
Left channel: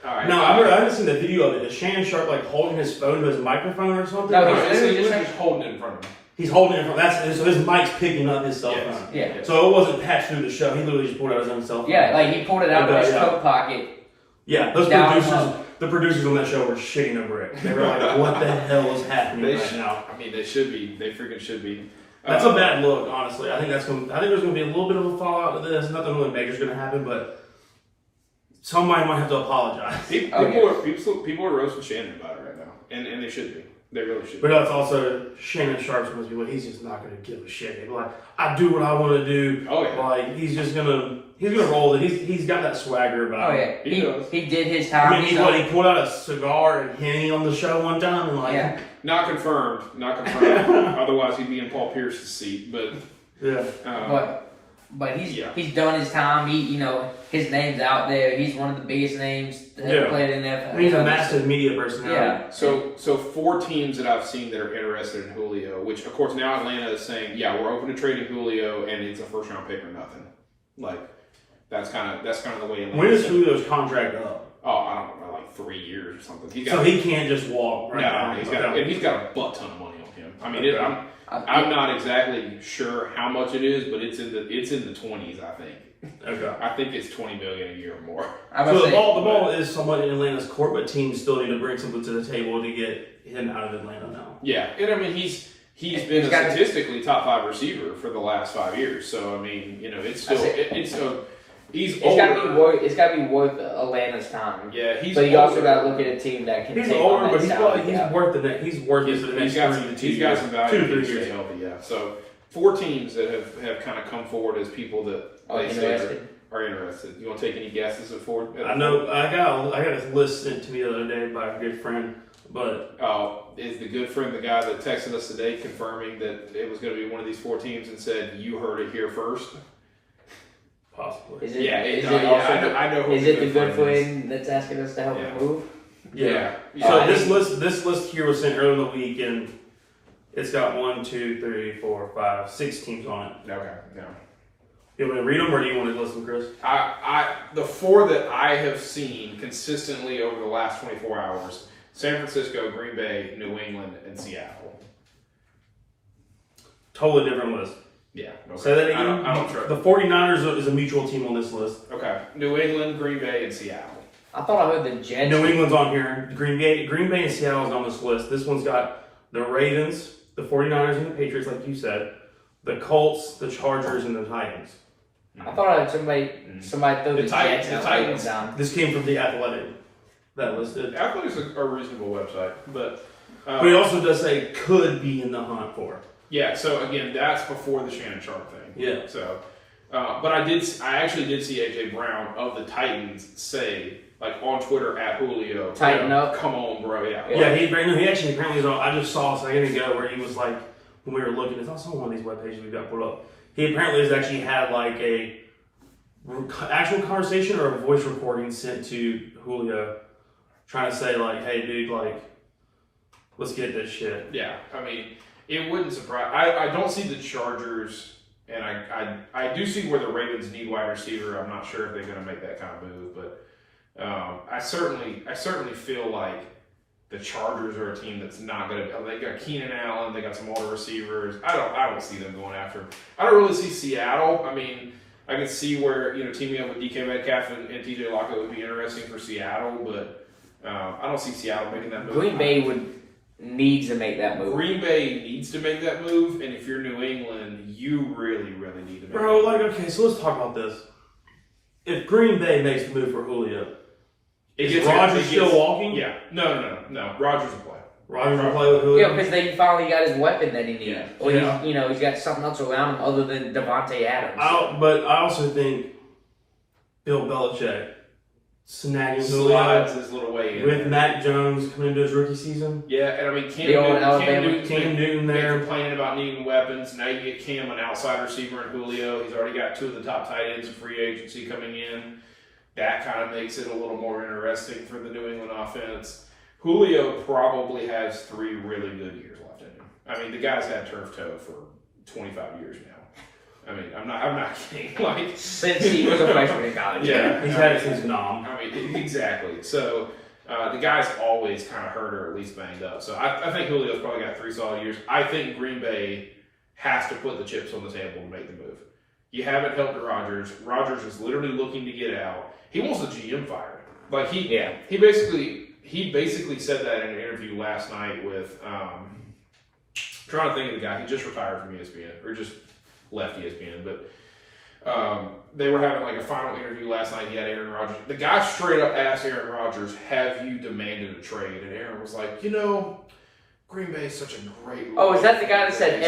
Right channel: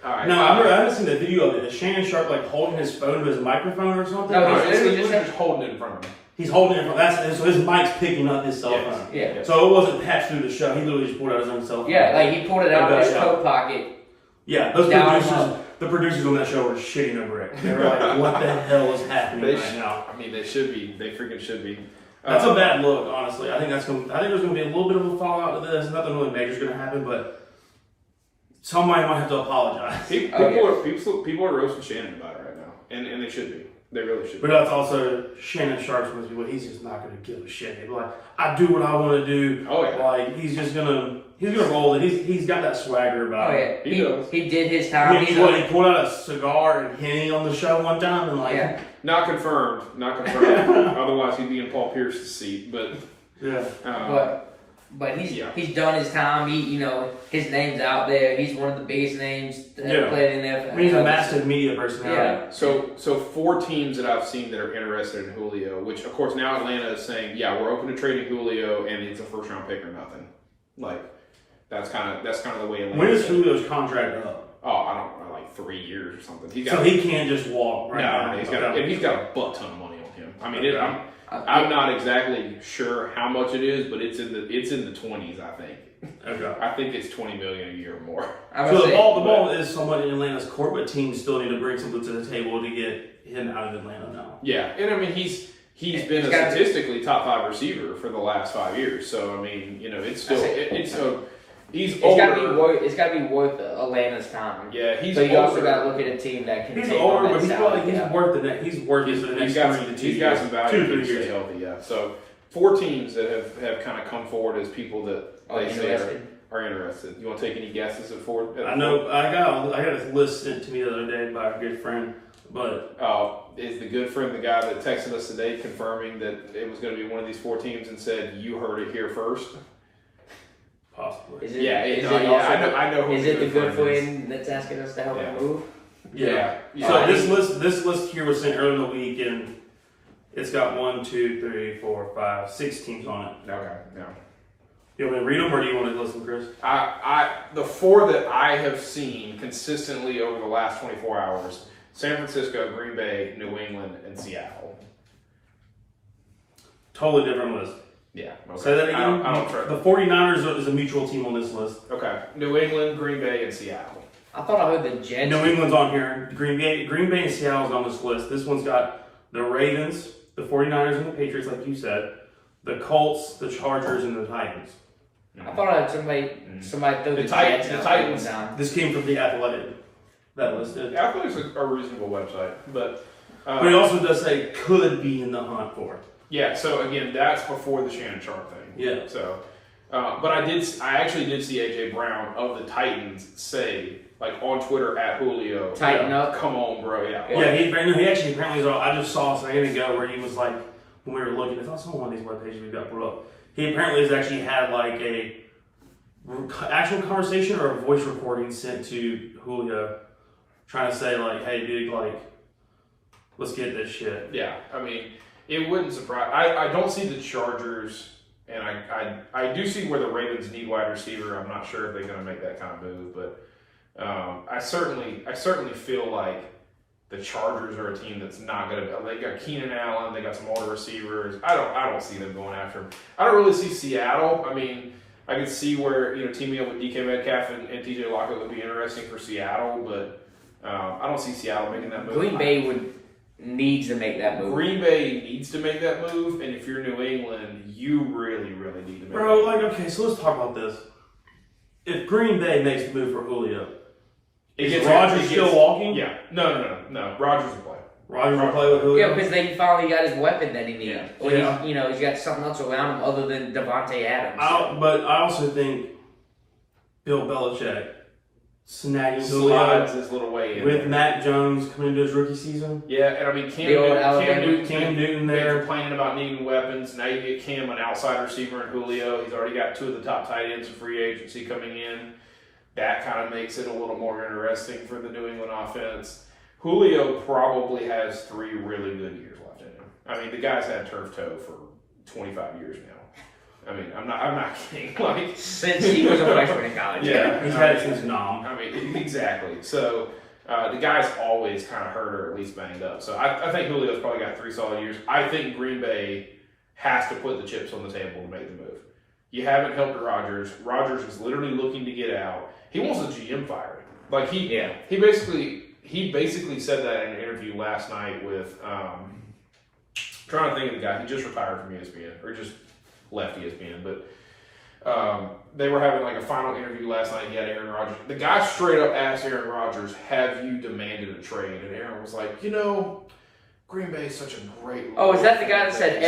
all right. No, I haven't seen the video of it. Is Shannon Sharp like holding his phone to his microphone or something? No, he's just holding it in front of him. He's holding it from so his mic's picking up his cell phone. Yeah. So it wasn't patched through the show. He literally just pulled out his own cell phone. Yeah, like he pulled it out of his coat pocket. Yeah, the producers on that show were shitting over it. They were like, "What the hell is happening right now?" I mean, they should be. They freaking should be. That's a bad look, honestly. I think there's going to be a little bit of a fallout to this. Nothing really major is going to happen, but somebody might have to apologize. People are roasting Shannon about it right now, and they should be. They really should. But that's also Shannon Sharp's one of those people. He's just not going to give a shit. He'll be like, I do what I want to do. Oh yeah. Like he's gonna roll it. He's got that swagger about him. Oh yeah. He did his time. I mean, he pulled out a cigar and Henny on the show one time and like. Yeah. Not confirmed. Otherwise, he'd be in Paul Pierce's seat. But yeah. But he's done his time. His name's out there. He's one of the biggest names that ever played in NFL. I mean, he's a massive media personality. Yeah. So 4 teams that I've seen that are interested in Julio, which of course now Atlanta is saying, yeah, we're open to trading Julio, and it's a first round pick or nothing. Like that's kind of the way. Atlanta When is Julio's contract up? Oh, I don't know, like 3 years or something. So he can't just walk right now. He's got a butt ton of money on him. I mean, I'm not exactly sure how much it is, but it's in the 20s, I think. Okay. I think it's $20 million a year or more. So the ball is somewhat in Atlanta's court, but teams still need to bring something to the table to get him out of Atlanta now. Yeah, and I mean he's been a statistically top 5 receiver for the last 5 years. So I mean, it's still he's older. It's got to be worth Atlanta's time. Yeah, he's. But you older. also got to look at a team that can. He's take older, on but that he's worth the next. He's worth it for the next 3 to 2 years. He's got some value. 2 to 3 years. Healthy, yeah. So 4 teams that have kind of come forward as people that they say are interested. You want to take any guesses at 4? I know I got a list sent to me the other day by a good friend, but is the good friend the guy that texted us today confirming that it was going to be one of these 4 teams and said you heard it here first? Possibly. I know. Is it the good friend that's asking us to help him move? Yeah. So this list here was sent earlier in the week, and it's got 1, 2, 3, 4, 5, 6 teams on it. Okay. No. You want me to read them, or do you want to listen, Chris? The 4 that I have seen consistently over the last 24 hours: San Francisco, Green Bay, New England, and Seattle. Totally different list. Yeah. Okay. Say that again. I don't trust. The 49ers is a mutual team on this list. Okay. New England, Green Bay, and Seattle. I thought I heard the Jets. New England's on here. Green Bay and Seattle's on this list. This one's got the Ravens, the 49ers, and the Patriots, like you said. The Colts, the Chargers, and the Titans. I thought I had somebody throw the Jets the out Titans down. This came from The Athletic. That listed. Athletics is a reasonable website, but it also does say could be in the hunt for. Yeah. So again, that's before the Shannon Sharp thing. Yeah. So, but I actually did see AJ Brown of the Titans say, like, on Twitter at Julio, Tighten up. Come on, bro. Yeah. Yeah. He actually apparently was on. I just saw a second ago where he was like, when we were looking, it's also on one of these web pages we've got put up. He apparently has actually had like a actual conversation or a voice recording sent to Julio, trying to say like, "Hey, dude, like, let's get this shit." Yeah, I mean, it wouldn't surprise. I don't see the Chargers, and I do see where the Ravens need wide receiver. I'm not sure if they're going to make that kind of move, but I certainly feel like the Chargers are a team that's not going to. They got Keenan Allen, they got some older receivers. I don't see them going after him. I don't really see Seattle. I mean, I can see where teaming up with DK Metcalf and TJ Lockett would be interesting for Seattle, but I don't see Seattle making that move. Green Bay needs to make that move. Green Bay needs to make that move, and if you're New England, you really, really need to make Bro, like, okay, so let's talk about this. If Green Bay makes the move for Julio, is Rodgers still walking? Yeah. No. Rodgers will play. Rodgers will play with Julio? Yeah, because he finally got his weapon that he needs. Yeah. Or he's got something else around him other than Devontae Adams. But I also think Bill Belichick snagging Slides Julio his little way in with there. Mac Jones coming into his rookie season. Yeah, and I mean, Cam Newton there complaining about needing weapons. Now you get Cam, an outside receiver, and Julio. He's already got 2 of the top tight ends in free agency coming in. That kind of makes it a little more interesting for the New England offense. Julio probably has 3 really good years left in him. I mean, the guy's had turf toe for 25 years now. I mean, I'm not kidding. Like, since he was a freshman in college. Yeah, he's had it since Nom. I mean, exactly. So the guy's always kind of hurt or at least banged up. So I think Julio's probably got 3 solid years. I think Green Bay has to put the chips on the table to make the move. You haven't helped Rodgers. Rodgers is literally looking to get out. He wants the GM fired. Like he basically said that in an interview last night with trying to think of the guy. He just retired from ESPN or just left ESPN, but they were having like a final interview last night. He had Aaron Rodgers. The guy straight up asked Aaron Rodgers, "Have you demanded a trade?" And Aaron was like, Green Bay is such a great. Oh, is that the guy that said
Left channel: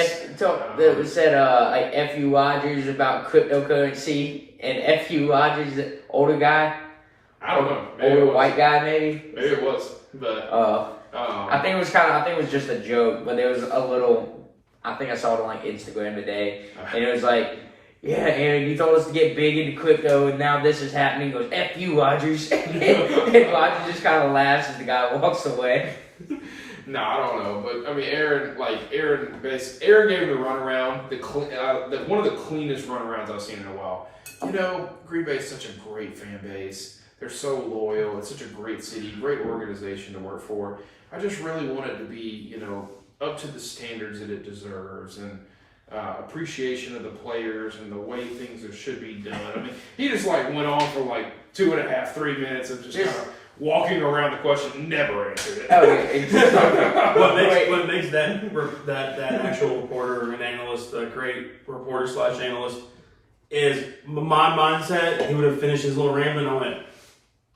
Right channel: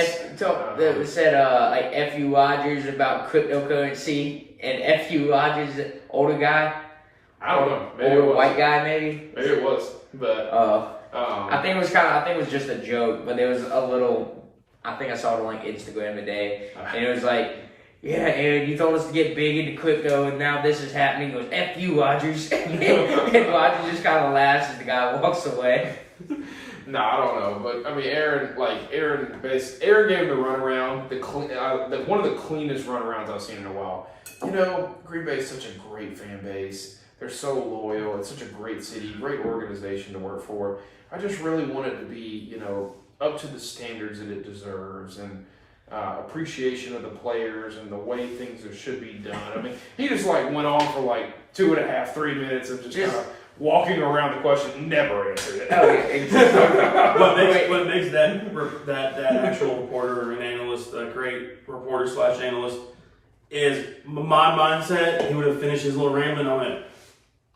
like F you Rodgers about cryptocurrency and F you Rodgers, older guy? I don't know. Maybe older white guy, maybe. Maybe it was, but I think it was just a joke, but there was a little. I think I saw it on like Instagram today, and it was like, "Yeah, Aaron, you told us to get big into crypto, and now this is happening." He goes, "F you, Rodgers," and Rodgers just kind of laughs as the guy walks away. No, I don't know, but I mean, Aaron gave him the runaround, one of the cleanest runarounds I've seen in a while. Green Bay is such a great fan base. They're so loyal. It's such a great city, great organization to work for. I just really want it to be, up to the standards that it deserves, and appreciation of the players and the way things should be done. I mean, he just like went on for like 2.5, 3 minutes of just kind of walking around the question, never answered it. Oh, yeah. what makes that actual reporter and analyst a great reporter / analyst is my mindset. He would have finished his little rambling. I went,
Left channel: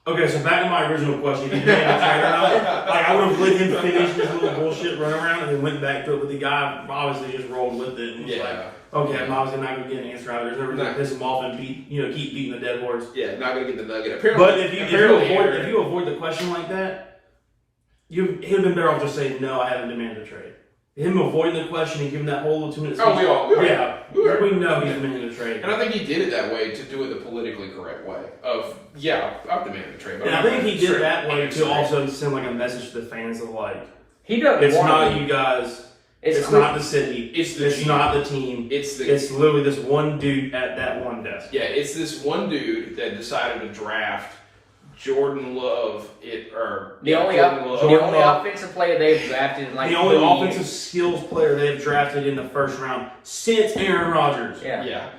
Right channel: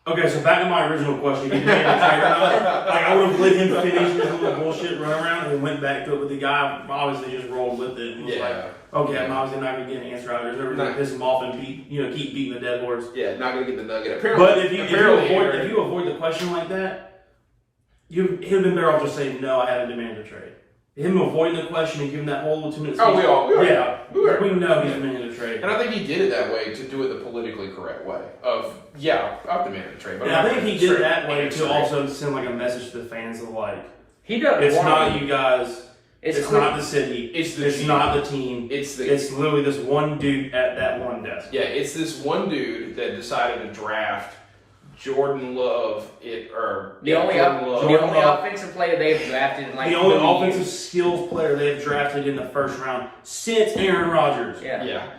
okay, so back to my original question. If you demanded a trade or not, like I would have let him finish his little bullshit run around and then went back to it. But the guy obviously just rolled with it and was like, okay, I'm obviously not going to get an answer out of it. There's no reason to piss him off and keep beating the dead horse. Yeah, not going to get the nugget. But if you avoid the question like that, he'd have been better off just saying, no, I haven't demanded a trade. Him avoiding the question and giving that whole 2 minutes. Oh, we know he's demanding a trade. And I think he did it that way to do it the politically correct way. I've demanded a trade. Yeah, I think he did it that way to also send like a message to the fans of like, he doesn't. It's not you guys. It's not the city. It's not the team. It's literally this one dude at that one desk. Yeah, it's this one dude that decided to draft Jordan Love. The only offensive player they've drafted in like the only offensive skills player they've drafted in the first round since Aaron Rodgers. Yeah.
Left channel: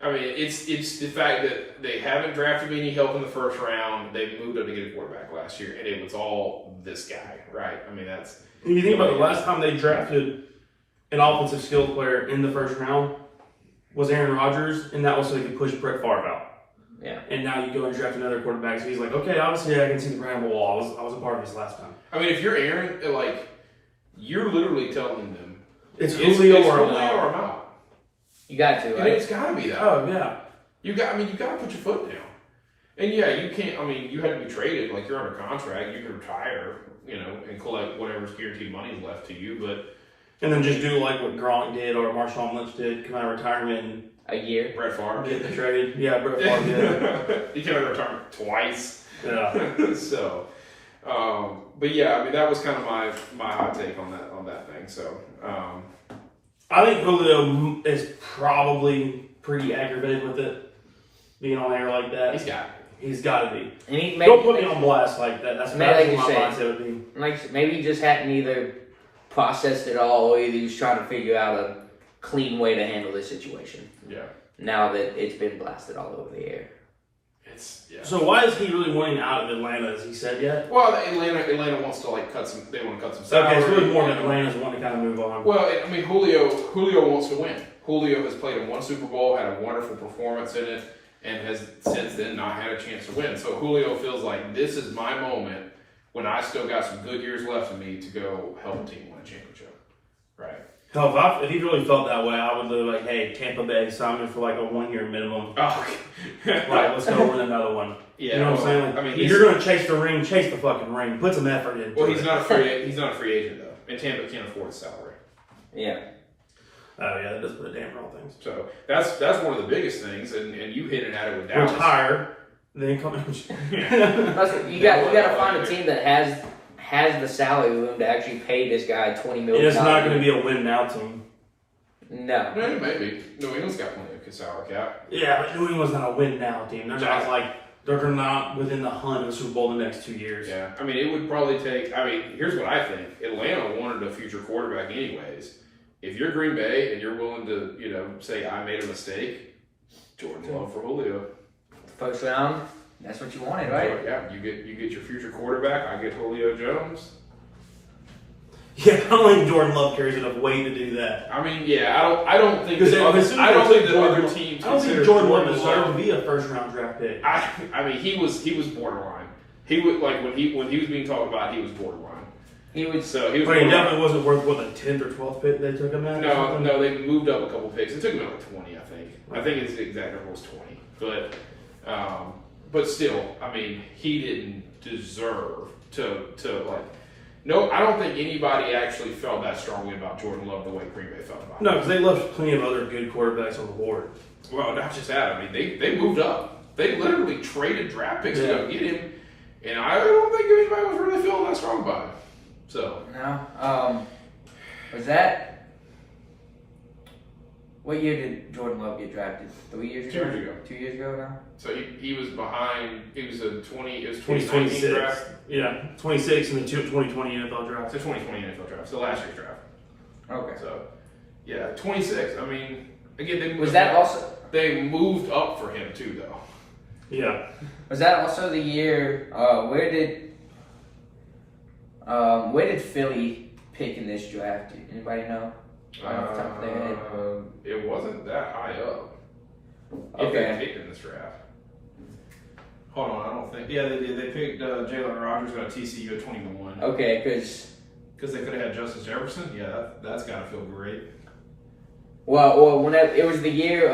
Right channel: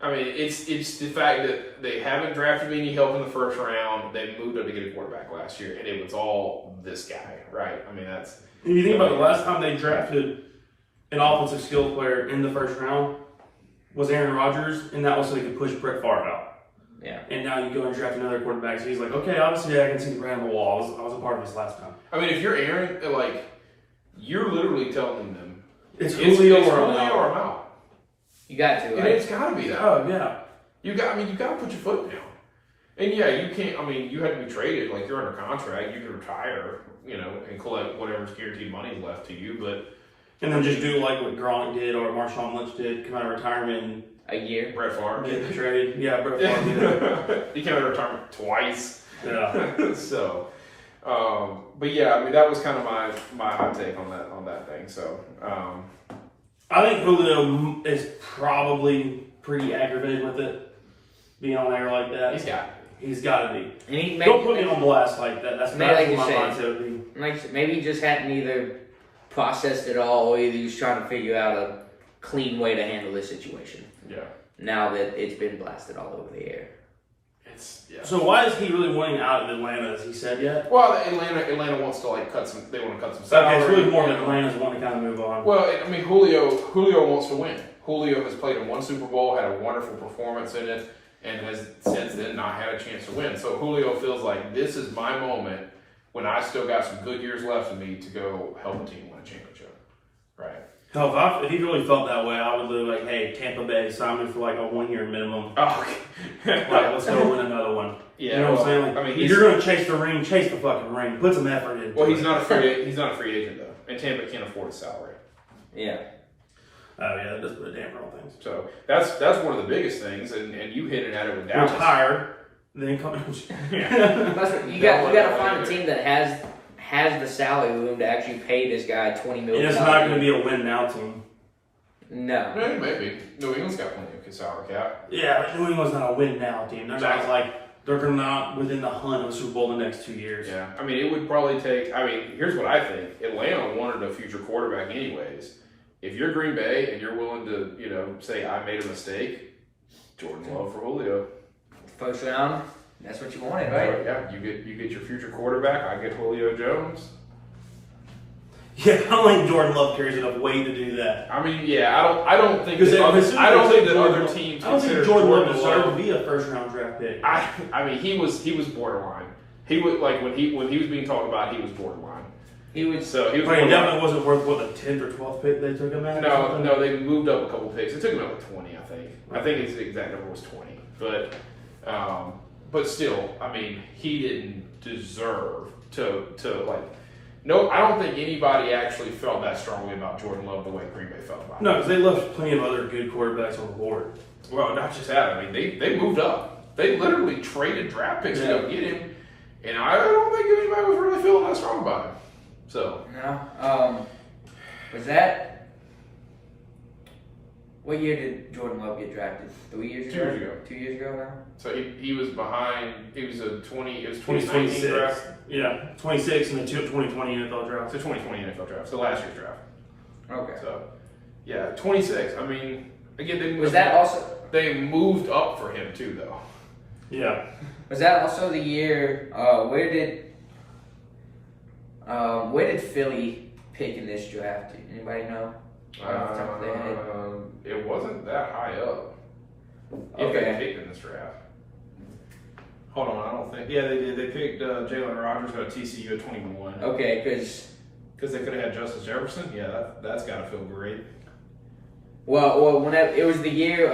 I mean, it's the fact that they haven't drafted any help in the first round. They moved up to get a quarterback last year, and it was all this guy, right? I mean, that's. If you think about the last time they drafted an offensive skills player in the first round was Aaron Rodgers, and that was so he could push Brett Favre out. Yeah. And now you go and draft another quarterback, so he's like, okay, obviously I can see the brand on the wall. I was a part of this last time. I mean, if you're Aaron, like, you're literally telling them it's Julio or I'm out. You got to, right? And it's got to be that. Oh yeah. You got to put your foot down. And yeah, you can't. I mean, you had to be traded. Like you're under contract, you can retire, and collect whatever's guaranteed money left to you. But and then just do like what Gronk did or Marshawn Lynch did, come out of retirement. A year. Brett Favre get traded. Yeah, Brett Favre did. He came out of retirement twice. Yeah. So, but yeah, I mean that was kind of my hot take on that thing. So, I think Julio is probably pretty aggravated with it being on air like that. He's got to be. And don't put me on blast like that. That's what my mindset would be. Like maybe he just hadn't either processed it all, or he was trying to figure out a clean way to handle this situation. Yeah. Now that it's been blasted all over the air. So why is he really wanting out of Atlanta? Has he said yet? Well, Atlanta wants to like cut some. They want to cut some salary. Okay, it's really more than Atlanta's wanting to kind of move on. Well, I mean, Julio wants to win. Julio has played in one Super Bowl, had a wonderful performance in it, and has since then not had a chance to win. So Julio feels like this is my moment when I still got some good years left in me to go help a team win a championship. Right. Hell, if he really felt that way, I would live like, hey, Tampa Bay, sign me for like a 1 year minimum. Oh, okay. Like, let's go win another one. Yeah, you know what I'm saying? Like, if you're going to chase the ring, chase the fucking ring. Put some effort into it. Well, he's not a free agent though, and Tampa can't afford his salary. Yeah. Oh yeah, that does put a damper on things. So that's one of the biggest things, and you hinted at it with Dallas. Retire, then come. You got to find a team that has the salary room to actually pay this guy $20 million. It's not going to be a win now team. No. No, it may be. New England's got plenty of salary cap. Yeah, but New England's not a win now team. They're not like they're not within the hunt of the Super Bowl the next 2 years. Yeah, I mean it would probably take. I mean, here's what I think: Atlanta wanted a future quarterback anyways. If you're Green Bay and you're willing to, say I made a mistake, Jordan Love for Julio. First round, that's what you wanted, right? Yeah, you get your future quarterback. I get Julio Jones. Yeah, I don't think Jordan Love carries enough weight to do that. I mean, yeah, I don't think that other teams. I don't think Jordan Love deserved to be a first round draft pick. I mean, he was borderline. He would like when he was being talked about, he was borderline. But he definitely wasn't worth the 10th or 12th pick they took him at. No, they moved up a couple picks. They took him up to 20, I think. I think his exact number was 20. But still, I mean, he didn't deserve to like. No, I don't think anybody actually felt that strongly about Jordan Love the way Green Bay felt about him. No, because they left plenty of other good quarterbacks on the board. Well, not just that. I mean, they moved up. They literally traded draft picks to go get him, and I don't think anybody was really feeling that strong about him. So no, was that what year did Jordan Love get drafted? 3 years ago? 2 years ago. 2 years ago now. So he was behind. He was a 20. It was 2026 draft. Yeah, 26 in the 2020 NFL draft. It's a 2020 NFL draft. So last year's draft. Okay. So, yeah, 26. I mean, again, they moved up for him too, though. Yeah. Was that also the year? Where did Philly pick in this draft? Anybody know? Right off the top of their head. It wasn't that high up. Okay. If they picked in this draft. Hold on, I don't think. Yeah, they did. They picked Jalen Rogers out of TCU at 21. Okay, because they could have had Justice Jefferson. Yeah, that's got to feel great. Well, whenever it was the year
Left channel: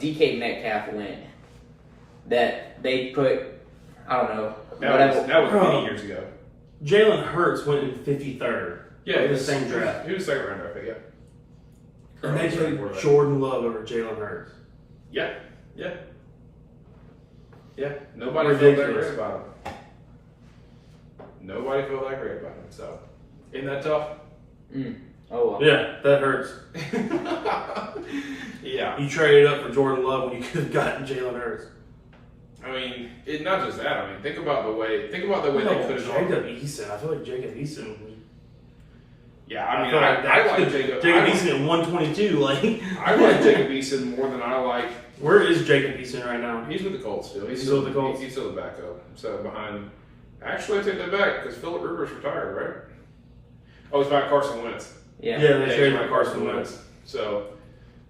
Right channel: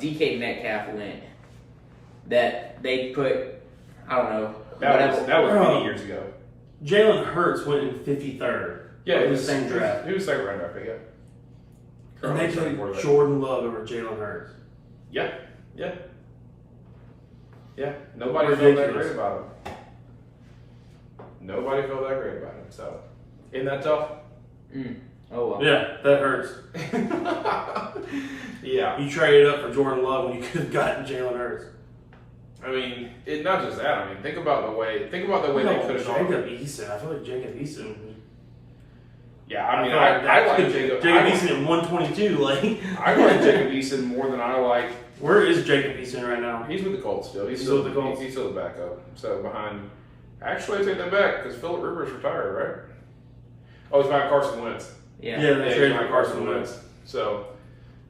DK Metcalf went, that they put, I don't know. That was many years ago. Jalen Hurts went in 53rd. Yeah, it was the same draft. He was second round pick. Yeah. And they took Jordan Love over Jalen Hurts. Yeah. Nobody felt that great about him. Nobody felt that great about him. So, isn't that tough? Oh well. Yeah, that hurts. Yeah. You traded up for Jordan Love when you could have gotten Jalen Hurts. I mean, not just that. I mean, think about the way they could have. Jacob Eason. I feel like Jacob Eason. Yeah, I mean, I like Jacob Eason at 122. Like I like Jacob Eason more than I like. Where is Jacob Eason right now? He's with the Colts still. He's still with the Colts. He's still the backup. So behind. Actually, I take that back because Philip Rivers retired, right? Oh, he's behind Carson Wentz. Yeah. Yeah, they traded for Carson Wentz. So.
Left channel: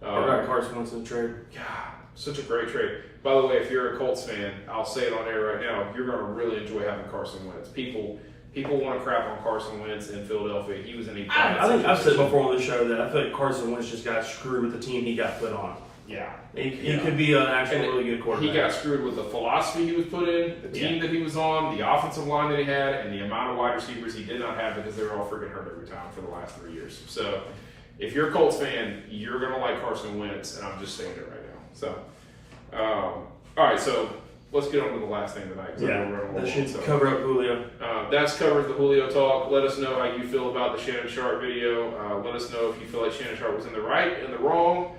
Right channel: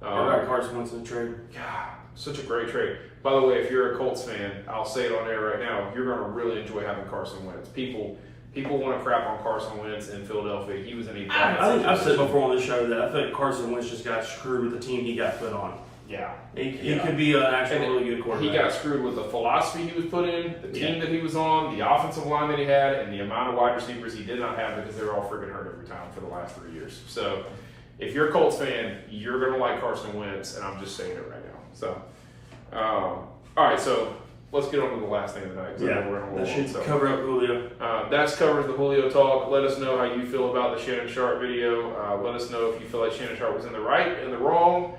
I got Carson Wentz in the trade. God, such a great trade. By the way, if you're a Colts fan, I'll say it on air right now. You're going to really enjoy having Carson Wentz. People want to crap on Carson Wentz in Philadelphia. He was in a. I think I've said before on the show that I feel like Carson Wentz just got screwed with the team he got put on. Yeah, he could be an actually really good quarterback. He got screwed with the philosophy he was put in, the team that he was on, the offensive line that he had, and the amount of wide receivers he did not have because they were all freaking hurt every time for the last 3 years. So, if you're a Colts fan, you're going to like Carson Wentz, and I'm just saying it right now. So, all right, so let's get on to the last thing of the night. That should cover up Julio. That covers the Julio talk. Let us know how you feel about the Shannon Sharp video. Let us know if you feel like Shannon Sharp was in the right, in the wrong.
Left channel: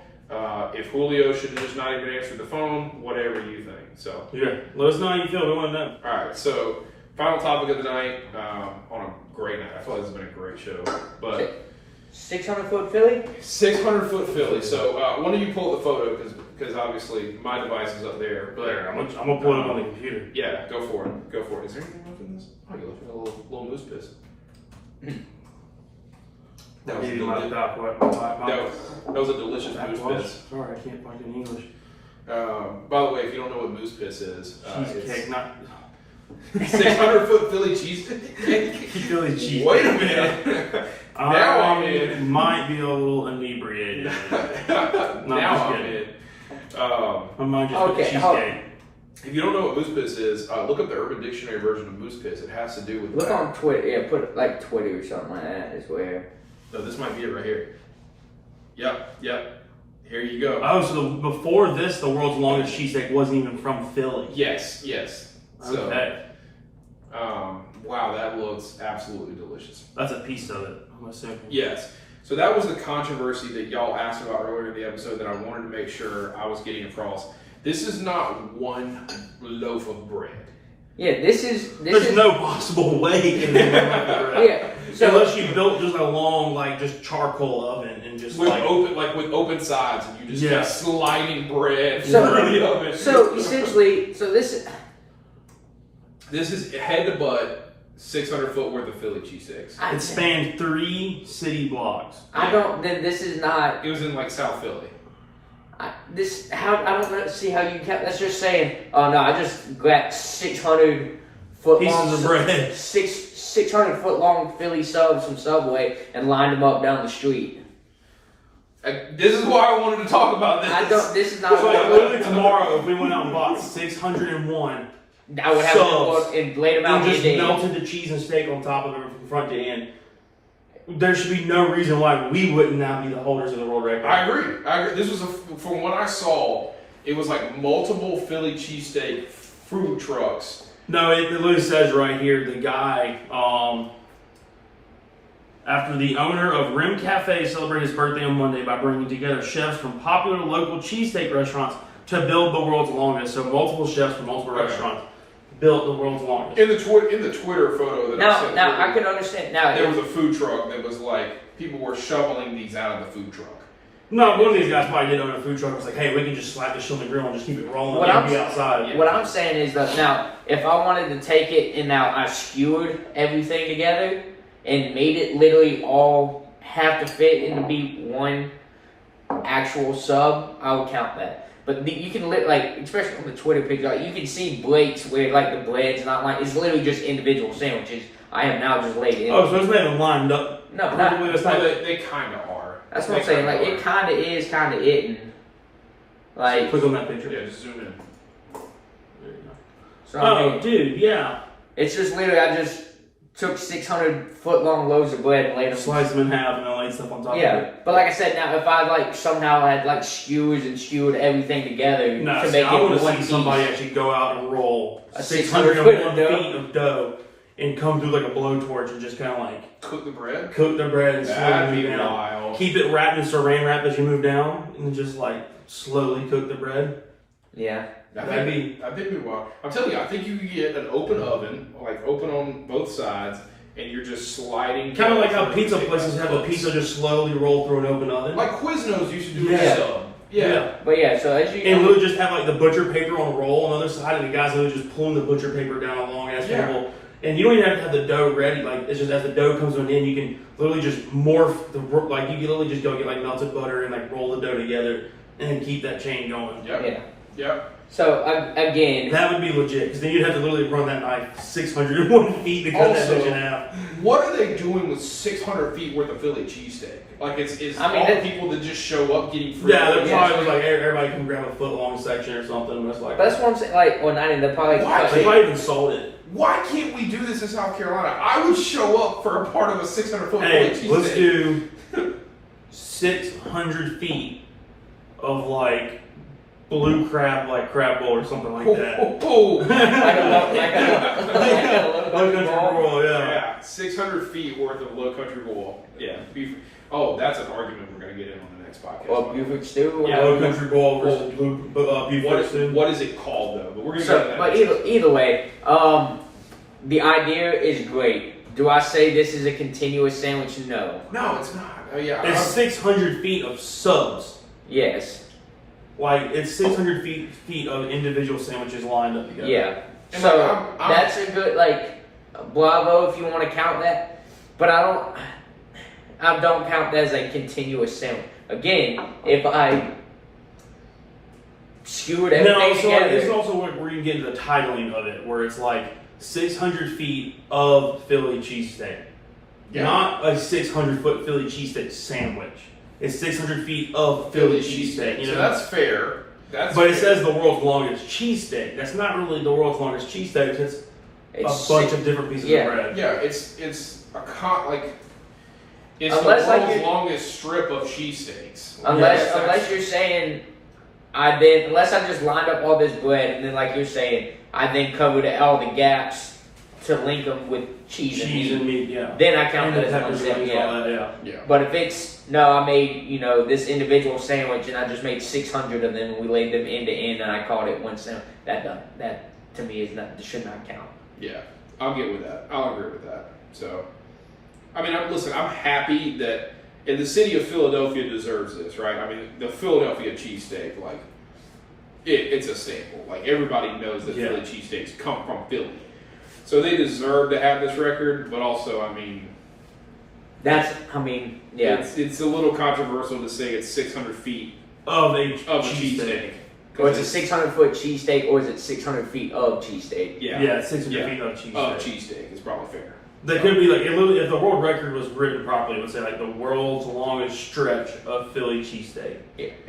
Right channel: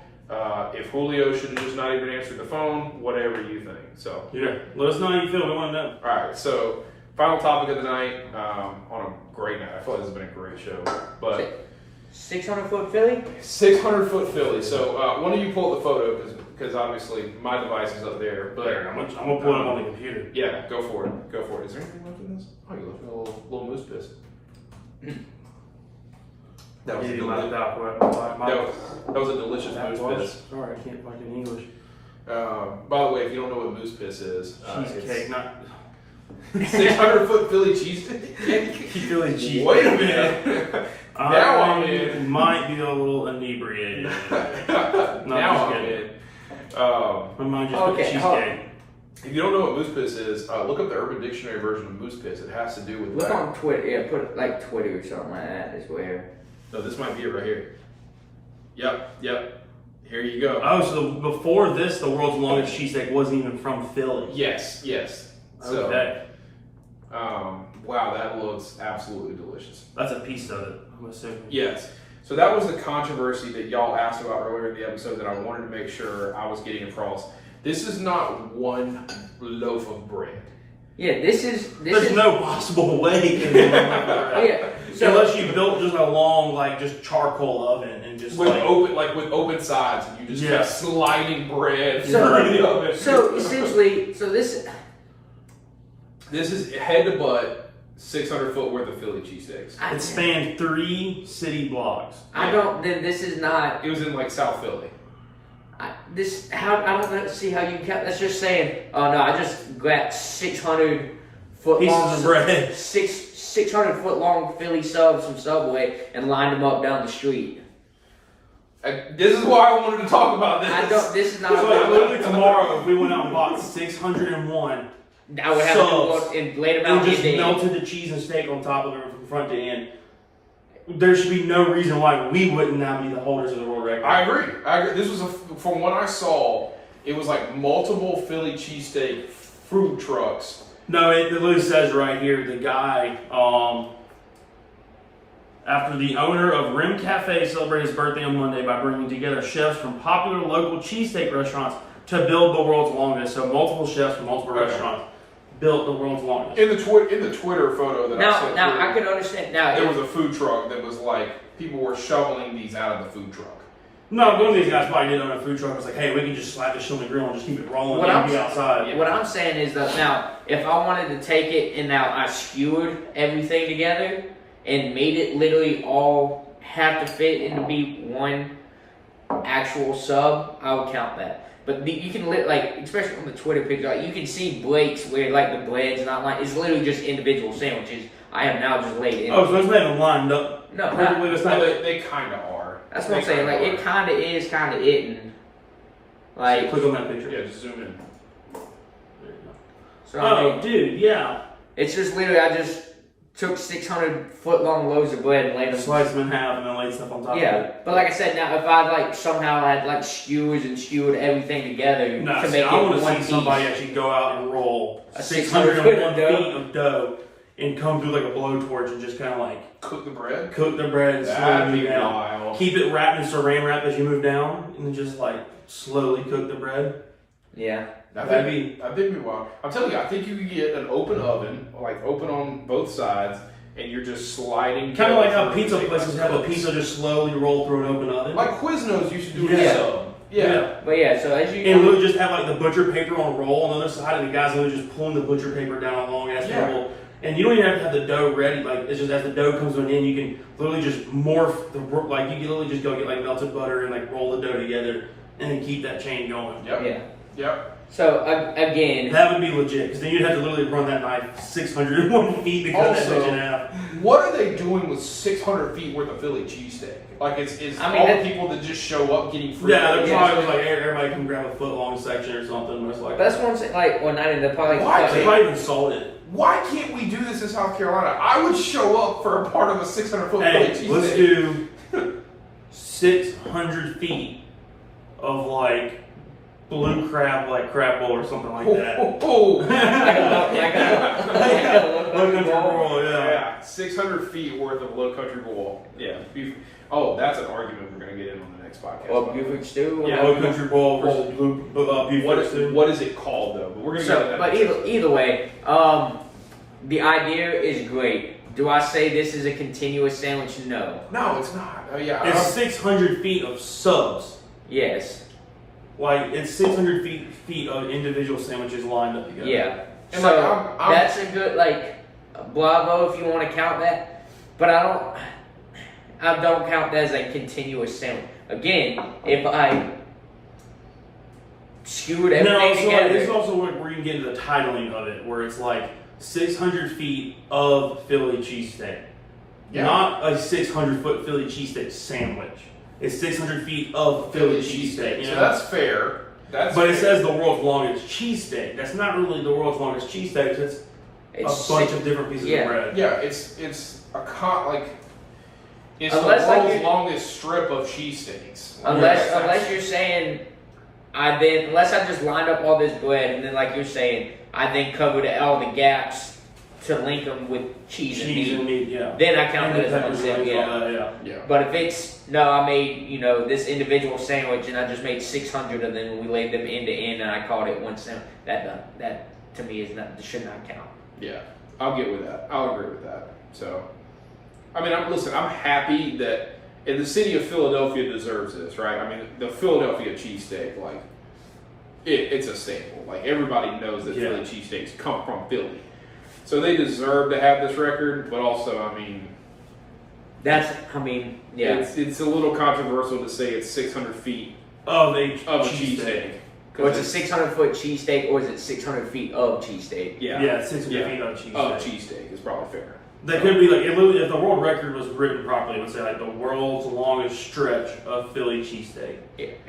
If Julio should just not even answer the phone, whatever you think. So yeah, let us know how you feel. We want to know. All right, so final topic of the night. On a great night. I feel like this has been a great show, but 600-foot Philly. 600-foot Philly. So why don't you pull up the photo because obviously my device is up there. But I'm gonna pull it up on the computer. Yeah, go for it. Go for it. Is there anything left in this? Oh, you left a little moose piss. That was a delicious moose piss. Sorry, I can't fucking English. By the way, if you don't know what moose piss is, cheesecake, not 600-foot Philly cheesesteak. Philly cheesesteak. Wait a minute. Now I'm in. Might be a little inebriated. Now I'm in. My mind just put cheesecake. If you don't know what moose piss is, look up the Urban Dictionary version of moose piss. It has to do with. Look on Twitter. Yeah, put like Twitter or something like that. Is where. No, this might be it right here. Yep. Here you go. Oh, so before this, the world's longest cheesesteak wasn't even from Philly. Yes. Okay. Wow, that looks absolutely delicious. That's a piece of it, I'm assuming. Yes. So that was the controversy that y'all asked about earlier in the episode that I wanted to make sure I was getting across. This is not one loaf of bread. Yeah, There's no possible way to make one loaf of bread. Yeah. So, unless you built just a long, just charcoal oven and just with open sides, and you just kept sliding bread. So essentially, this is head to butt, 600-foot worth of Philly cheesesteaks. It spanned 3 city blocks. Then this is not. It was in South Philly. I don't see how you kept. That's just saying. Oh no, I just grabbed 600-foot pieces long of bread, 600-foot long Philly subs from Subway and lined them up down the street. This is why I wanted to talk about this. This is not. So literally tomorrow, if we went out and bought 601. I would have to and laid them out and just melted the cheese and steak on top of it from front to end. There should be no reason why we wouldn't now be the holders of the world record. I agree. This was from what I saw, it was multiple Philly cheesesteak food trucks. No, it literally says right here, the guy, after the owner of Rim Cafe celebrated his birthday on Monday by bringing together chefs from popular local cheesesteak restaurants to build the world's longest. So multiple chefs from multiple restaurants built the world's longest. In the Twitter photo that I sent now I can understand. Now there was a food truck that was people were shoveling these out of the food truck. No, one of these guys probably did own a food truck. Was like, hey, we can just slap this shit on the grill and just keep it rolling What and I'm- be outside. What I'm saying is that now, if I wanted to take it and now I skewered everything together and made it literally all have to fit into be one actual sub, I would count that. But you can like, especially on the Twitter page, like you can see Blake's where like the bread's not like it's literally just individual sandwiches. I have now just laid it. Oh, so it's not even lined up. No, Probably it's not. They kind of are. That's what I'm saying. Like it kind of is, kind of isn't. Like Click on that picture. Yeah, just zoom in. There you go. so, I Oh, mean, dude, yeah. it's just literally I just took 600-foot-long loaves of bread and laid them. Slice them in half and then laid stuff on top of Yeah, it. but like I said, now if I like somehow had like skewers and skewered everything together No, to see, make I want it to one see piece, somebody actually go out and roll A 601 dough. feet of dough and come through like a blowtorch and just kind of like Cook the bread. cook the bread and slowly That'd move be down. wild. Keep it wrapped in saran wrap as you move down and then just like slowly cook the bread. yeah, That'd be. I think we will. I'm telling you, I think you could get an open oven, like open on both sides, and you're just sliding. Kind of like how down pizza through places have the pizza just slowly roll through an open oven. Like Quiznos used to do Yeah. with sub. Yeah. but yeah. So as you And literally just have like the butcher paper on a roll on the other side, and the guys literally just pulling the butcher paper down a long ass Yeah. table. And you don't even have to have the dough ready. Like it's just as the dough comes to an end, you can literally just morph the like you can literally just go get like melted butter and like roll the dough together and then keep that chain going. Yep. yeah. Yep. So again, That would be legit because then you'd have to literally run that knife 601 feet to cut that Also, bitch in half. What are they doing with 600 feet worth of Philly cheesesteak? Like it's I mean, all that- the people that just show up getting free. Yeah, they're Philly probably cheesesteak. was like everybody can grab a foot long section or something. Most likely. but that's what I'm saying. Like, well, not even they're probably. Why? They probably even sold it. Why can't we do this in South Carolina? I would show up for a part of a 600-foot Hey, Philly let's cheesesteak. do 600 feet of like blue crab, like crab bowl or something like that. like a Low country roll, yeah. Yeah, 600 feet worth of low country bowl. Yeah. Oh, that's an argument we're going to get in on the next podcast. Or Buford stew. Yeah. Low country bowl versus blue beef stew. What is it called though? But we're going to So, get but either way, the idea is great. Do I say this is a continuous sandwich? No. No, it's not. Oh yeah. It's 600 feet of subs. Yes. Like it's 600 feet of individual sandwiches lined up together. Yeah. And So like, I'm- that's a good bravo if you want to count that. But I don't count that as a continuous sandwich. Again, if I skewered everything No, so like, together, this is also where you get into the titling of it, where it's like 600 feet of Philly cheesesteak. Yeah. Not a 600-foot Philly cheesesteak sandwich. It's 600 feet of Philly cheesesteak. You So know, that's fair. That's but fair. it says the world's longest cheesesteak. That's not really the world's longest cheesesteak. It's it's a bunch of different pieces yeah. of bread. Yeah, it's it's Unless, the like, world's you- longest strip of cheesesteaks. Unless you're saying unless I just lined up all this bread and then like you're saying, I then covered all the gaps to link them with cheese and meat. Yeah. Then I count And that the as one peppers, sandwich. onions, all Yeah. that, yeah. Yeah. But if it's no, I made this individual sandwich and I just made 600 of them. We laid them end to end and I called it one sandwich. That to me is not should not count. Yeah, I'll get with that. I'll agree with that. So, I mean, I'm happy that, and the city of Philadelphia deserves this, right? I mean, the Philadelphia cheesesteak, like, it's a staple. Like, everybody knows that Yeah. Philly cheesesteaks come from Philly. So they deserve to have this record, but also, I mean, Yeah. it's a little controversial to say it's 600 feet Of a of a cheesesteak. cheesesteak. Or it's a 600-foot cheesesteak, or is it 600 feet of cheesesteak? Yeah, Yeah, 600 feet of cheesesteak. Of cheesesteak is probably fair. That could be like, it literally, if the world record was written properly, it would say like the world's longest stretch of Philly cheesesteak.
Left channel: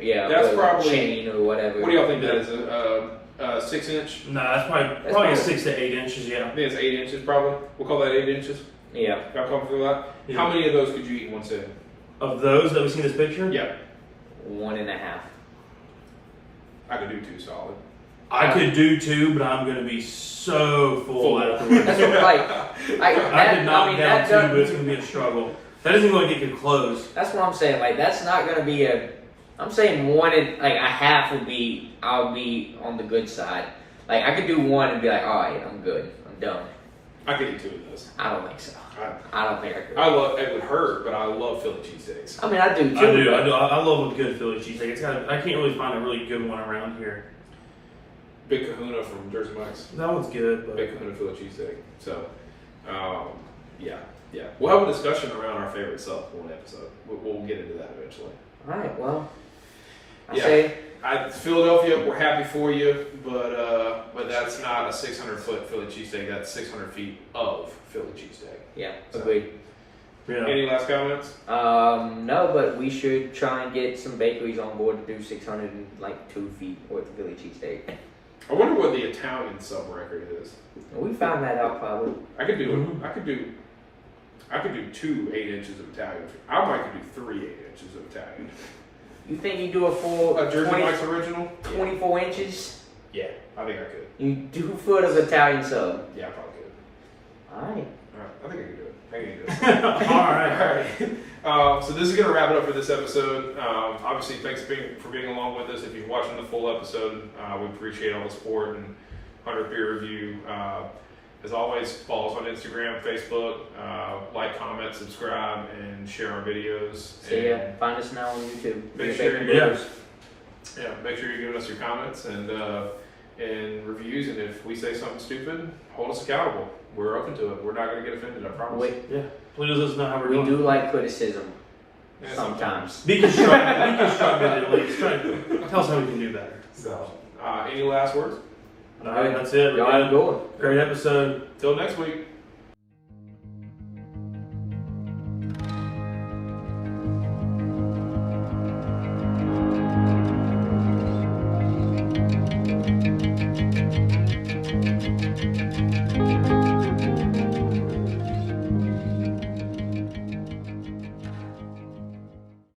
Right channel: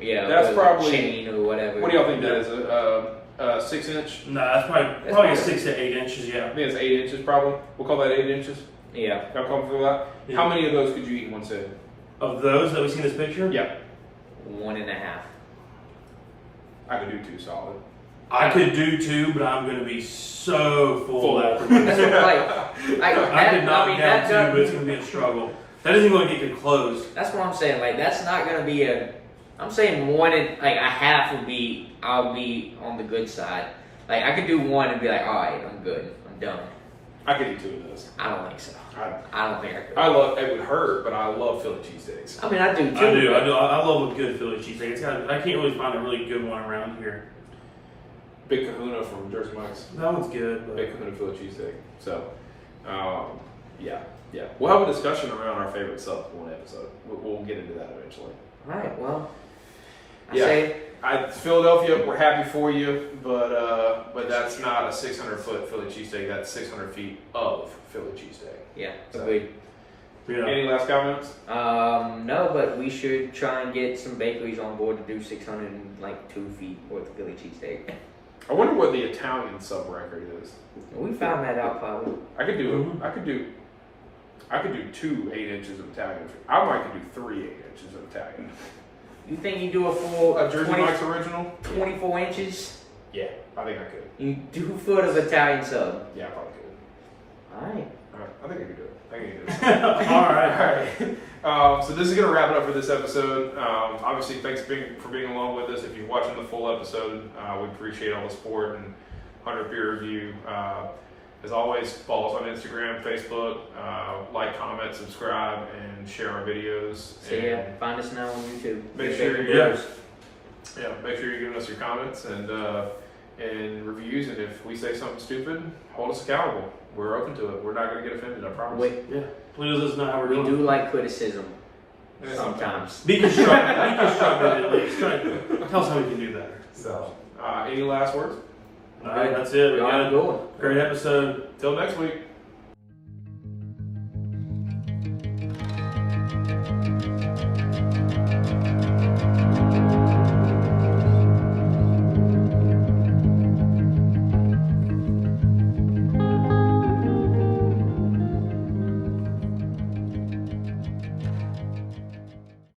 Yeah, That's or probably- chain or whatever. What do y'all think that is? A 6-inch? No, that's probably probably- 6 to 8 inches, yeah. I think it's 8 inches probably. We'll call that 8 inches. Yeah. Y'all comfortable with that? Yeah. How many of those could you eat in one sitting? Of those that we see in this picture, Yeah, 1.5. I could do 2 solid. I could do 2, but I'm going to be so full afterwards. That's what, like, I could knock mean, down that 2, but it's going to be a struggle. That isn't going to get close. That's what I'm saying. Like, that's not gonna be I'm saying 1 and like a half would be. I'll be on the good side. Like, I could do 1 and be like, all right, I'm good, I'm done. I could eat 2 of those. I don't think so. I don't think I could. It would hurt, but I love Philly cheesesteaks. I mean, I do too. I do. I love a good Philly cheesesteak. I can't really find a really good one around here. Big Kahuna from Jersey Mike's. That one's good, but Big Kahuna Philly cheesesteak. So, yeah. We'll have a discussion around our favorite sub one episode. We'll get into that eventually. All right. Well, Philadelphia, we're happy for you, but that's not a 600-foot Philly cheesesteak. That's 600 feet of Philly cheesesteak. Yeah, So, agreed. yeah. Any last comments? No, but we should try and get some bakeries on board to do 602 feet worth of Philly cheesesteak. I wonder what the Italian sub record is. We found that out probably. I could do 2 8 inches of Italian. I might could do 3 8 inches of Italian. You think you do a full Jersey 20 Mike's original? 24 inches? Yeah, I think I could. You do a foot of Italian sub. Yeah, I probably could. Alright. Alright, I think I can do it. All right. Alright. So this is going to wrap it up for this episode. Obviously, thanks for being along with us. If you're watching the full episode, we appreciate all the support and 100 peer review. As always, follow us on Instagram, Facebook, like, comment, subscribe, and share our videos. So yeah, find us now on YouTube. Make sure make sure you're giving us your comments and reviews. And if we say something stupid, hold us accountable. We're open to it. We're not going to get offended. I promise. Wait, Yeah. Please let us know how we're we doing. do like criticism Yeah, sometimes. Be constructive. Be constructive at least. Tell us how we can do better. So, any last words? All right, that's it. Y'all have a good one. Great episode. Till next week.